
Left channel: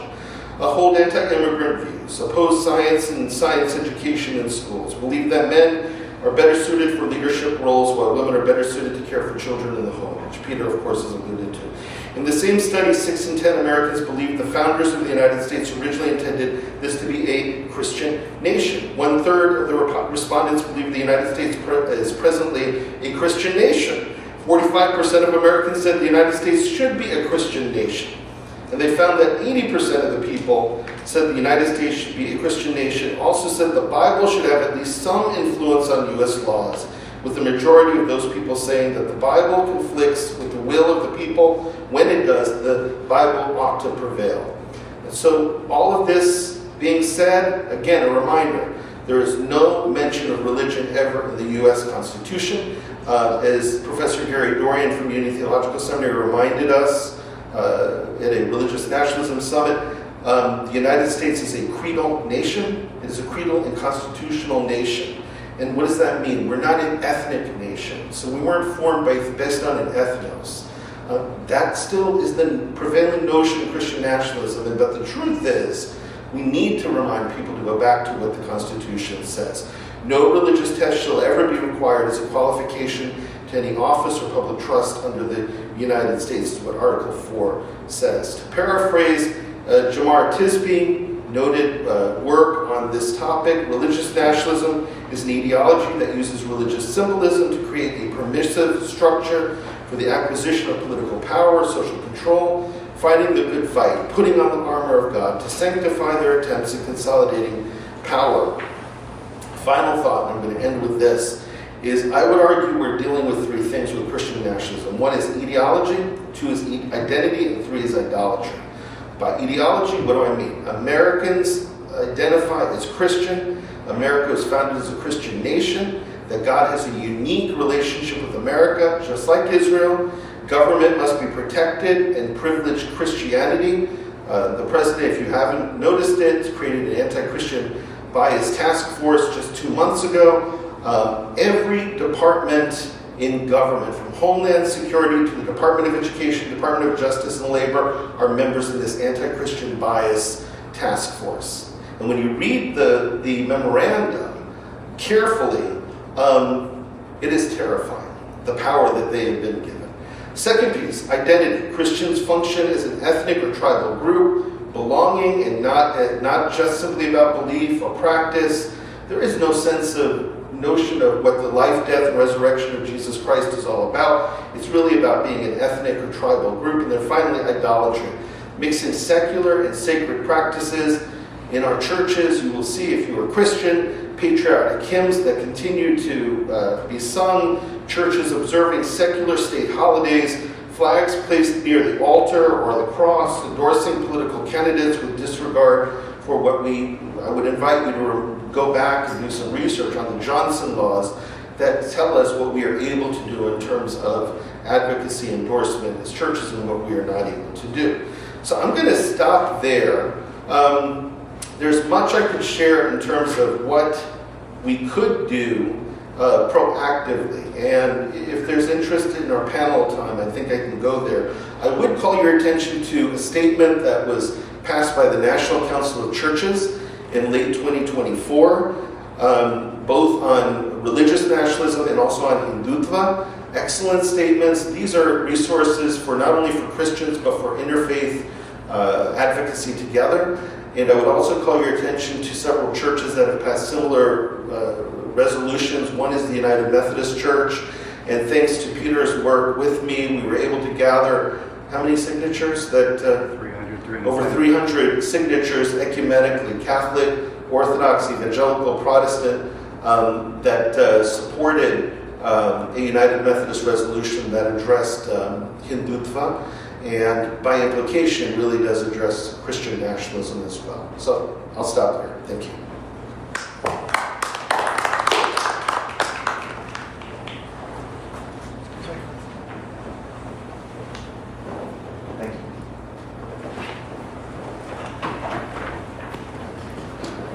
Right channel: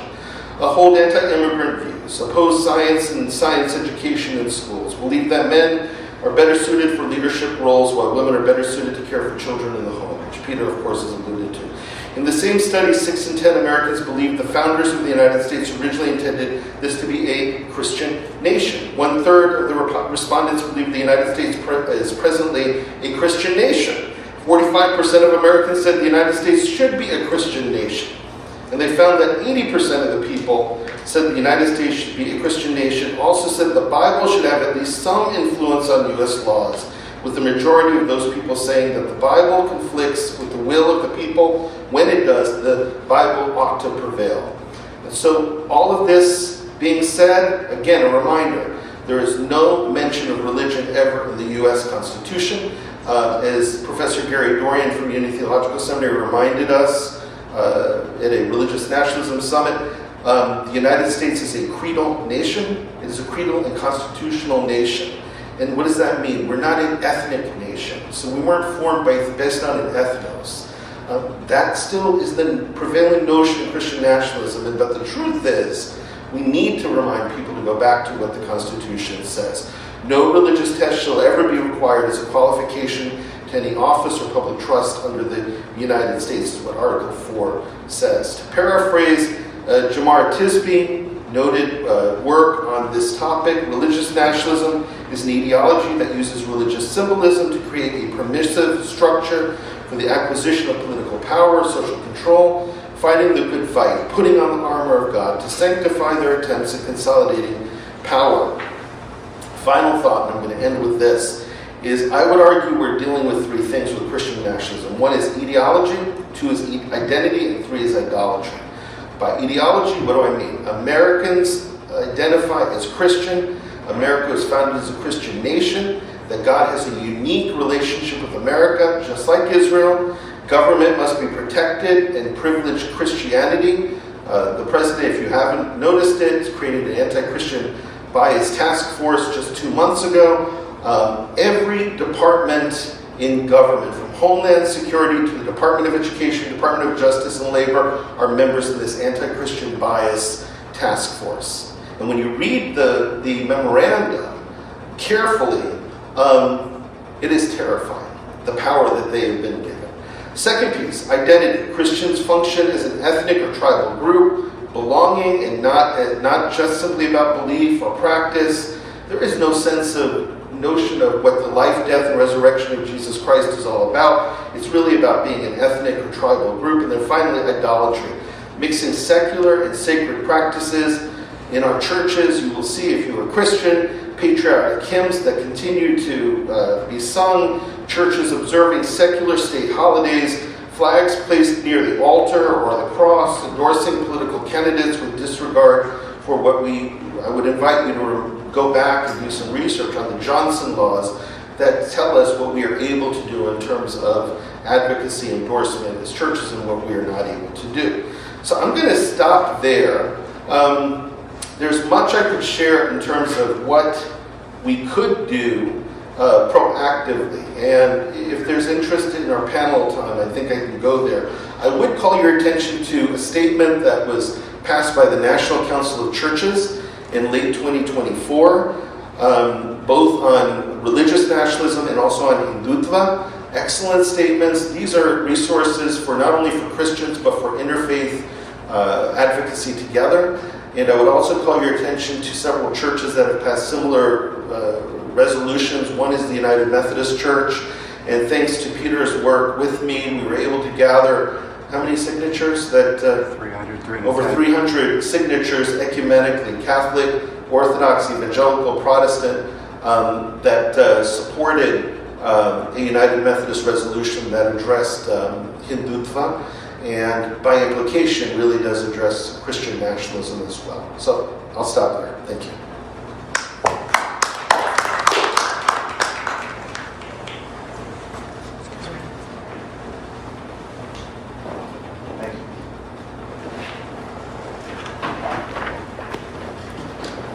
Hold anti-immigrant views, oppose science and science education in schools, believe that men are better suited for leadership roles while women are better suited to care for children in the home, which Peter, of course, has alluded to. In the same study, 6 in 10 Americans believe the founders of the United States originally intended this to be a Christian nation. 1/3 of the respondents believe the United States is presently a Christian nation. 45% of Americans said the United States should be a Christian nation. And they found that 80% of the people said the United States should be a Christian nation, also said the Bible should have at least some influence on U.S. laws, with the majority of those people saying that the Bible conflicts with the will of the people. When it does, the Bible ought to prevail. And so all of this being said, again, a reminder, there is no mention of religion ever in the U.S. Constitution. As Professor Gary Dorian from Union Theological Seminary reminded us at a religious nationalism summit, the United States is a creedal nation. It is a creedal and constitutional nation. And what does that mean? We're not an ethnic nation. So we weren't formed based on an ethnos. That still is the prevailing notion of Christian nationalism. But the truth is, we need to remind people to go back to what the Constitution says. No religious test shall ever be required as a qualification to any office or public trust under the United States, is what Article 4 says. To paraphrase Jamar Tisby, noted work on this topic. Religious nationalism is an ideology that uses religious symbolism to create a permissive structure for the acquisition of political power, social control, fighting the good fight, putting on the armor of God to sanctify their attempts at consolidating power. Final thought, and I'm going to end with this, is I would argue we're dealing with three things with Christian nationalism. One is ideology, two is identity, and three is idolatry. By ideology, what do I mean? Americans identify as Christian. America is founded as a Christian nation, that God has a unique relationship with America, just like Israel. Government must be protected and privilege Christianity. The president, if you haven't noticed it, created an anti-Christian bias task force just 2 months ago. Every department in government, from Homeland Security to the Department of Education, Department of Justice and Labor, are members of this anti-Christian bias task force. And when you read the memorandum carefully, it is terrifying, the power that they have been given. Second piece, identity. Christians function as an ethnic or tribal group, belonging and not just simply about belief or practice. There is no notion of what the life, death, and resurrection of Jesus Christ is all about. It's really about being an ethnic or tribal group. And then finally, idolatry. Mixing secular and sacred practices. In our churches, you will see, if you are Christian, patriotic hymns that continue to be sung, churches observing secular state holidays, flags placed near the altar or the cross, endorsing political candidates with disregard for I would invite you to go back and do some research on the Johnson laws that tell us what we are able to do in terms of advocacy endorsement as churches and what we are not able to do. So I'm going to stop there. There's much I could share in terms of what we could do proactively. And if there's interest in our panel time, I think I can go there. I would call your attention to a statement that was passed by the National Council of Churches in late 2024, both on religious nationalism and also on Hindutva. Excellent statements. These are resources for not only for Christians, but for interfaith advocacy together. And I would also call your attention to several churches that have passed similar resolutions. One is the United Methodist Church. And thanks to Peter's work with me, we were able to gather how many signatures? Over 300 signatures ecumenically, Catholic, Orthodox, Evangelical, Protestant, that supported a United Methodist resolution that addressed Hindutva, and by implication really does address Christian nationalism as well. So I'll stop there. Thank you. Thank you.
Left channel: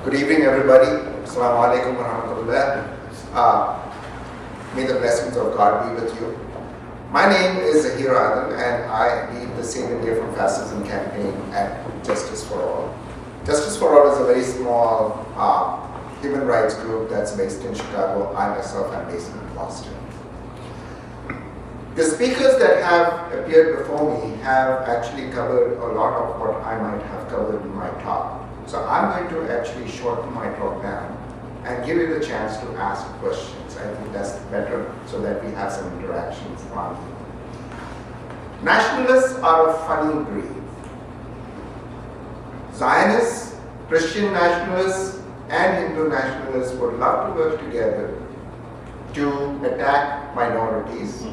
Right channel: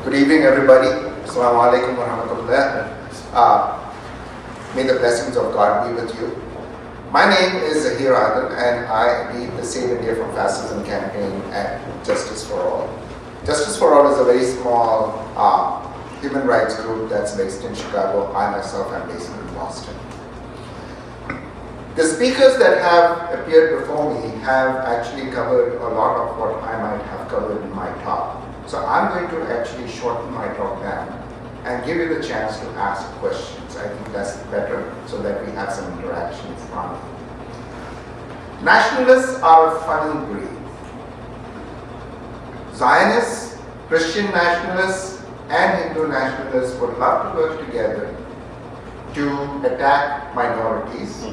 Good evening, everybody. Assalamu alaikum wa rahmatullah. May the blessings of God be with you. My name is Zahir Adil, and I lead the Save India from Fascism campaign at Justice for All. Justice for All is a very small human rights group that's based in Chicago. I myself am based in Boston. The speakers that have appeared before me have actually covered a lot of what I might have covered in my talk. So I'm going to actually shorten my talk down and give you the chance to ask questions. I think that's better so that we have some interaction in front of you. Nationalists are a funny breed. Zionists, Christian nationalists, and Hindu nationalists would love to work together to attack minorities.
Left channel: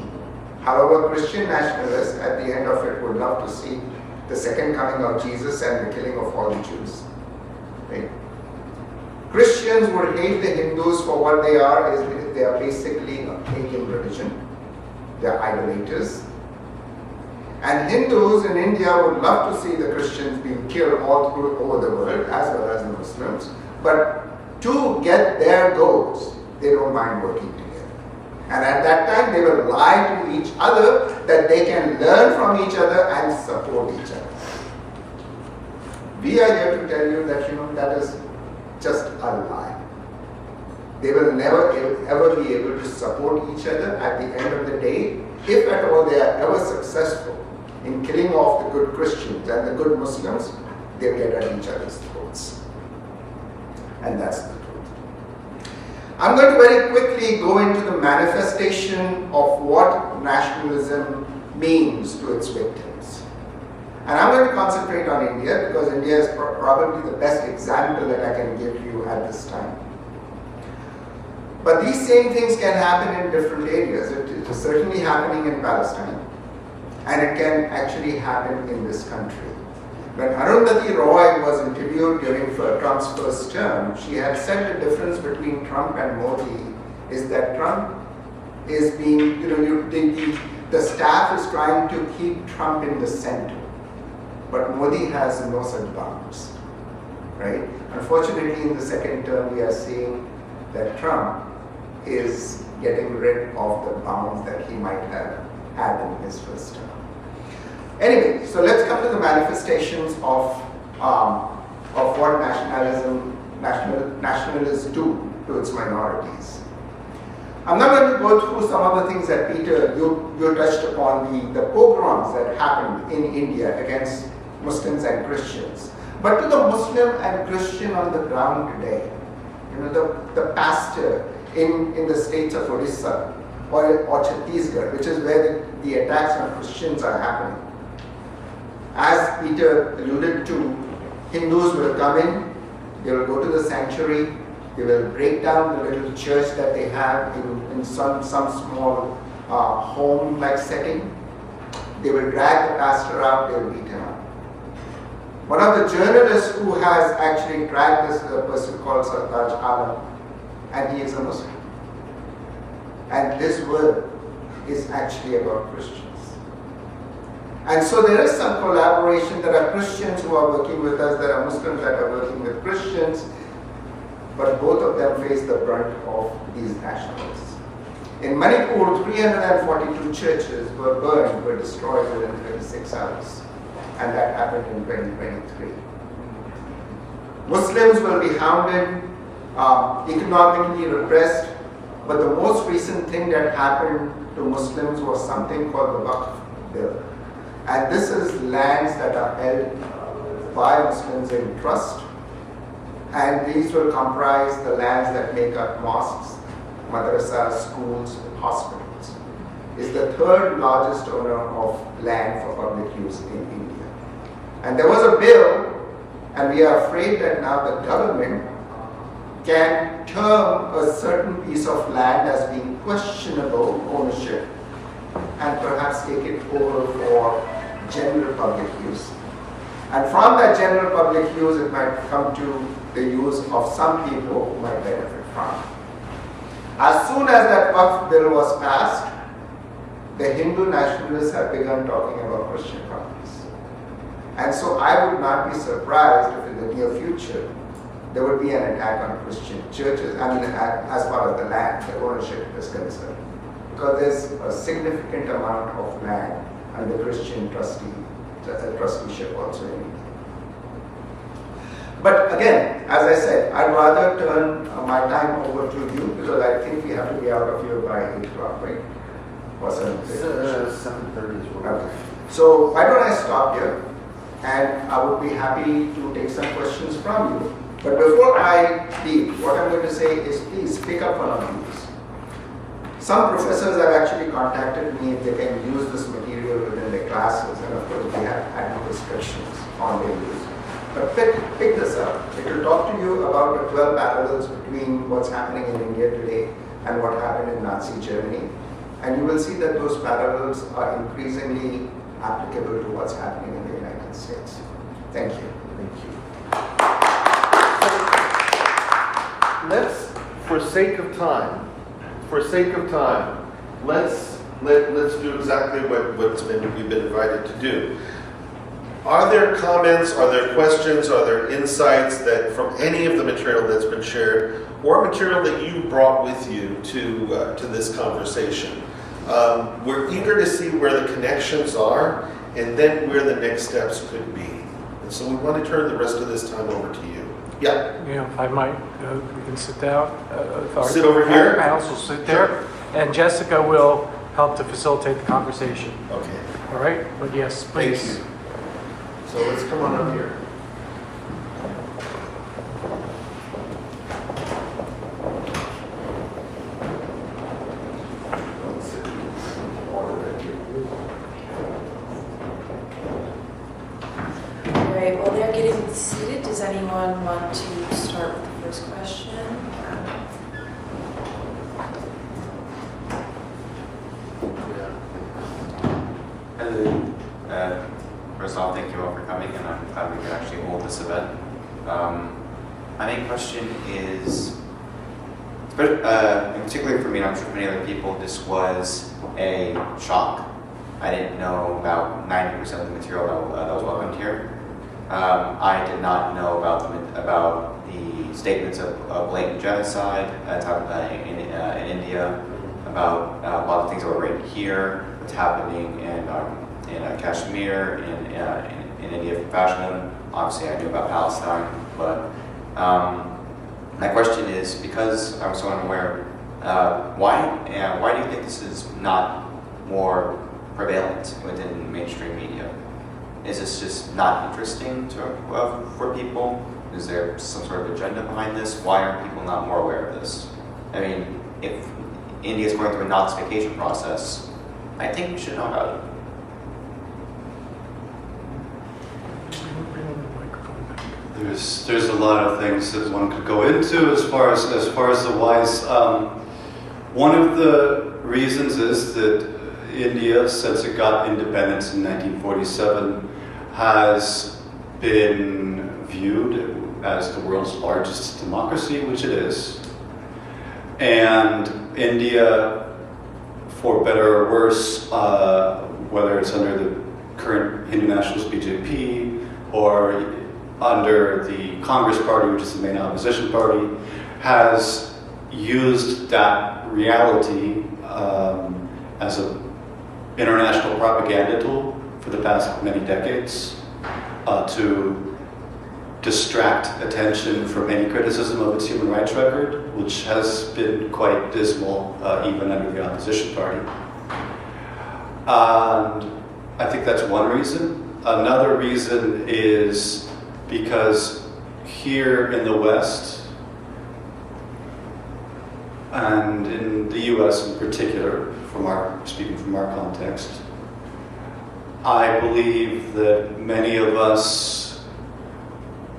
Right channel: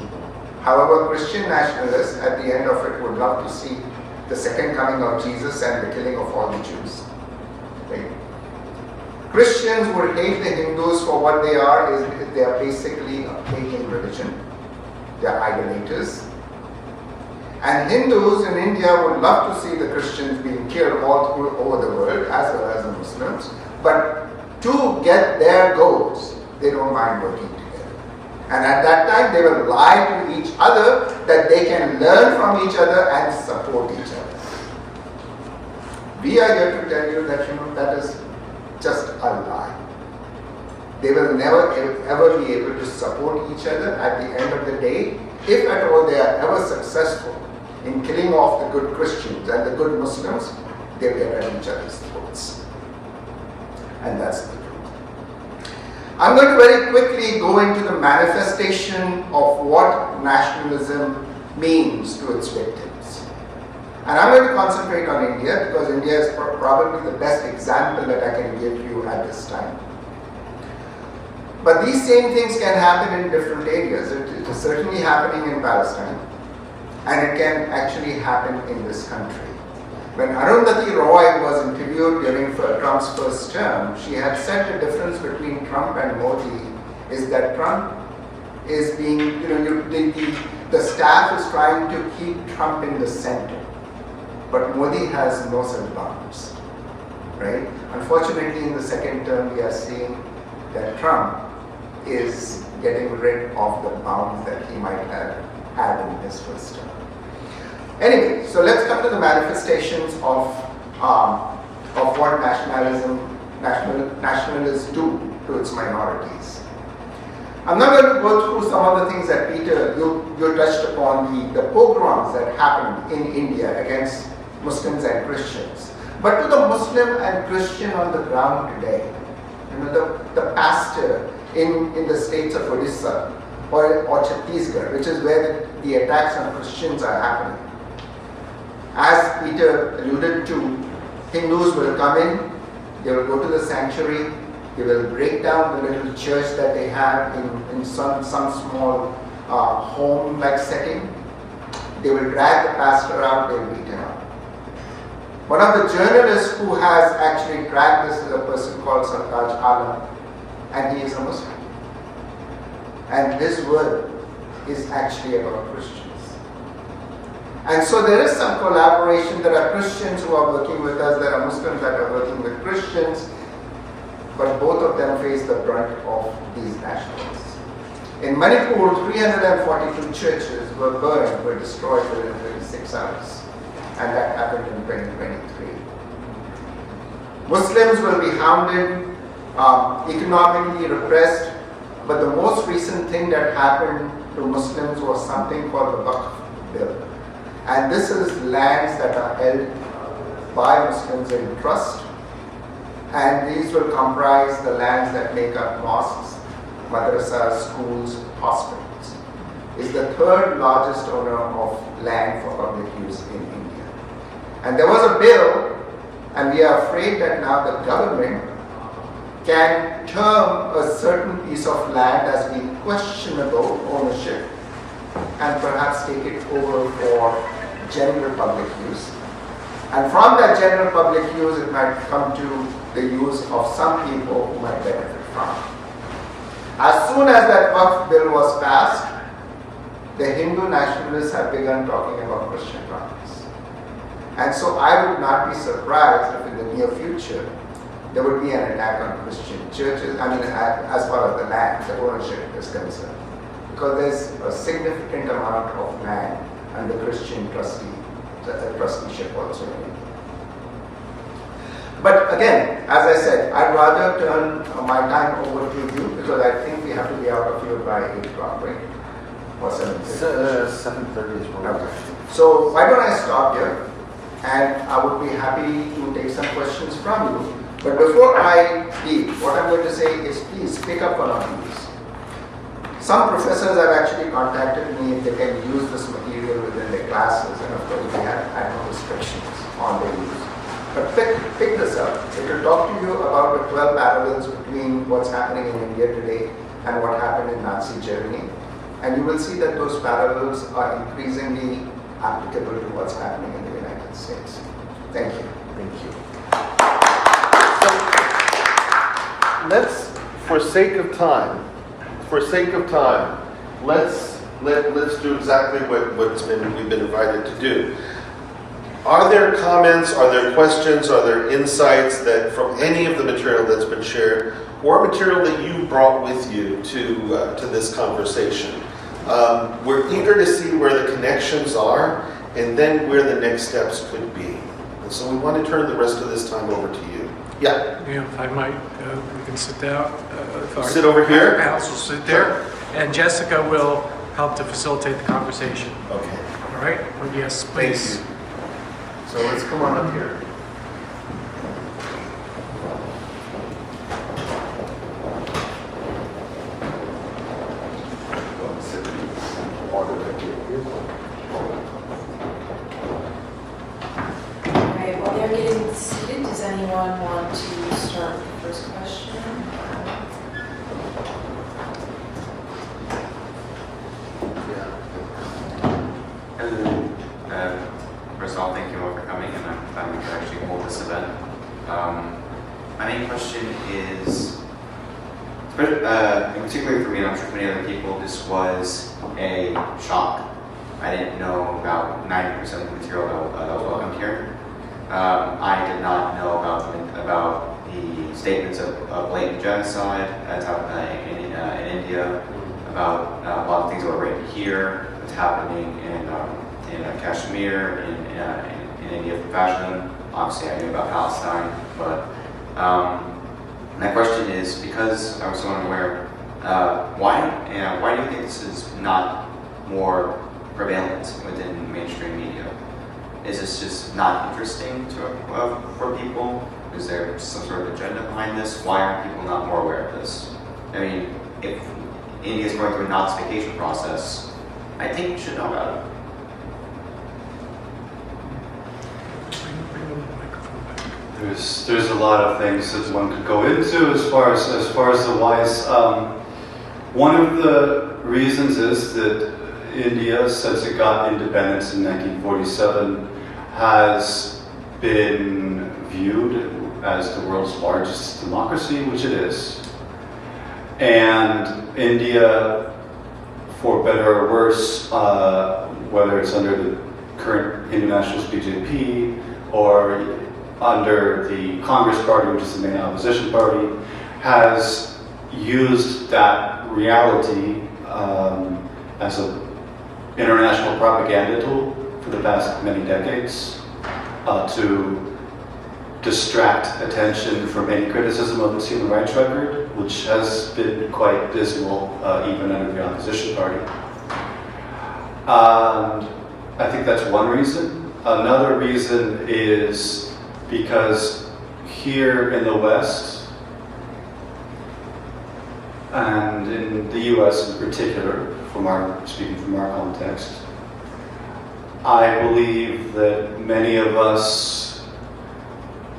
However, Christian nationalists at the end of it would love to see the second coming of Jesus and the killing of all the Jews. Right? Christians would hate the Hindus for what they are. They are basically a pagan religion. They are idolaters. And Hindus in India would love to see the Christians being killed all over the world, as well as the Muslims. But to get their goals, they don't mind working together. And at that time, they will lie to each other that they can learn from each other and support each other. We are here to tell you that that is just a lie. They will never ever be able to support each other at the end of the day. If at all they are ever successful in killing off the good Christians and the good Muslims, they'll get at each other's throats. And that's the truth. I'm going to very quickly go into the manifestation of what nationalism means to its victims. And I'm going to concentrate on India because India is probably the best example that I can give you at this time. But these same things can happen in different areas. It is certainly happening in Palestine, and it can actually happen in this country. When Arundhati Roy was interviewed during Trump's first term, she had said the difference between Trump and Modi is that Trump is being, the staff is trying to keep Trump in the center, but Modi has no such bounds, right? Unfortunately, in the second term, we are seeing that Trump is getting rid of the bounds that he might have had in his first term. Anyway, so let's come to the manifestations of what nationalists do to its minorities. I'm not going to go through some of the things that Peter, you touched upon, the pogroms that happened in India against Muslims and Christians. But to the Muslim and Christian on the ground today, the pastor in the states of Odisha or Chhattisgarh, which is where the attacks on Christians are happening. As Peter alluded to, Hindus will come in, they will go to the sanctuary, they will break down the little church that they have in some small home-like setting. They will drag the pastor out, they will beat him up. One of the journalists who has actually dragged this is a person called Sartaj Alam, and he is a Muslim. And his word is actually about Christians. And so there is some collaboration. There are Christians who are working with us, there are Muslims that are working with Christians, but both of them face the brunt of these nationalists. In Manipur, 342 churches were burned, were destroyed within 36 hours. And that happened in 2023. Muslims will be hounded, economically repressed, but the most recent thing that happened to Muslims was something called the Waqf bill. And this is lands that are held by Muslims in trust, and these will comprise the lands that make up mosques, madrasas, schools, hospitals. Is the third largest owner of land for public use in India. And there was a bill, and we are afraid that now the government can term a certain piece of land as being questionable ownership and perhaps take it over for general public use. And from that general public use, it might come to the use of some people who might benefit from it. As soon as that Waqf bill was passed, the Hindu nationalists have begun talking about Christian properties. And so I would not be surprised if in the near future there would be an attack on Christian churches, as far as the land, the ownership is concerned. Because there's a significant amount of land under Christian trusteeship also in India. But again, as I said, I'd rather turn my time over to you because I think we have to be out of here by 8 o'clock, right? Or 7:30? 7:30 is Okay. So why don't I stop here, and I would be happy to take some questions from you. But before I leave, what I'm going to say is please pick up one of these. Some professors have actually contacted me if they can use this material within their classes, and of course we had no restrictions on their use. But pick this up. It will talk to you about the 12 parallels between what's happening in India today and what happened in Nazi Germany. And you will see that those parallels are increasingly applicable to what's happening in the United States. Thank you. Thank you. Let's, for sake of time, let's do exactly what we've been invited to do. Are there comments, are there questions, are there insights that from any of the material that's been shared, or material that you brought with you to this conversation? We're eager to see where the connections are and then where the next steps could be. And so we want to turn the rest of this time over to you. Yeah. If I might, we can sit down. Sit over here. Panels will sit there, and Jessica will help to facilitate the conversation. Okay. All right? But yes, Thank please. you. So let's come on up here. anyone want to start with the first question? Hello. First of all, thank you all for coming, and I'm glad we could actually hold this event. My main question is, and particularly for me, and I'm sure for many other people, this was a shock. I didn't know about 90% of the material that was welcomed here. I did not know about the statements of blatant genocide that's happened in India, about a lot of things that were written here, what's happening in Kashmir, in India for fascism. Obviously, I knew about Palestine, but my question is, because I was so unaware, why do you think this is not more prevalent within mainstream media? Is this just not interesting for people? Is there some sort of agenda behind this? Why aren't people not more aware of this? I mean, if India is going through a Nazification process, I think we should know about it. There's a lot of things that one could go into as far as the whys. One of the reasons is that India, since it got independence in 1947, has been viewed as the world's largest democracy, which it is. And India, for better or worse, whether it's under the current Hindu Nationalist BJP or under the Congress Party, which is the main opposition party, has used that reality as an international propaganda tool for the past many decades to distract attention from any criticism of its human rights record, which has been quite dismal even under the opposition party. And I think that's one reason. Another reason is because here in the West, and in the US in particular, speaking from our context, I believe that many of us,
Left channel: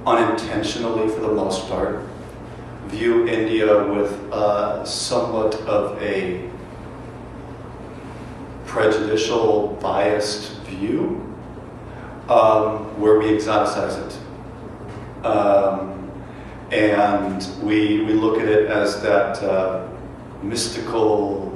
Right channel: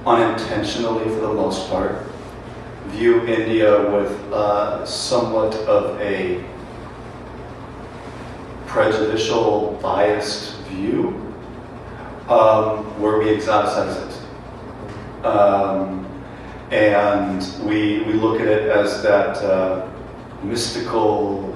unintentionally for the most part, view India with somewhat of a prejudicial, biased view, where we exoticize it. And we look at it as that mythical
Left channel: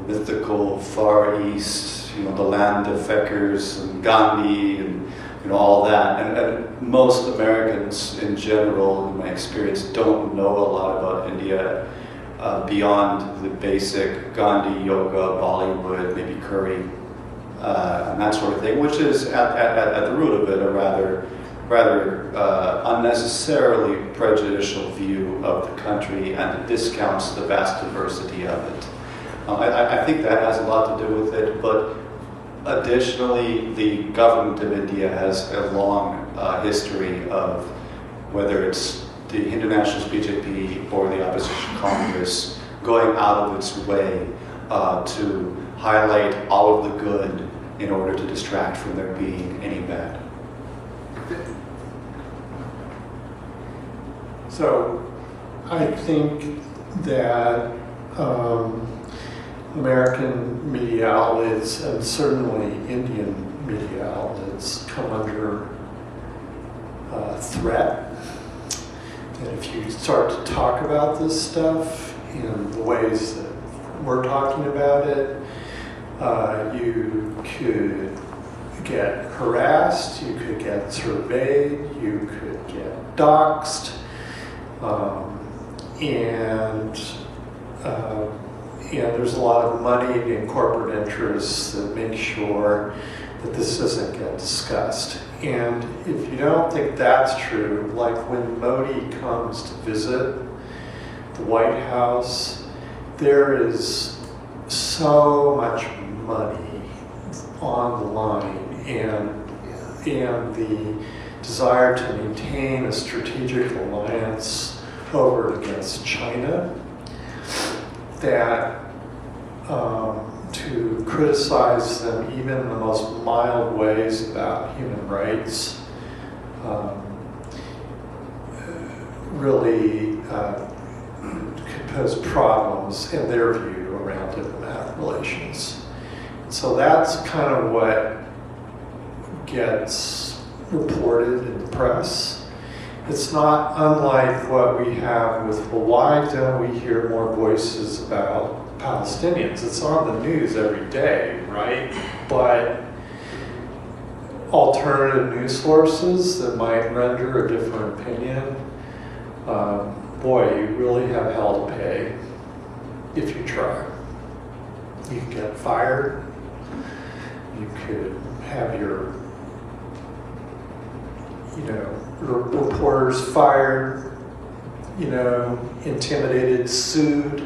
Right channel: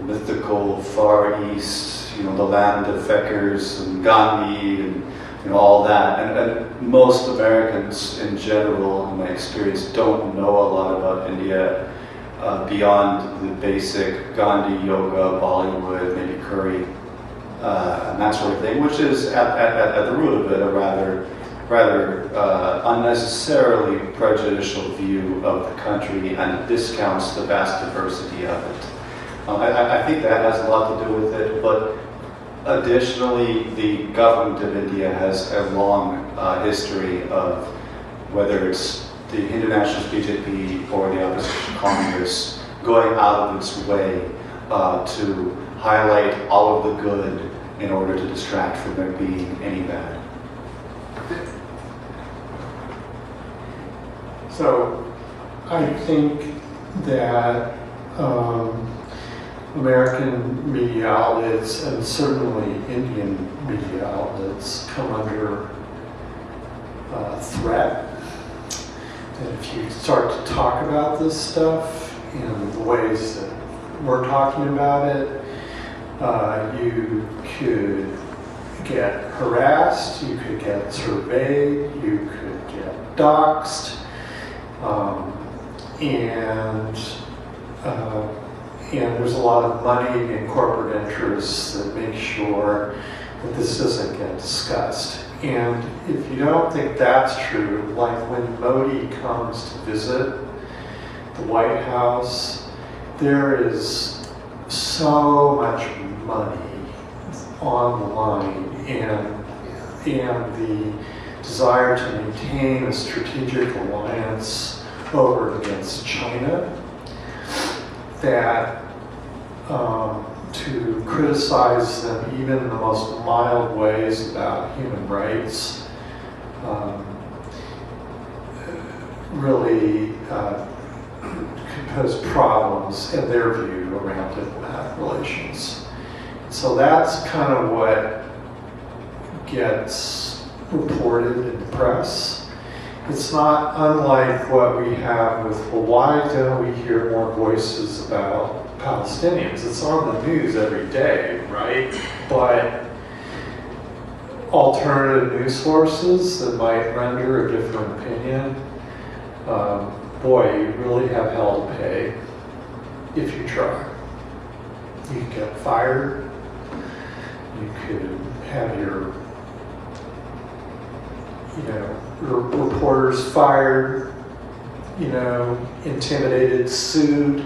Far East, the land of Feckers and Gandhi and all that. And most Americans in general, in my experience, don't know a lot about India beyond the basic Gandhi, yoga, Bollywood, maybe curry, and that sort of thing, which is at the root of it a rather unnecessarily prejudicial view of the country, and it discounts the vast diversity of it. I think that has a lot to do with it, but additionally, the government of India has a long history of, whether it's the Hindu Nationalist BJP or the opposition Congress, going out of its way to highlight all of the good in order to distract from there being any bad. So I think that American media outlets and certainly Indian media outlets come under threat. And if you start to talk about this stuff in the ways that we're talking about it, you could get harassed, you could get surveyed, you could get doxxed. And there's a lot of money and corporate interests that make sure that this doesn't get discussed. And if you don't think that's true, like when Modi comes to visit the White House, there is so much money on the line, and the desire to maintain a strategic alliance over against China, that to criticize them even in the most mild ways about human rights really could pose problems in their view around diplomatic relations. So that's kind of what gets reported in the press. It's not unlike what we have with, well, why don't we hear more voices about Palestinians? It's on the news every day, right? But alternative news sources that might render a different opinion, boy, you really have hell to pay if you try. You can get fired. You could have your, reporters fired, intimidated, sued,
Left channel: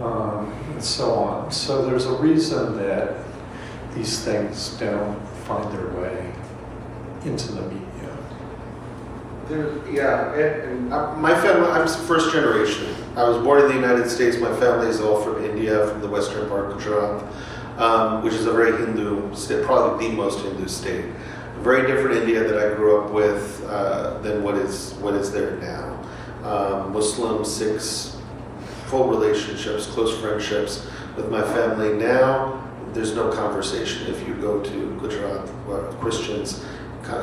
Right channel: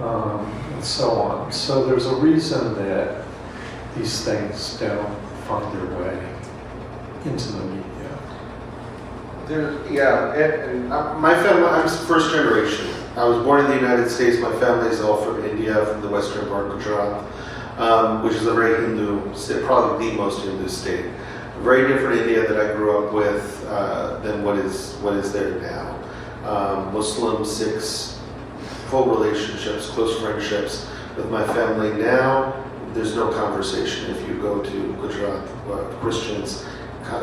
and so on. So there's a reason that these things don't find their way into the media. My family, I'm first generation. I was born in the United States. My family is all from India, from the western part of Gujarat, which is a very Hindu state, probably the most Hindu state. A very different India that I grew up with than what is there now. Muslim, Sikhs, full relationships, close friendships with my family. Now, there's no conversation. If you go to Gujarat, Christians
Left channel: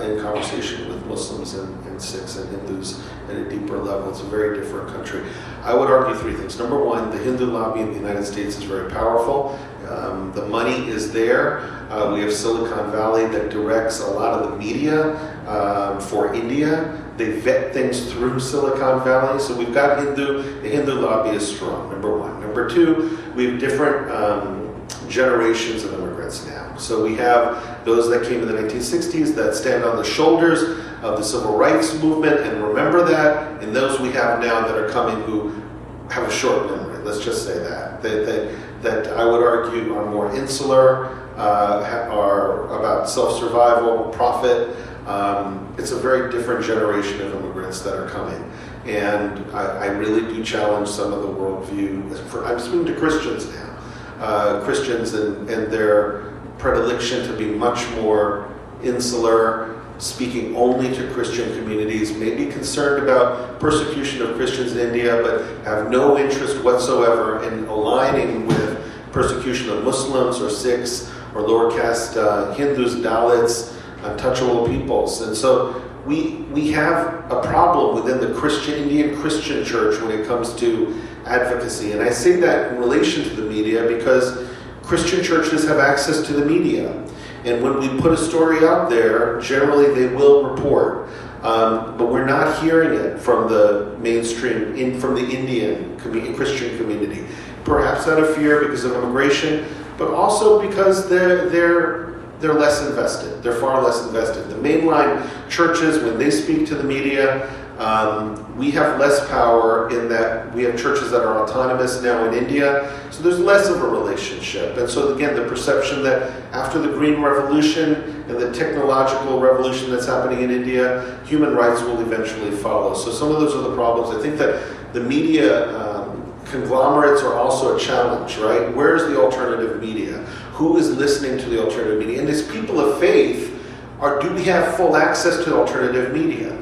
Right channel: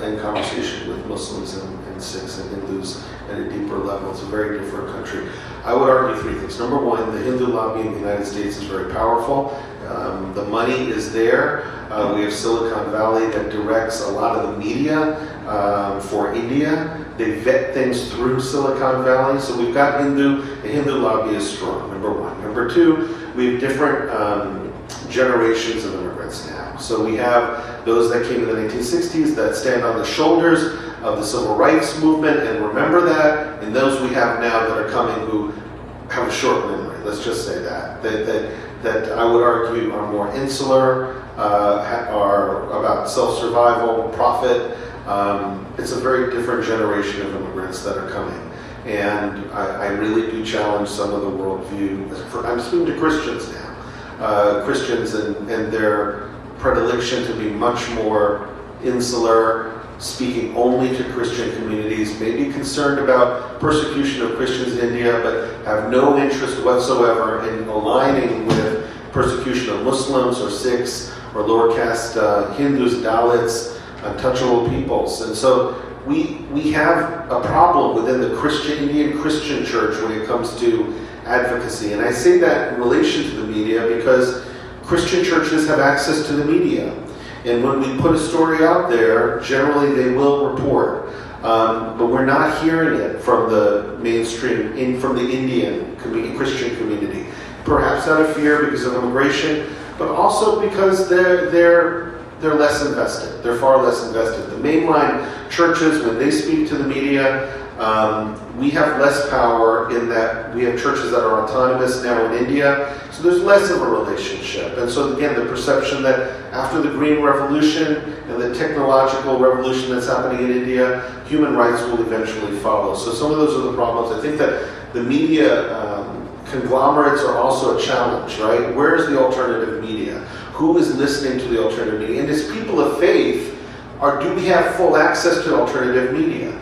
in conversation with Muslims and Sikhs and Hindus at a deeper level. It's a very different country. I would argue three things. Number one, the Hindu lobby in the United States is very powerful. The money is there. We have Silicon Valley that directs a lot of the media for India. They vet things through Silicon Valley. So we've got the Hindu lobby is strong, number one. Number two, we have different generations of immigrants now. So we have those that came in the 1960s that stand on the shoulders of the civil rights movement and remember that, and those we have now that are coming who have a short memory. Let's just say that I would argue are more insular, are about self-survival, profit. It's a very different generation of immigrants that are coming. And I really do challenge some of the worldview. I'm speaking to Christians now. Christians and their predilection to be much more insular, speaking only to Christian communities, may be concerned about persecution of Christians in India, but have no interest whatsoever in aligning with persecution of Muslims or Sikhs or lower caste Hindus, Dalits, untouchable peoples. And so we have a problem within the Indian Christian church when it comes to advocacy. And I say that in relation to the media because Christian churches have access to the media. And when we put a story out there, generally they will report. But we're not hearing it from the mainstream, from the Indian Christian community. Perhaps out of fear because of immigration, but also because they're less invested. They're far less invested. The mainline churches, when they speak to the media, we have less power in that we have churches that are autonomous now in India, so there's less of a relationship. And so again, the perception that after the Green Revolution and the technological revolution that's happening in India, human rights will eventually follow. So some of those are the problems. I think that the media conglomerates are also a challenge, right? Where's the alternative media? Who is listening to the alternative media? And as people of faith, do we have full access to alternative media?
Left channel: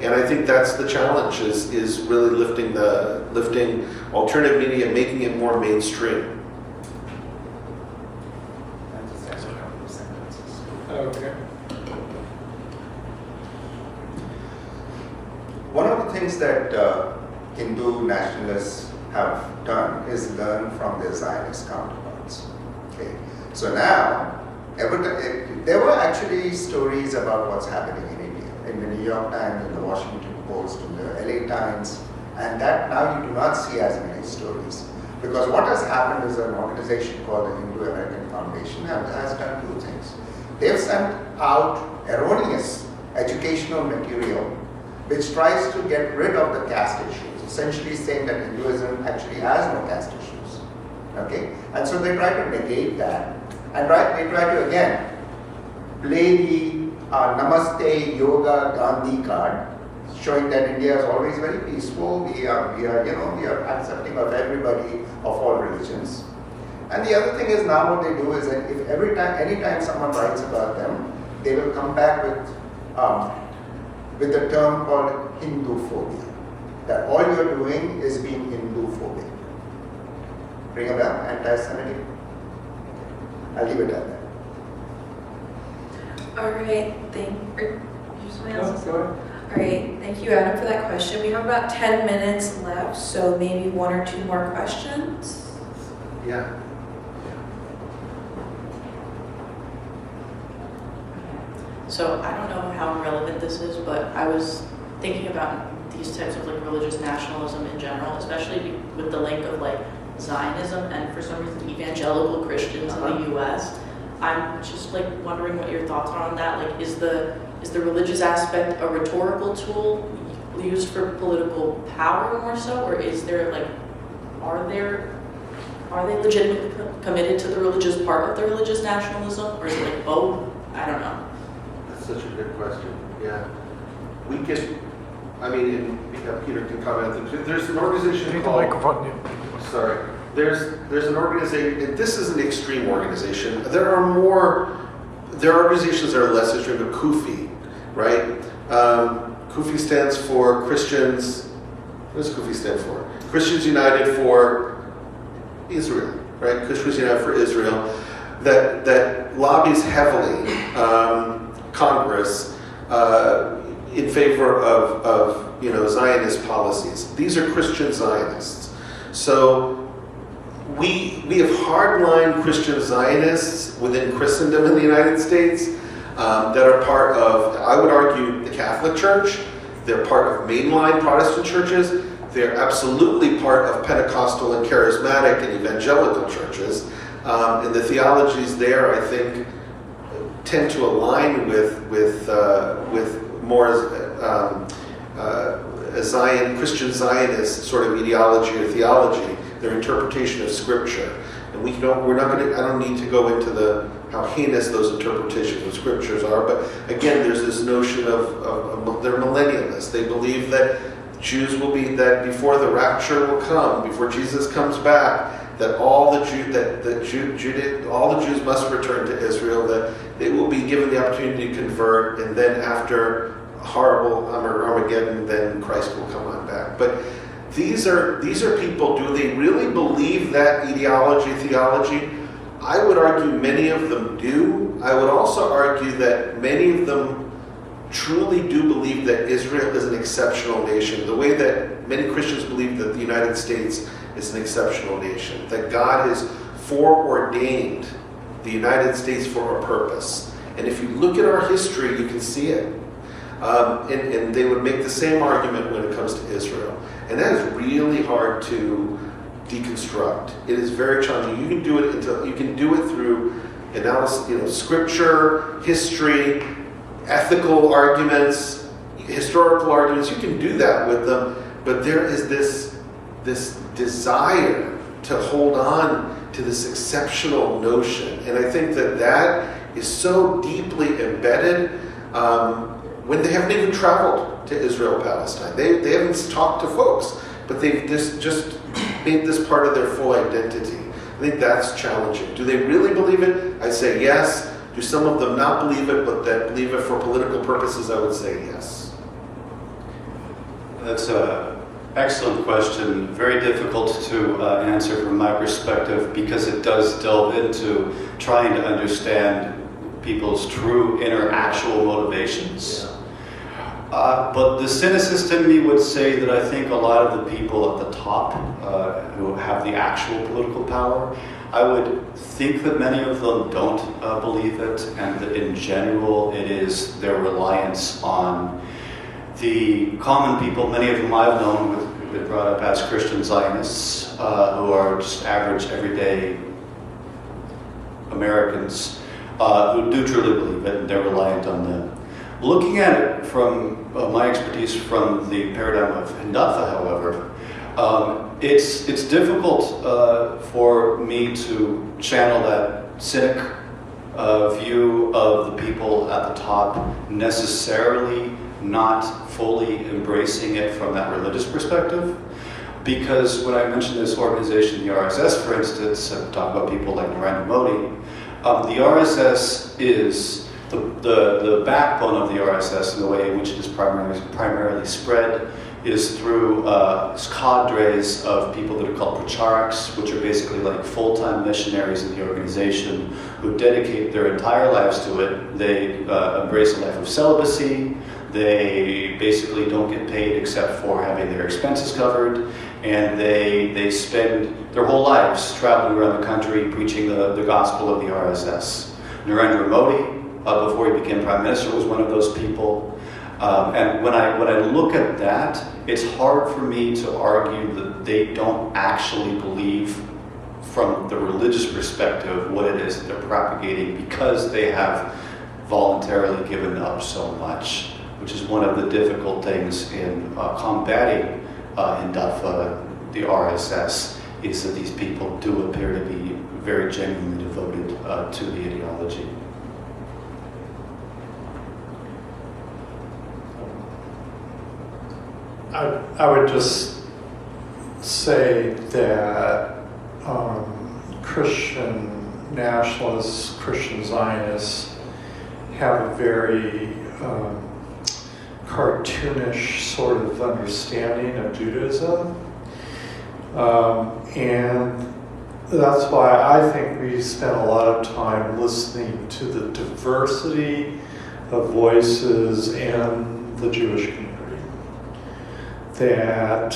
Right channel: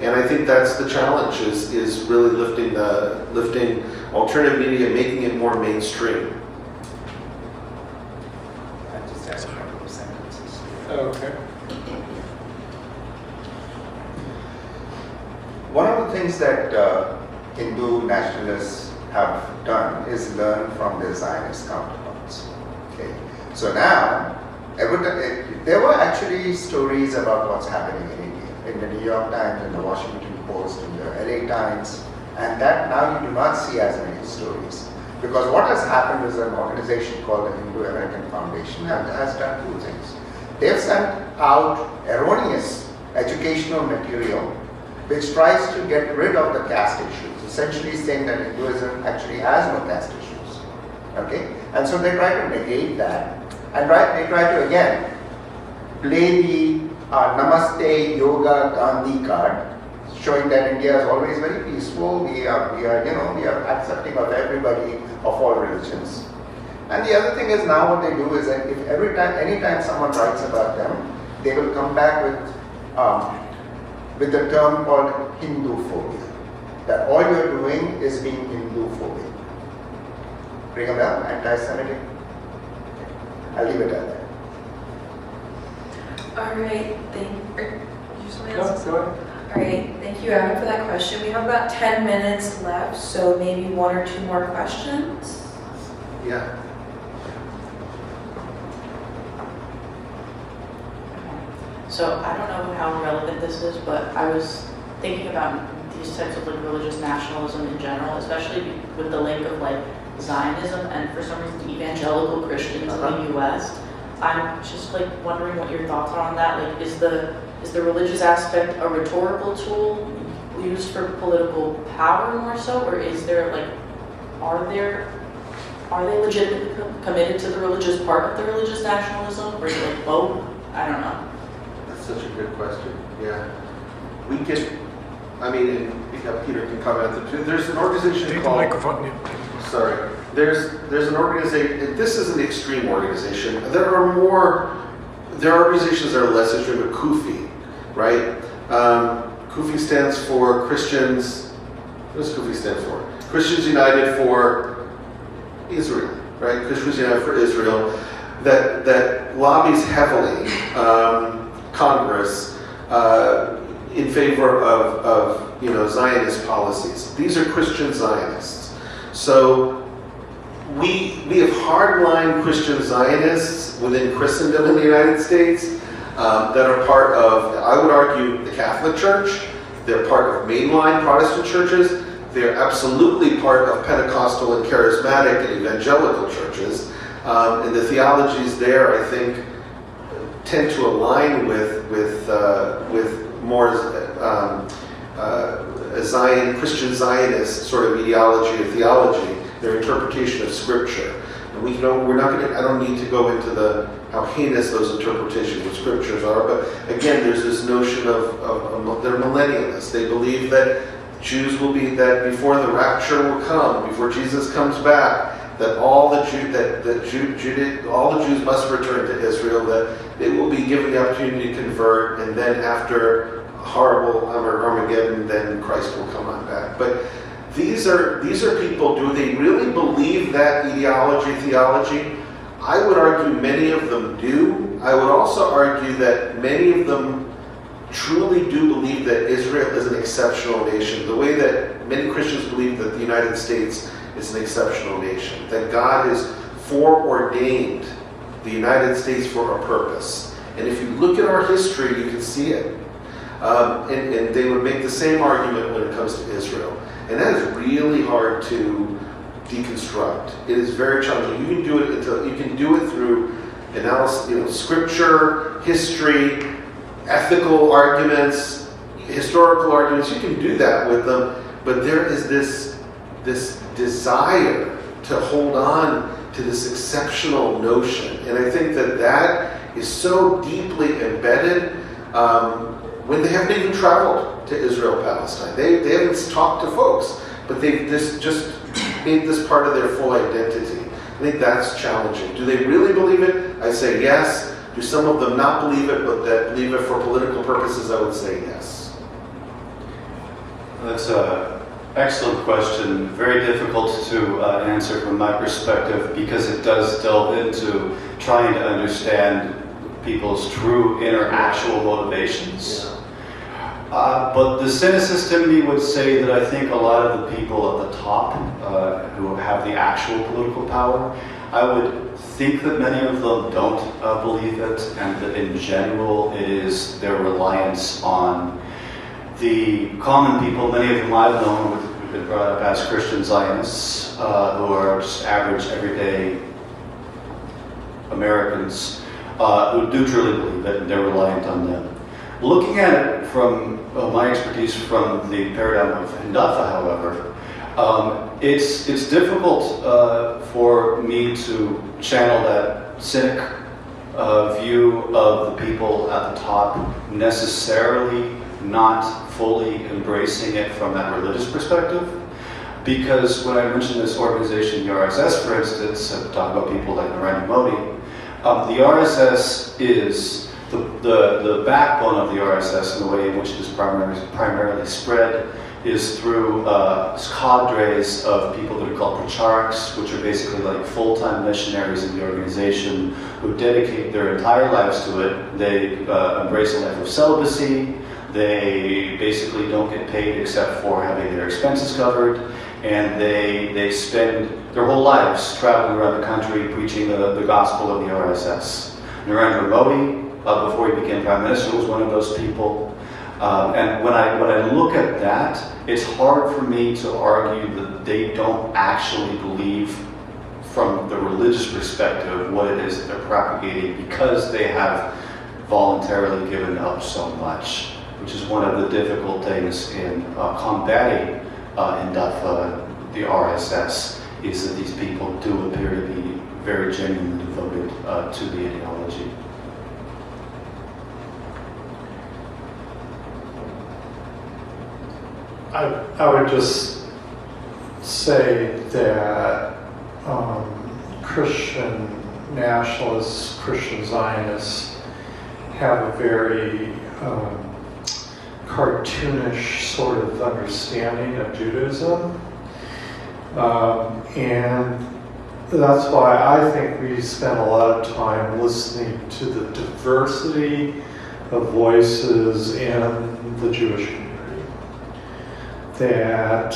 And I think that's the challenge, is really lifting alternative media, making it more mainstream. Okay. One of the things that Hindu nationalists have done is learn from their Zionist counterparts. Okay, so now there were actually stories about what's happening in India, in the New York Times, in the Washington Post, in the LA Times, and that now you do not see as many stories. Because what has happened is an organization called the Hindu American Foundation has done two things. They've sent out erroneous educational material which tries to get rid of the caste issues, essentially saying that Hinduism actually has no caste issues. Okay? And so they try to negate that, and they try to again play the Namaste Yoga Gandhi card, showing that India is always very peaceful. We are accepting of everybody of all religions. And the other thing is now what they do is that if anytime someone writes about them, they will come back with the term called Hindu phobia. that all you're doing is being Hindu-phobic. Ring a bell? Anti-Semitic? I'll leave it at that. All right, you something else? All right, thank you, Adam, for that question. We have about 10 minutes left, so maybe one or two more questions. Yeah. So I don't know how relevant this is, but I was thinking about these types of like religious nationalism in general, especially with the link of like Zionism and for some reason evangelical Christians in the U.S. I'm just like wondering what your thoughts are on that. Like, is the religious aspect a rhetorical tool used for political power more so, or is there like, are they legitimately committed to the religious part of the religious nationalism, or is it like both? I don't know. That's such a good question. Yeah. We could, I mean, Peter can comment on it. There's an organization called... Sorry. There's an organization, and this is an extreme organization. There are organizations that are less extreme, but KUFI, right? KUFI stands for Christians, what does KUFI stand for? Christians United for Israel, right? Christians United for Israel, that lobbies heavily Congress in favor of Zionist policies. These are Christian Zionists. So we have hardline Christian Zionists within Christendom in the United States that are part of, I would argue, the Catholic Church. They're part of mainline Protestant churches. They're absolutely part of Pentecostal and Charismatic and Evangelical churches. And the theologies there, I think, tend to align with more Christian Zionist sort of ideology or theology, their interpretation of Scripture. And I don't need to go into how heinous those interpretations of Scriptures are, but again, there's this notion of they're millennialists. They believe that Jews will be, that before the rapture will come, before Jesus comes back, that all the Jews must return to Israel, that they will be given the opportunity to convert, and then after horrible Armageddon, then Christ will come on back. But these are people, do they really believe that theology? I would argue many of them do. I would also argue that many of them truly do believe that Israel is an exceptional nation, the way that many Christians believe that the United States is an exceptional nation, that God has foreordained the United States for a purpose. And if you look at our history, you can see it. And they would make the same argument when it comes to Israel. And that is really hard to deconstruct. It is very challenging. You can do it through analysis, Scripture, history, ethical arguments, historical arguments. You can do that with them, but there is this desire to hold on to this exceptional notion. And I think that is so deeply embedded when they haven't even traveled to Israel, Palestine. They haven't talked to folks, but they've just made this part of their full identity. I think that's challenging. Do they really believe it? I say yes. Do some of them not believe it, but that believe it for political purposes? I would say yes. That's an excellent question. Very difficult to answer from my perspective, because it does delve into trying to understand people's true inner actual motivations. Yeah. But the cynicist in me would say that I think a lot of the people at the top who have the actual political power, I would think that many of them don't believe it, and that in general it is their reliance on the common people, many of whom I've known who've been brought up as Christian Zionists, who are just average, everyday Americans who do truly believe it, and they're reliant on them. Looking at it from my expertise from the paradigm of Hidatha, however, it's difficult for me to channel that cynic view of the people at the top necessarily not fully embracing it from that religious perspective. Because when I mentioned this organization, the RSS, for instance, I talk about people like Narendra Modi, the RSS is The backbone of the RSS and the way in which it is primarily spread is through cadres of people that are called pracharaks, which are basically like full-time missionaries in the organization who dedicate their entire lives to it. They embrace a life of celibacy. They basically don't get paid except for having their expenses covered, and they spend their whole lives traveling around the country preaching the gospel of the RSS. Narendra Modi, before he became Prime Minister, was one of those people. And when I look at that, it's hard for me to argue that they don't actually believe from the religious perspective what it is that they're propagating, because they have voluntarily given up so much, which is one of the difficult things in combating Hindutva, the RSS, is that these people do appear to be very genuinely devoted to the ideology. I would just say that Christian nationalists, Christian Zionists have a very cartoonish sort of understanding of Judaism. And that's why I think we spend a lot of time listening to the diversity of voices in the Jewish community. That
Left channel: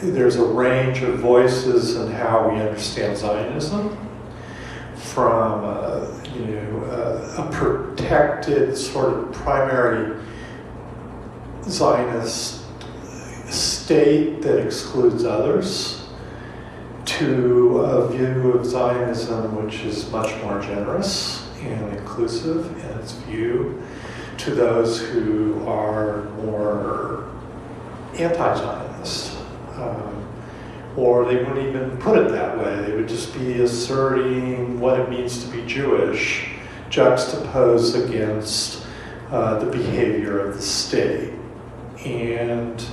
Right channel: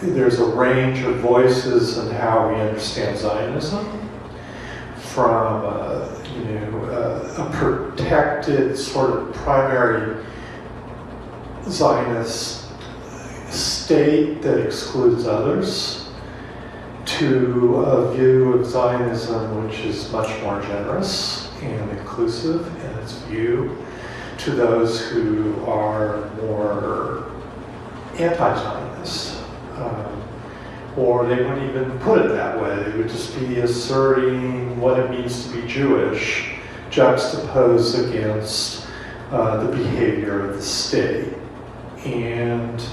there's a range of voices in how we understand Zionism, from a protected sort of primary Zionist state that excludes others, to a view of Zionism which is much more generous and inclusive in its view to those who are more anti-Zionist, or they wouldn't even put it that way. They would just be asserting what it means to be Jewish, juxtaposed against the behavior of the state. And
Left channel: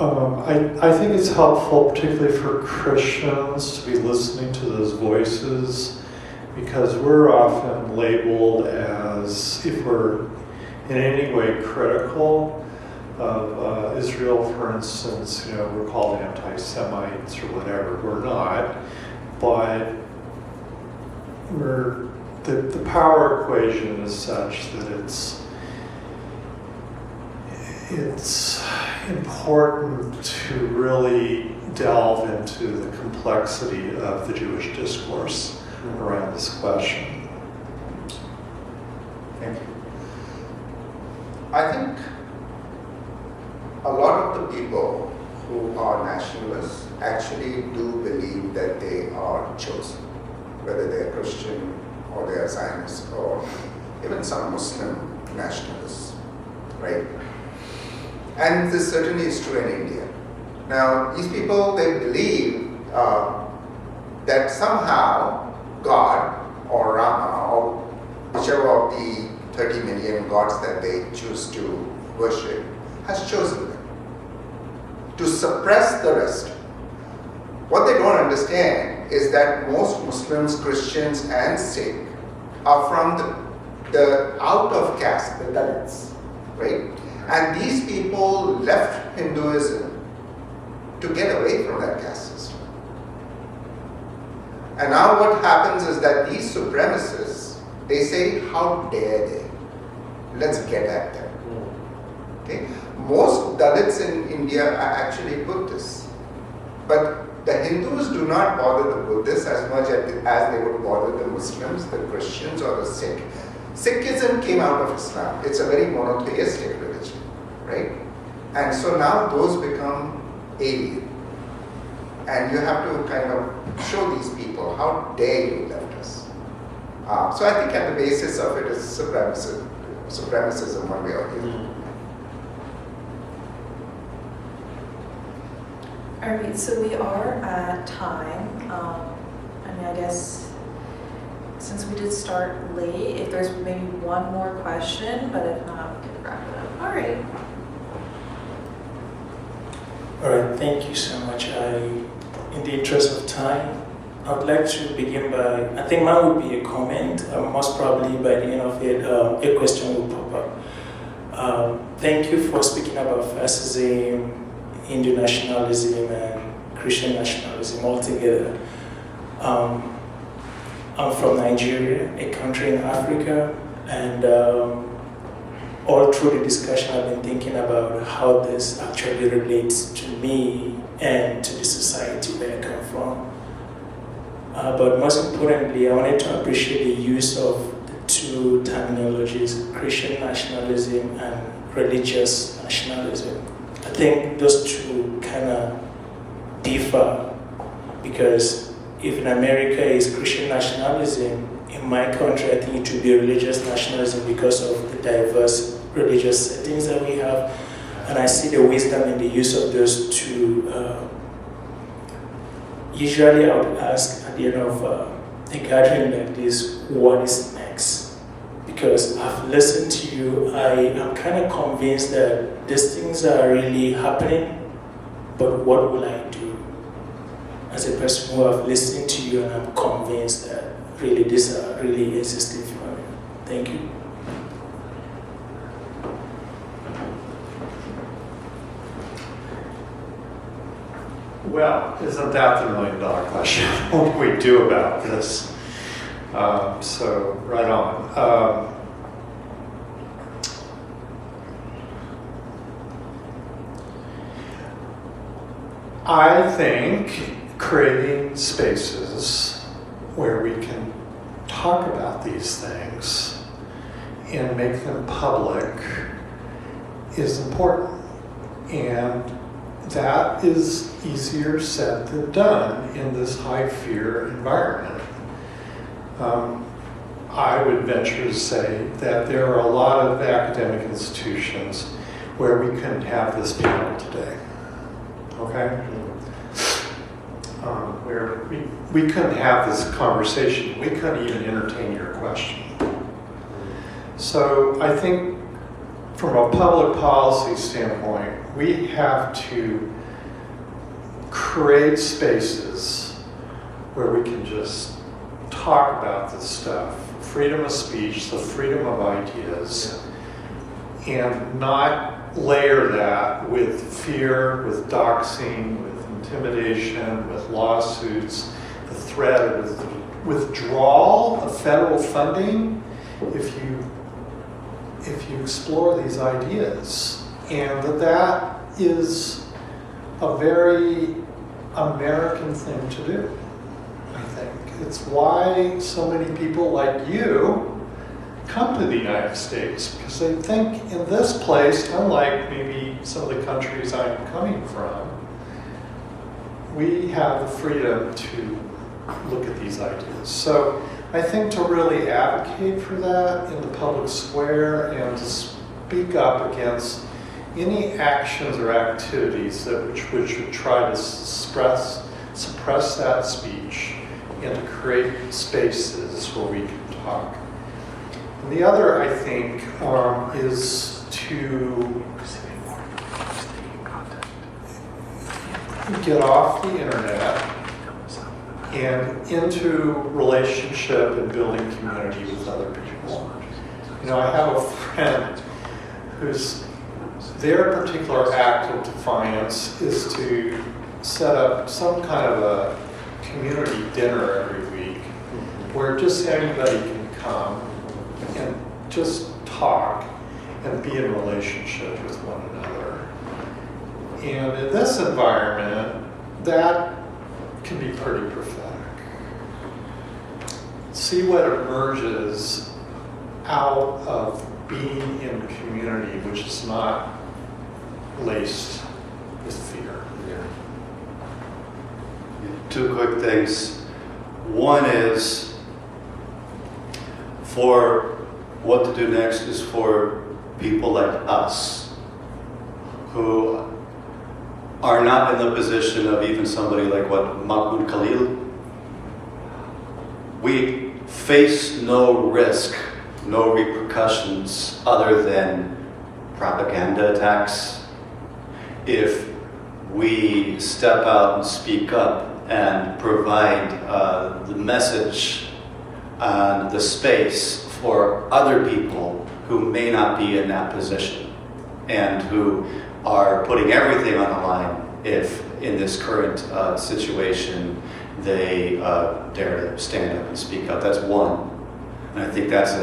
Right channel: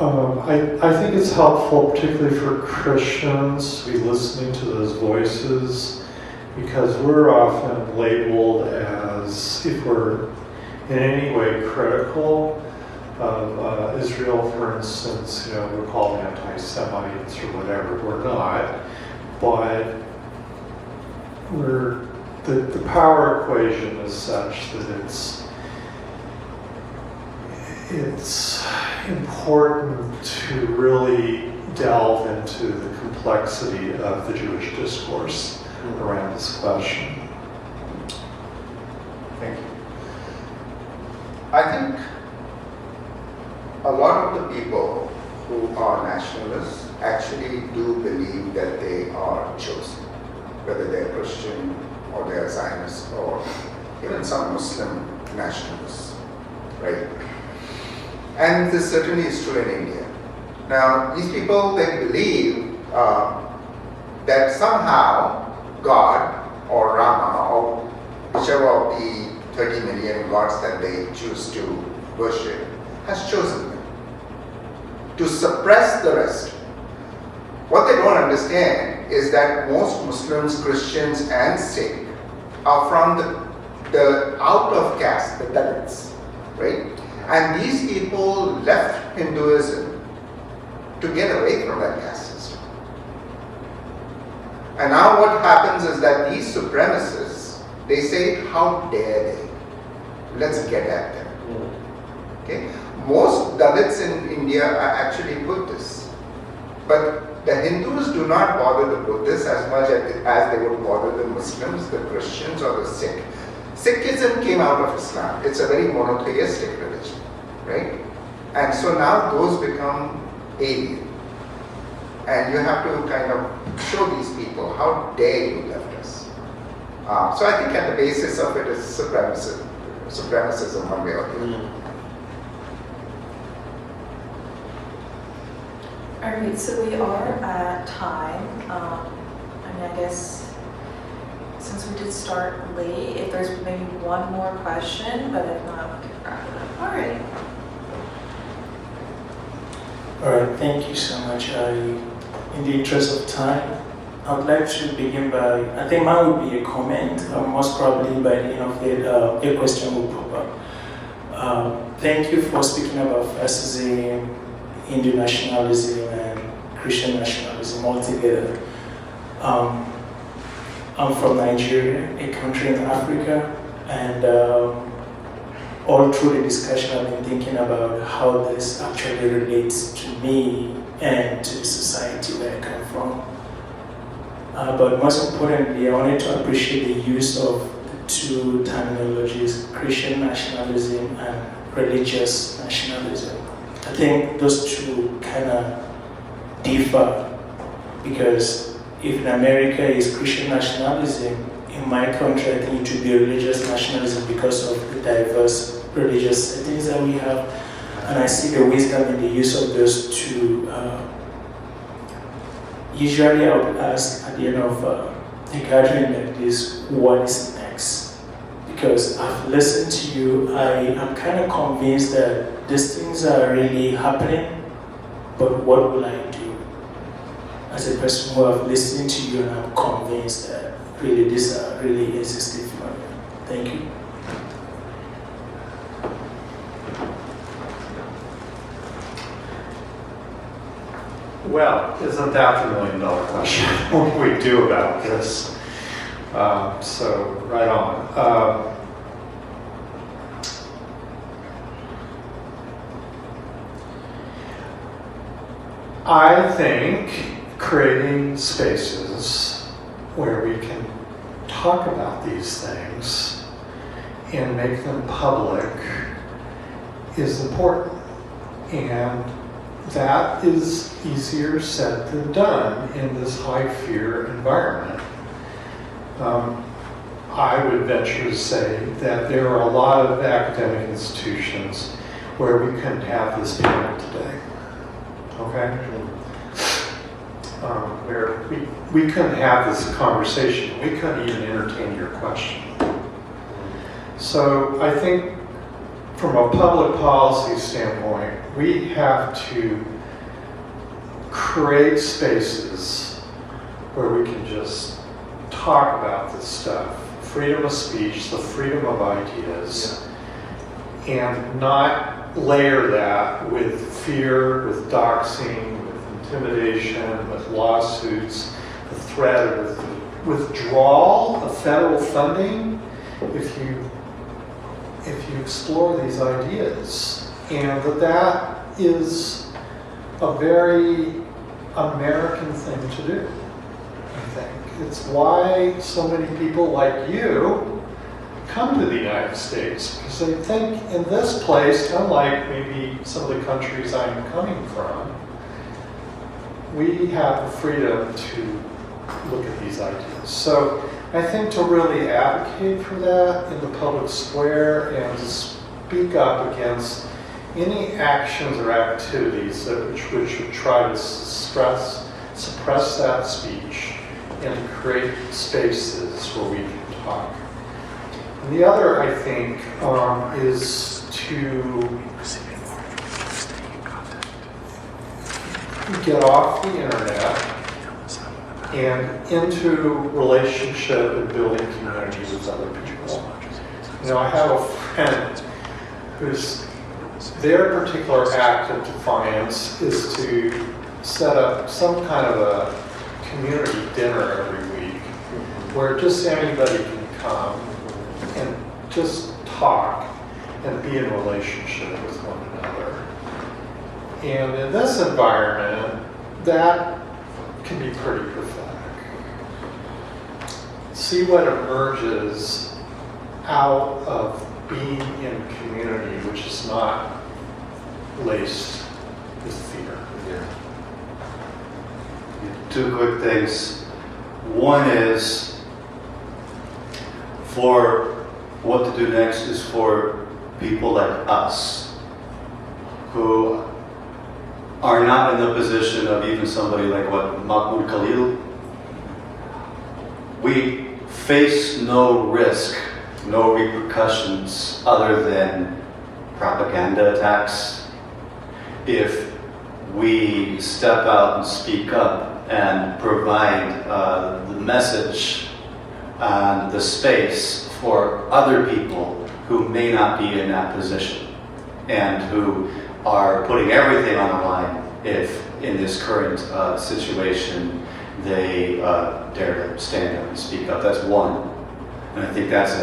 I think it's helpful, particularly for Christians, to be listening to those voices, because we're often labeled as, if we're in any way critical of Israel, for instance, we're called anti-Semites or whatever. We're not, but the power equation is such that it's important to really delve into the complexity of the Jewish discourse around this question. Thank you. I think a lot of the people who are nationalists actually do believe that they are chosen, whether they're Christian or they're Zionist or even some Muslim nationalists, right? And this certainly is true in India. Now, these people, they believe that somehow God or Rama or whichever of the 30 million gods that they choose to worship has chosen them to suppress the rest. What they don't understand is that most Muslims, Christians, and Sikh are from the out of caste, the Dalits, right? And these people left Hinduism to get away from that caste system. And now what happens is that these supremacists, they say, how dare they? Let's get at them. Okay? Most Dalits in India are actually Buddhists. But the Hindus do not bother the Buddhists as much as they would bother the Muslims, the Christians, or the Sikh. Sikhism came out of Islam. It's a very monotheistic religion, right? And so now those become alien. And you have to kind of show these people, how dare you left us? So I think at the basis of it is supremacism one way or the other. All right, so we are at time. I guess since we did start late, if there's maybe one more question, but if not, we could wrap it up. All right. All right, thank you so much. In the interest of time, I would like to begin by, I think mine would be a comment. Most probably by the end of it, a question will pop up. Thank you for speaking about fascism, Hindu nationalism, and Christian nationalism altogether. I'm from Nigeria, a country in Africa, and all through the discussion I've been thinking about how this actually relates to me and to the society where I come from. But most importantly, I wanted to appreciate the use of the two terminologies, Christian nationalism and religious nationalism. I think those two kind of differ, because if in America is Christian nationalism, in my country I think it would be religious nationalism because of the diverse religious settings that we have. And I see the wisdom in the use of those two. Usually I would ask at the end of a gathering like this, what is next? Because I've listened to you, I am kind of convinced that these things are really happening, but what will I do? As a person who have listened to you and I'm convinced that really these are really existing phenomena. Thank you. Well, isn't that the million-dollar question? What do we do about this? So, right on. I think creating spaces where we can talk about these things and make them public is important. And that is easier said than done in this high fear environment. I would venture to say that there are a lot of academic institutions where we couldn't have this panel today. Okay? Where we couldn't have this conversation. We couldn't even entertain your question. So I think from a public policy standpoint, we have to create spaces where we can just talk about this stuff. Freedom of speech, the freedom of ideas, and not layer that with fear, with doxing, with intimidation, with lawsuits, the threat of withdrawal of federal funding if you explore these ideas. And that is a very American thing to do, I think. It's why so many people like you come to the United States, because they think in this place, unlike maybe some of the countries I'm coming from, we have the freedom to look at these ideas. So I think to really advocate for that in the public square and to speak up against any actions or activities which would try to suppress that speech and to create spaces where we can talk. And the other, I think, is to get off the internet and into relationship and building community with other people. You know, I have a friend whose their particular act of defiance is to set up some kind of a community dinner every week where just anybody can come and just talk and be in relationship with one another. And in this environment, that can be pretty prophetic. See what emerges out of being in community, which is not laced with fear. Two quick things. One is, for what to do next is for people like us who are not in the position of even somebody like Mahmoud Khalil. We face no risk, no repercussions other than propaganda attacks if we step out and speak up and provide the message and the space for other people who may not be in that position and who are putting everything on the line if in this current situation they dare to stand up and speak up. That's one. And I think that's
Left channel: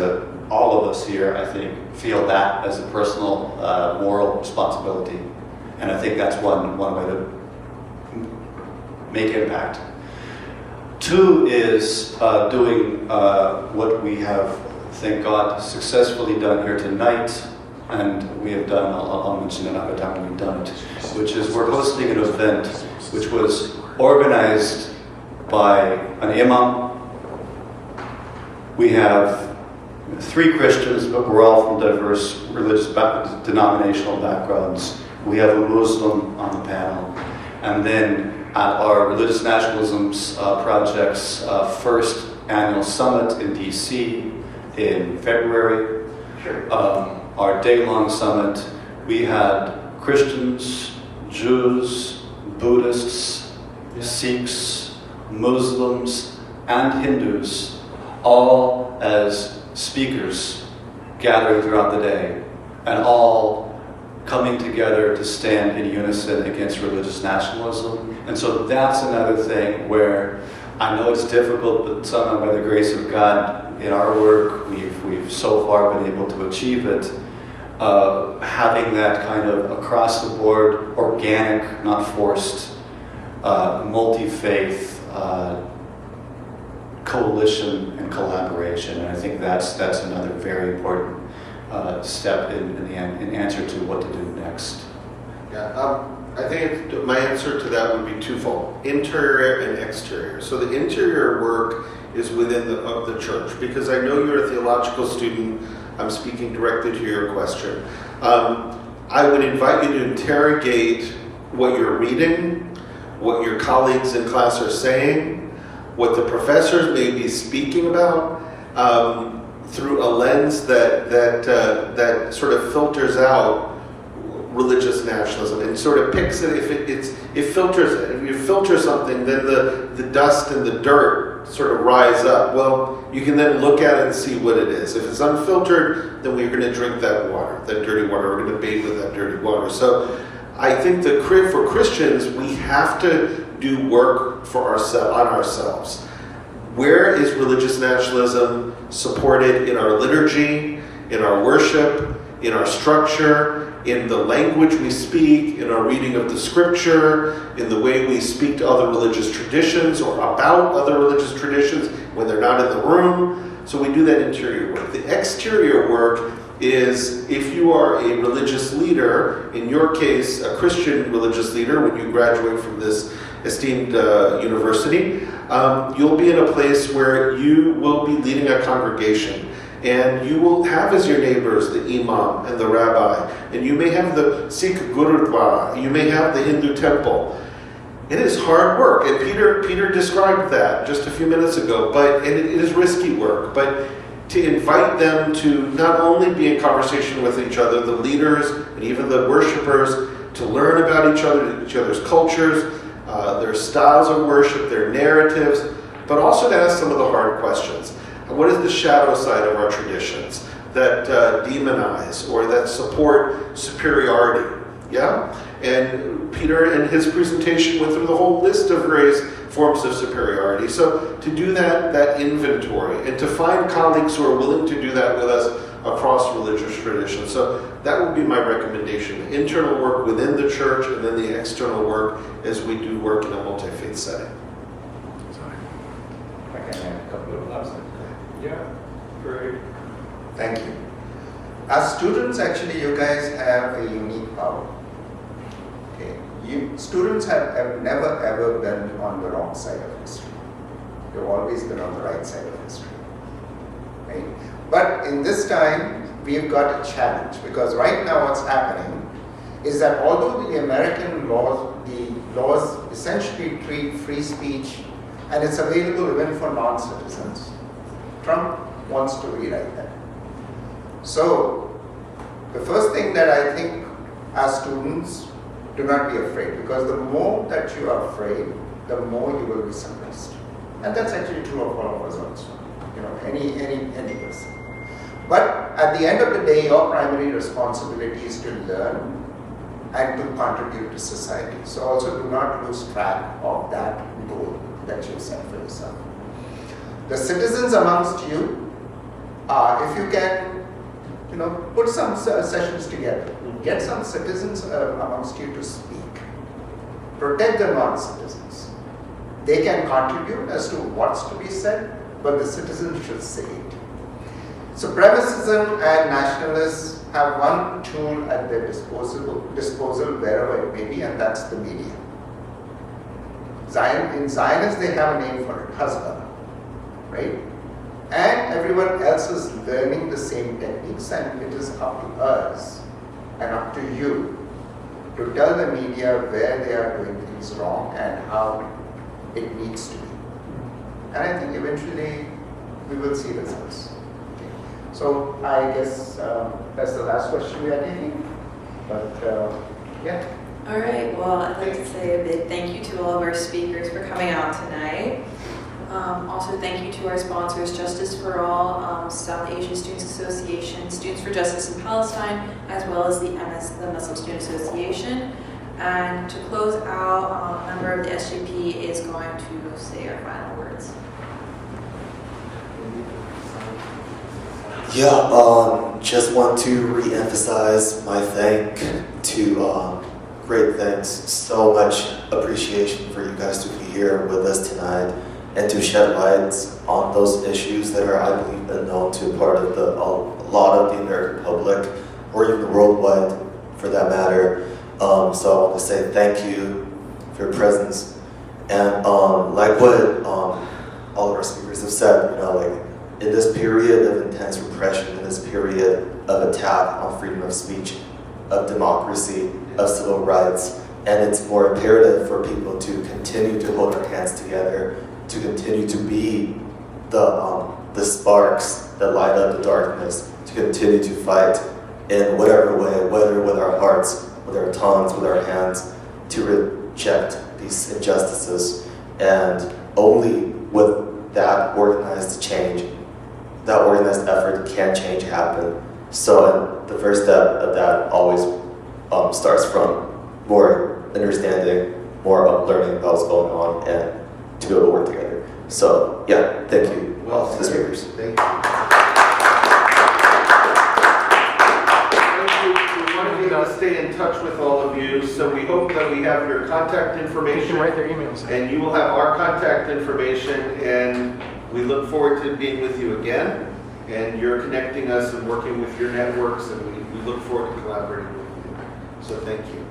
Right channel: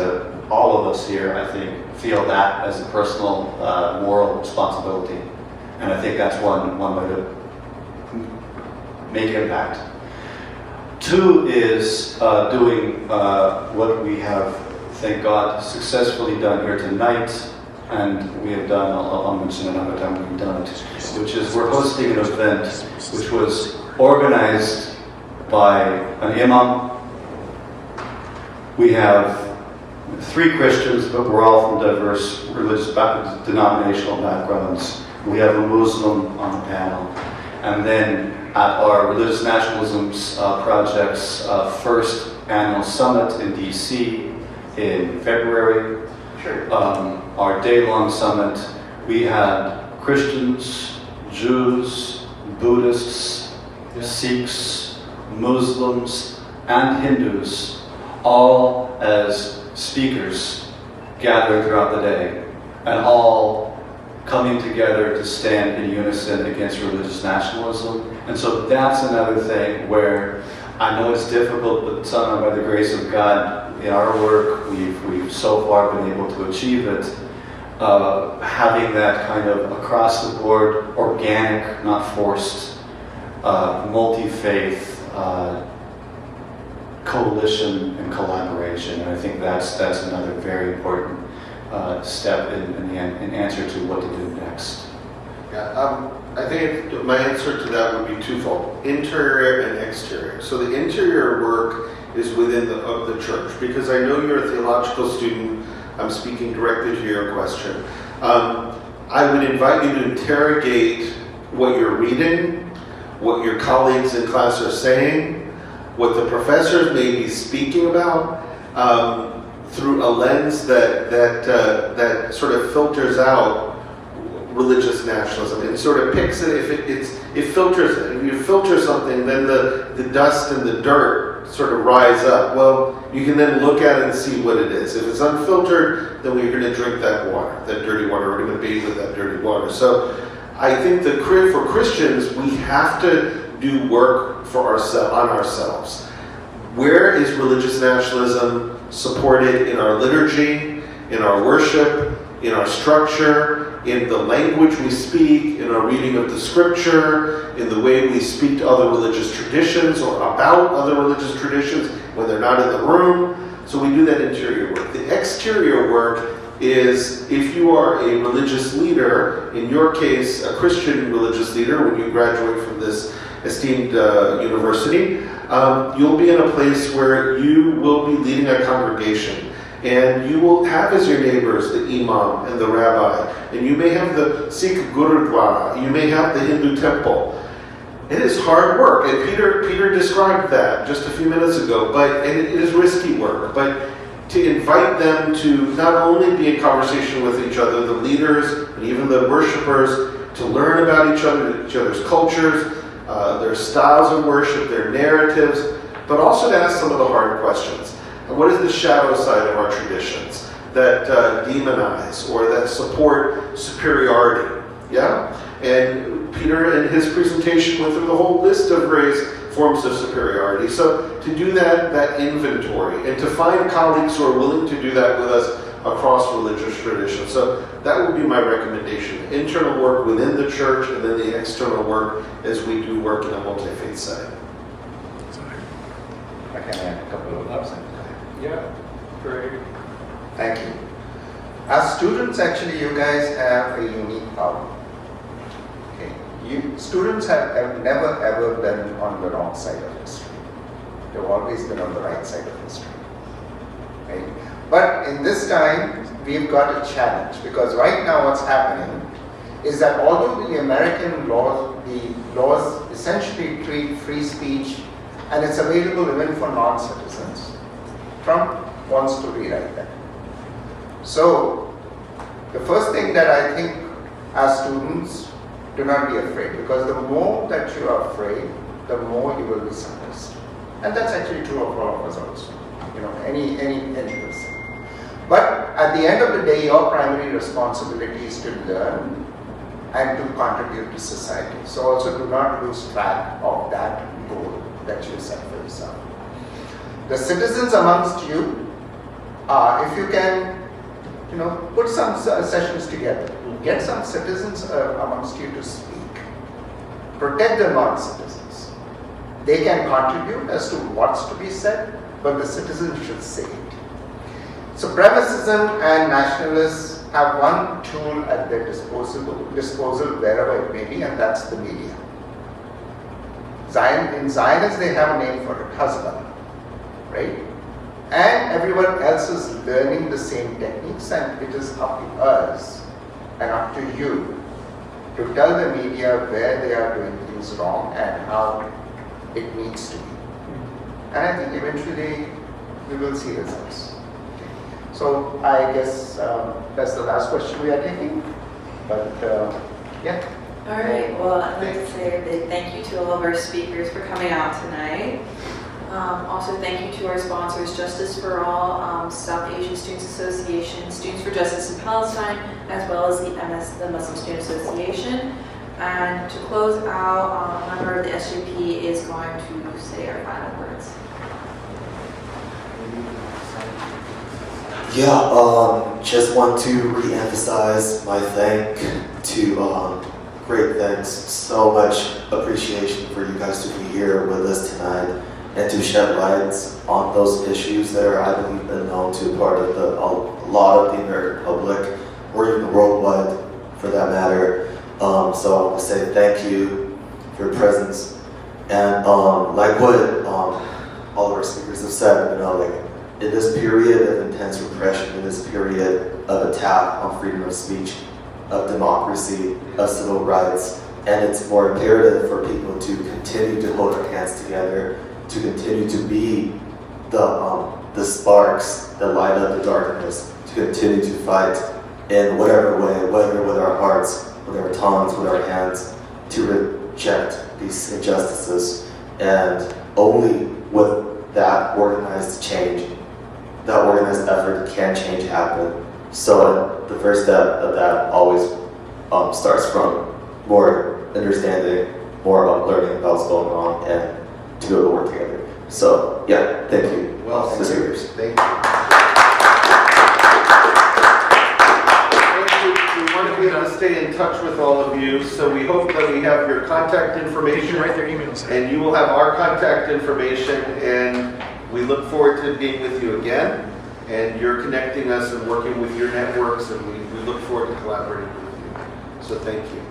all of us here, I think, feel that as a personal moral responsibility. And I think that's one way to make impact. Two is doing what we have, thank God, successfully done here tonight, and we have done, I'll mention another time we've done it, which is we're hosting an event which was organized by an imam. We have 3 Christians, but we're all from diverse religious denominational backgrounds. We have a Muslim on the panel. And then at our Religious Nationalisms Project's first annual summit in DC in February, our day-long summit, we had Christians, Jews, Buddhists, Sikhs, Muslims, and Hindus, all as speakers gathered throughout the day, and all coming together to stand in unison against religious nationalism. And so that's another thing where I know it's difficult, but somehow by the grace of God, in our work, we've so far been able to achieve it. Having that kind of across the board, organic, not forced, multi-faith coalition and collaboration. And I think that's another very important step in answer to what to do next. Yeah, I think my answer to that would be twofold: interior and exterior. So the interior work is within the church, because I know you're a theological student. I'm speaking directly to your question. I would invite you to interrogate what you're reading, what your colleagues in class are saying, what the professors may be speaking about, through a lens that sort of filters out religious nationalism and sort of picks it. It filters it. If you filter something, then the dust and the dirt sort of rise up. Well, you can then look at it and see what it is. If it's unfiltered, then we're going to drink that water, that dirty water. We're going to bathe with that dirty water. So I think that for Christians, we have to do work for ourselves. Where is religious nationalism supported in our liturgy, in our worship, in our structure, in the language we speak, in our reading of the scripture, in the way we speak to other religious traditions or about other religious traditions when they're not in the room? So we do that interior work. The exterior work is if you are a religious leader, in your case, a Christian religious leader, when you graduate from this esteemed university, you'll be in a place where you will be leading a congregation. And you will have as your neighbors the imam and the rabbi. And you may have the Sikh Gurudwara. You may have the Hindu temple. It is hard work. And Peter described that just a few minutes ago. And it is risky work. But to invite them to not only be in conversation with each other, the leaders and even the worshipers, to learn about each other's cultures, their styles of worship, their narratives, but also to ask some of the hard questions. What is the shadow side of our traditions that demonize or that support superiority? Yeah? And Peter, in his presentation, went through the whole list of various forms of superiority. So to do that inventory and to find colleagues who are willing to do that with us across religious traditions. So that would be my recommendation. The internal work within the church and then the external work as we do work in a multi-faith setting. I can add a couple of words. Yeah, great. Thank you. As students, actually, you guys have a unique power. Okay. Students have never ever been on the wrong side of history. They've always been on the right side of history. Right? But in this time, we've got a challenge, because right now what's happening is that although the American laws essentially treat free speech and it's available even for non-citizens, Trump wants to rewrite that. So the first thing that I think as students, do not be afraid, because the more that you are afraid, the more you will be suppressed. And that's actually true of all of us also, any person. But at the end of the day, your primary responsibility is to learn and to contribute to society. So also do not lose track of that goal that you set for yourself. The citizens amongst you, if you can, put some sessions together, get some citizens amongst you to speak. Protect the non-citizens. They can contribute as to what's to be said, but the citizens should say it. Supremacism and nationalists have one tool at their disposal wherever it may be, and that's the media. In Zionists, they have a name for it, Hezbollah, right? And everyone else is learning the same techniques, and it is up to us and up to you to tell the media where they are doing things wrong and how it needs to be. And I think eventually we will see results. Okay. So I guess that's the last question we are taking. But yeah. All right, well, I'd like to say a big thank you to all of our speakers for coming out tonight. Also, thank you to our sponsors, Justice for All, South Asian Students Association, Students for Justice in Palestine, as well as the Muslim Student Association. And to close out, a member of the SJP is going to say our final words. Yeah, just want to re-emphasize my great thanks, so much appreciation for you guys to be here with us tonight and to shed light on those issues that are, I believe, unknown to a lot of the American public, or even worldwide for that matter. So I want to say thank you for your presence. And like what all of our speakers have said, in this period of intense repression, in this period of attack on freedom of speech, of democracy, of civil rights, and it's more imperative for people to continue to hold our hands together, to continue to be the sparks that light up the darkness, to continue to fight in whatever way, whether with our hearts, with our tongues, with our hands, to reject these injustices. And only with that organized change, that organized effort, can change happen. So the first step of that always starts from more understanding, more about learning about what's going on, and to be able to work together. So yeah, thank you, to the speakers. Thank you. We want to be able to stay in touch with all of you, so we hope that we have your contact information. You can write their emails. And you will have our contact information, and we look forward to being with you again. And you're connecting us and working with your networks, and we look forward to collaborating with you. So thank you.